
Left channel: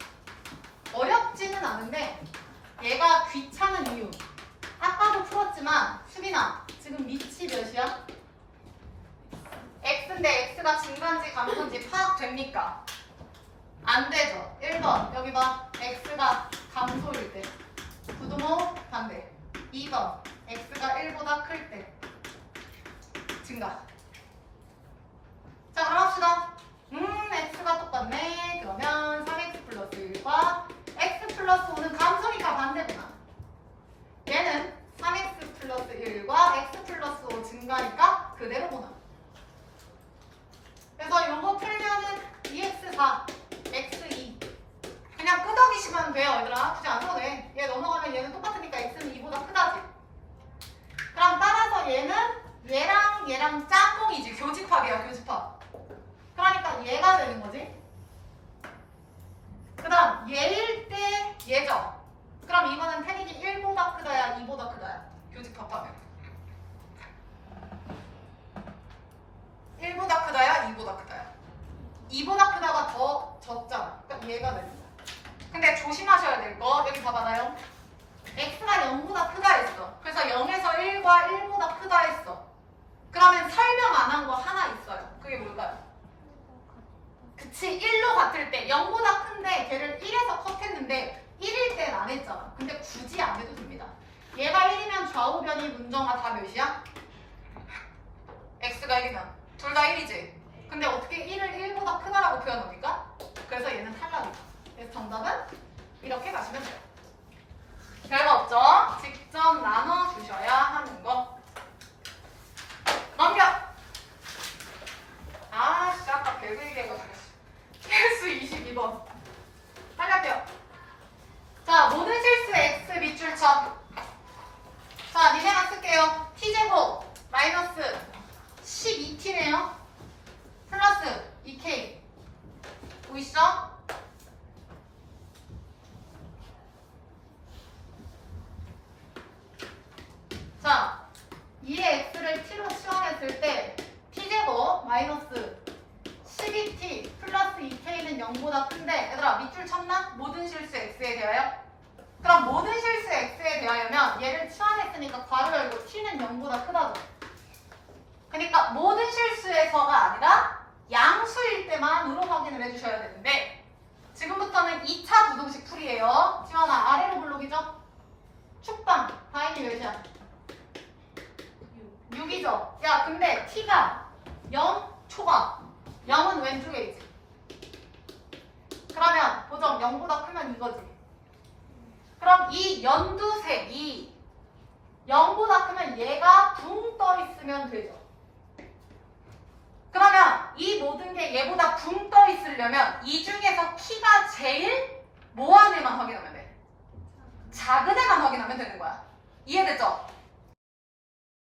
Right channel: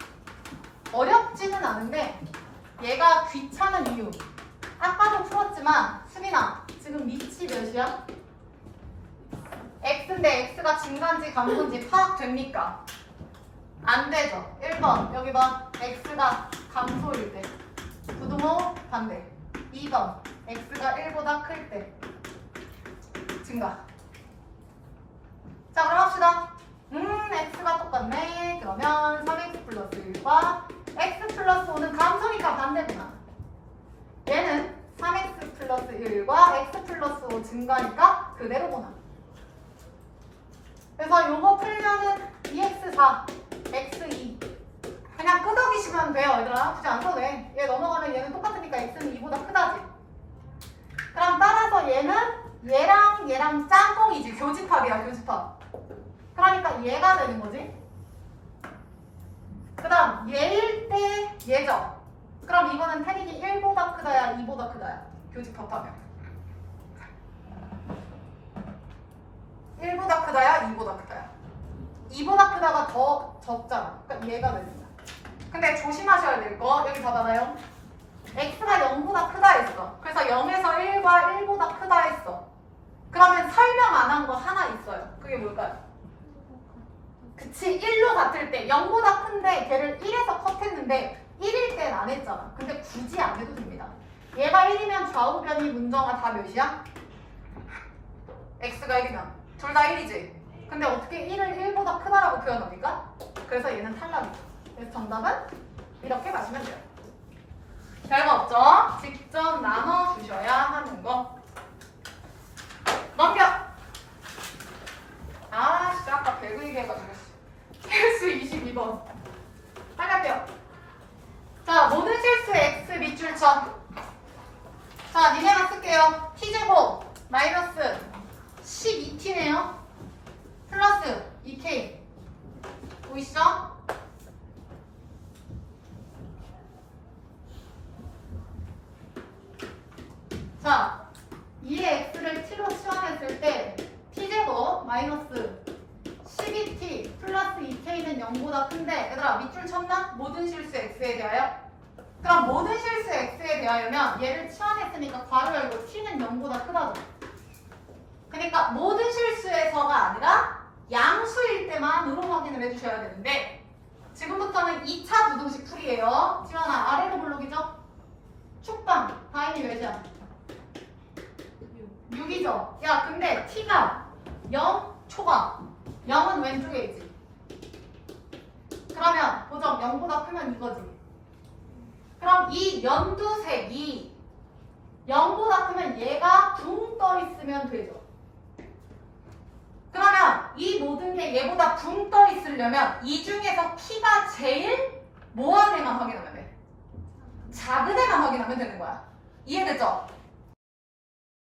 어렵지는 않은데 얘가 귀찮은 이유 아까도 풀었지만 수빈아 지금 밑이 몇이야? x인데 x가 증가인지 감소인지 파악됩니까? 안 되죠. 1번 여기 봐. x가 감소일 때 부등호 반대. 2번 x가 1보다 클 때 증가. 자 그럼 합시다. x가 똑같네. 그러면 3x 플러스 1과 x 플러스 5는 감소니까 반대구나. 얘는 3x 플러스 1과 x 플러스 5 증가니까 그대로구나. 그래서 요거 풀면은 2x4 x2 그냥 끄덕이시면 돼요. 얘들아 굳이 안 써도 돼. 얘 넘어가면 얘는 똑같으니까 x는 2보다 크다지. 그럼 따라서 얘는 얘랑 짝꿍이지. 교집합이야 교집합. 그러니까 얘가 되는 거지. 그 다음 얘일 때 얘죠. 그럼 이거는 태닝이 1보다 크다야 2보다 크다야. 교집합하면 1보다 크다야 2보다 크다야. 2보다 크다가 더 적잖아. 그러니까 얘가 되는 거야. 근데 조심하셔야 될 거 여기 봐봐요. x가 0보다 크다 했어. 그래서 0에서 1과 1보다 크다 했어. 그러면 설명 안 한 거 하나 있어요. 그게 뭘까요? 그치 1로 같을 때 0보다 큰데 걔를 1에서 컷했는데 1일 땐 안 했잖아. 근데 굳이 안 해도 됩니다. 얘가 1이면 좌우 변이 문정아 다 몇이야? x가 1이면 둘 다 1이지. 근데 어떻게 1을 1보다 크다라고 표현합니까? 그래서 얘는 탈락이죠. 그래서 정답은 이렇게 가시면 돼요. 별거 없죠? 직접 나눠주셔야 하는 거. 넘겨! 아, 진짜 아까 배그 얘기해가지고. 실수 22번. 빨리 할게요. 자, 모든 실수 x 밑줄 쳐. 자, 니네만 쓸게요. t제곱 마이너스 12t네요. 플러스 2k. 보이시죠? 자, 2의 x를 t로 치환했을 때 t제곱 마이너스 12t 플러스 2k는 0보다 큰데 얘들아 밑줄 쳤나? 모든 실수 x에 대하여? 그럼 모든 실수 x에 대하여면 얘를 치환했으니까 괄호 열고 t는 0보다 크다죠. 그러니까 모든 실수에서가 아니라 양수일 때만으로 확인을 해주셔야 되는데 지금부터는 2차 부등식 풀이에요. 지환아 아래로 블록이죠? 축방 다인이 몇이야? 6이죠? 야 근데 t가 0 초과 0은 왼쪽에 있지. 그러면 고정 0보다 크면 이거지. 그럼 이 연두색이 0보다 크면 얘가 붕 떠 있으면 되죠. 그러면 이 모든 게 얘보다 붕 떠 있으려면 이 중에서 키가 제일 뭐한 애만 확인하면 돼? 작은 애만 확인하면 되는 거야. 이해됐죠?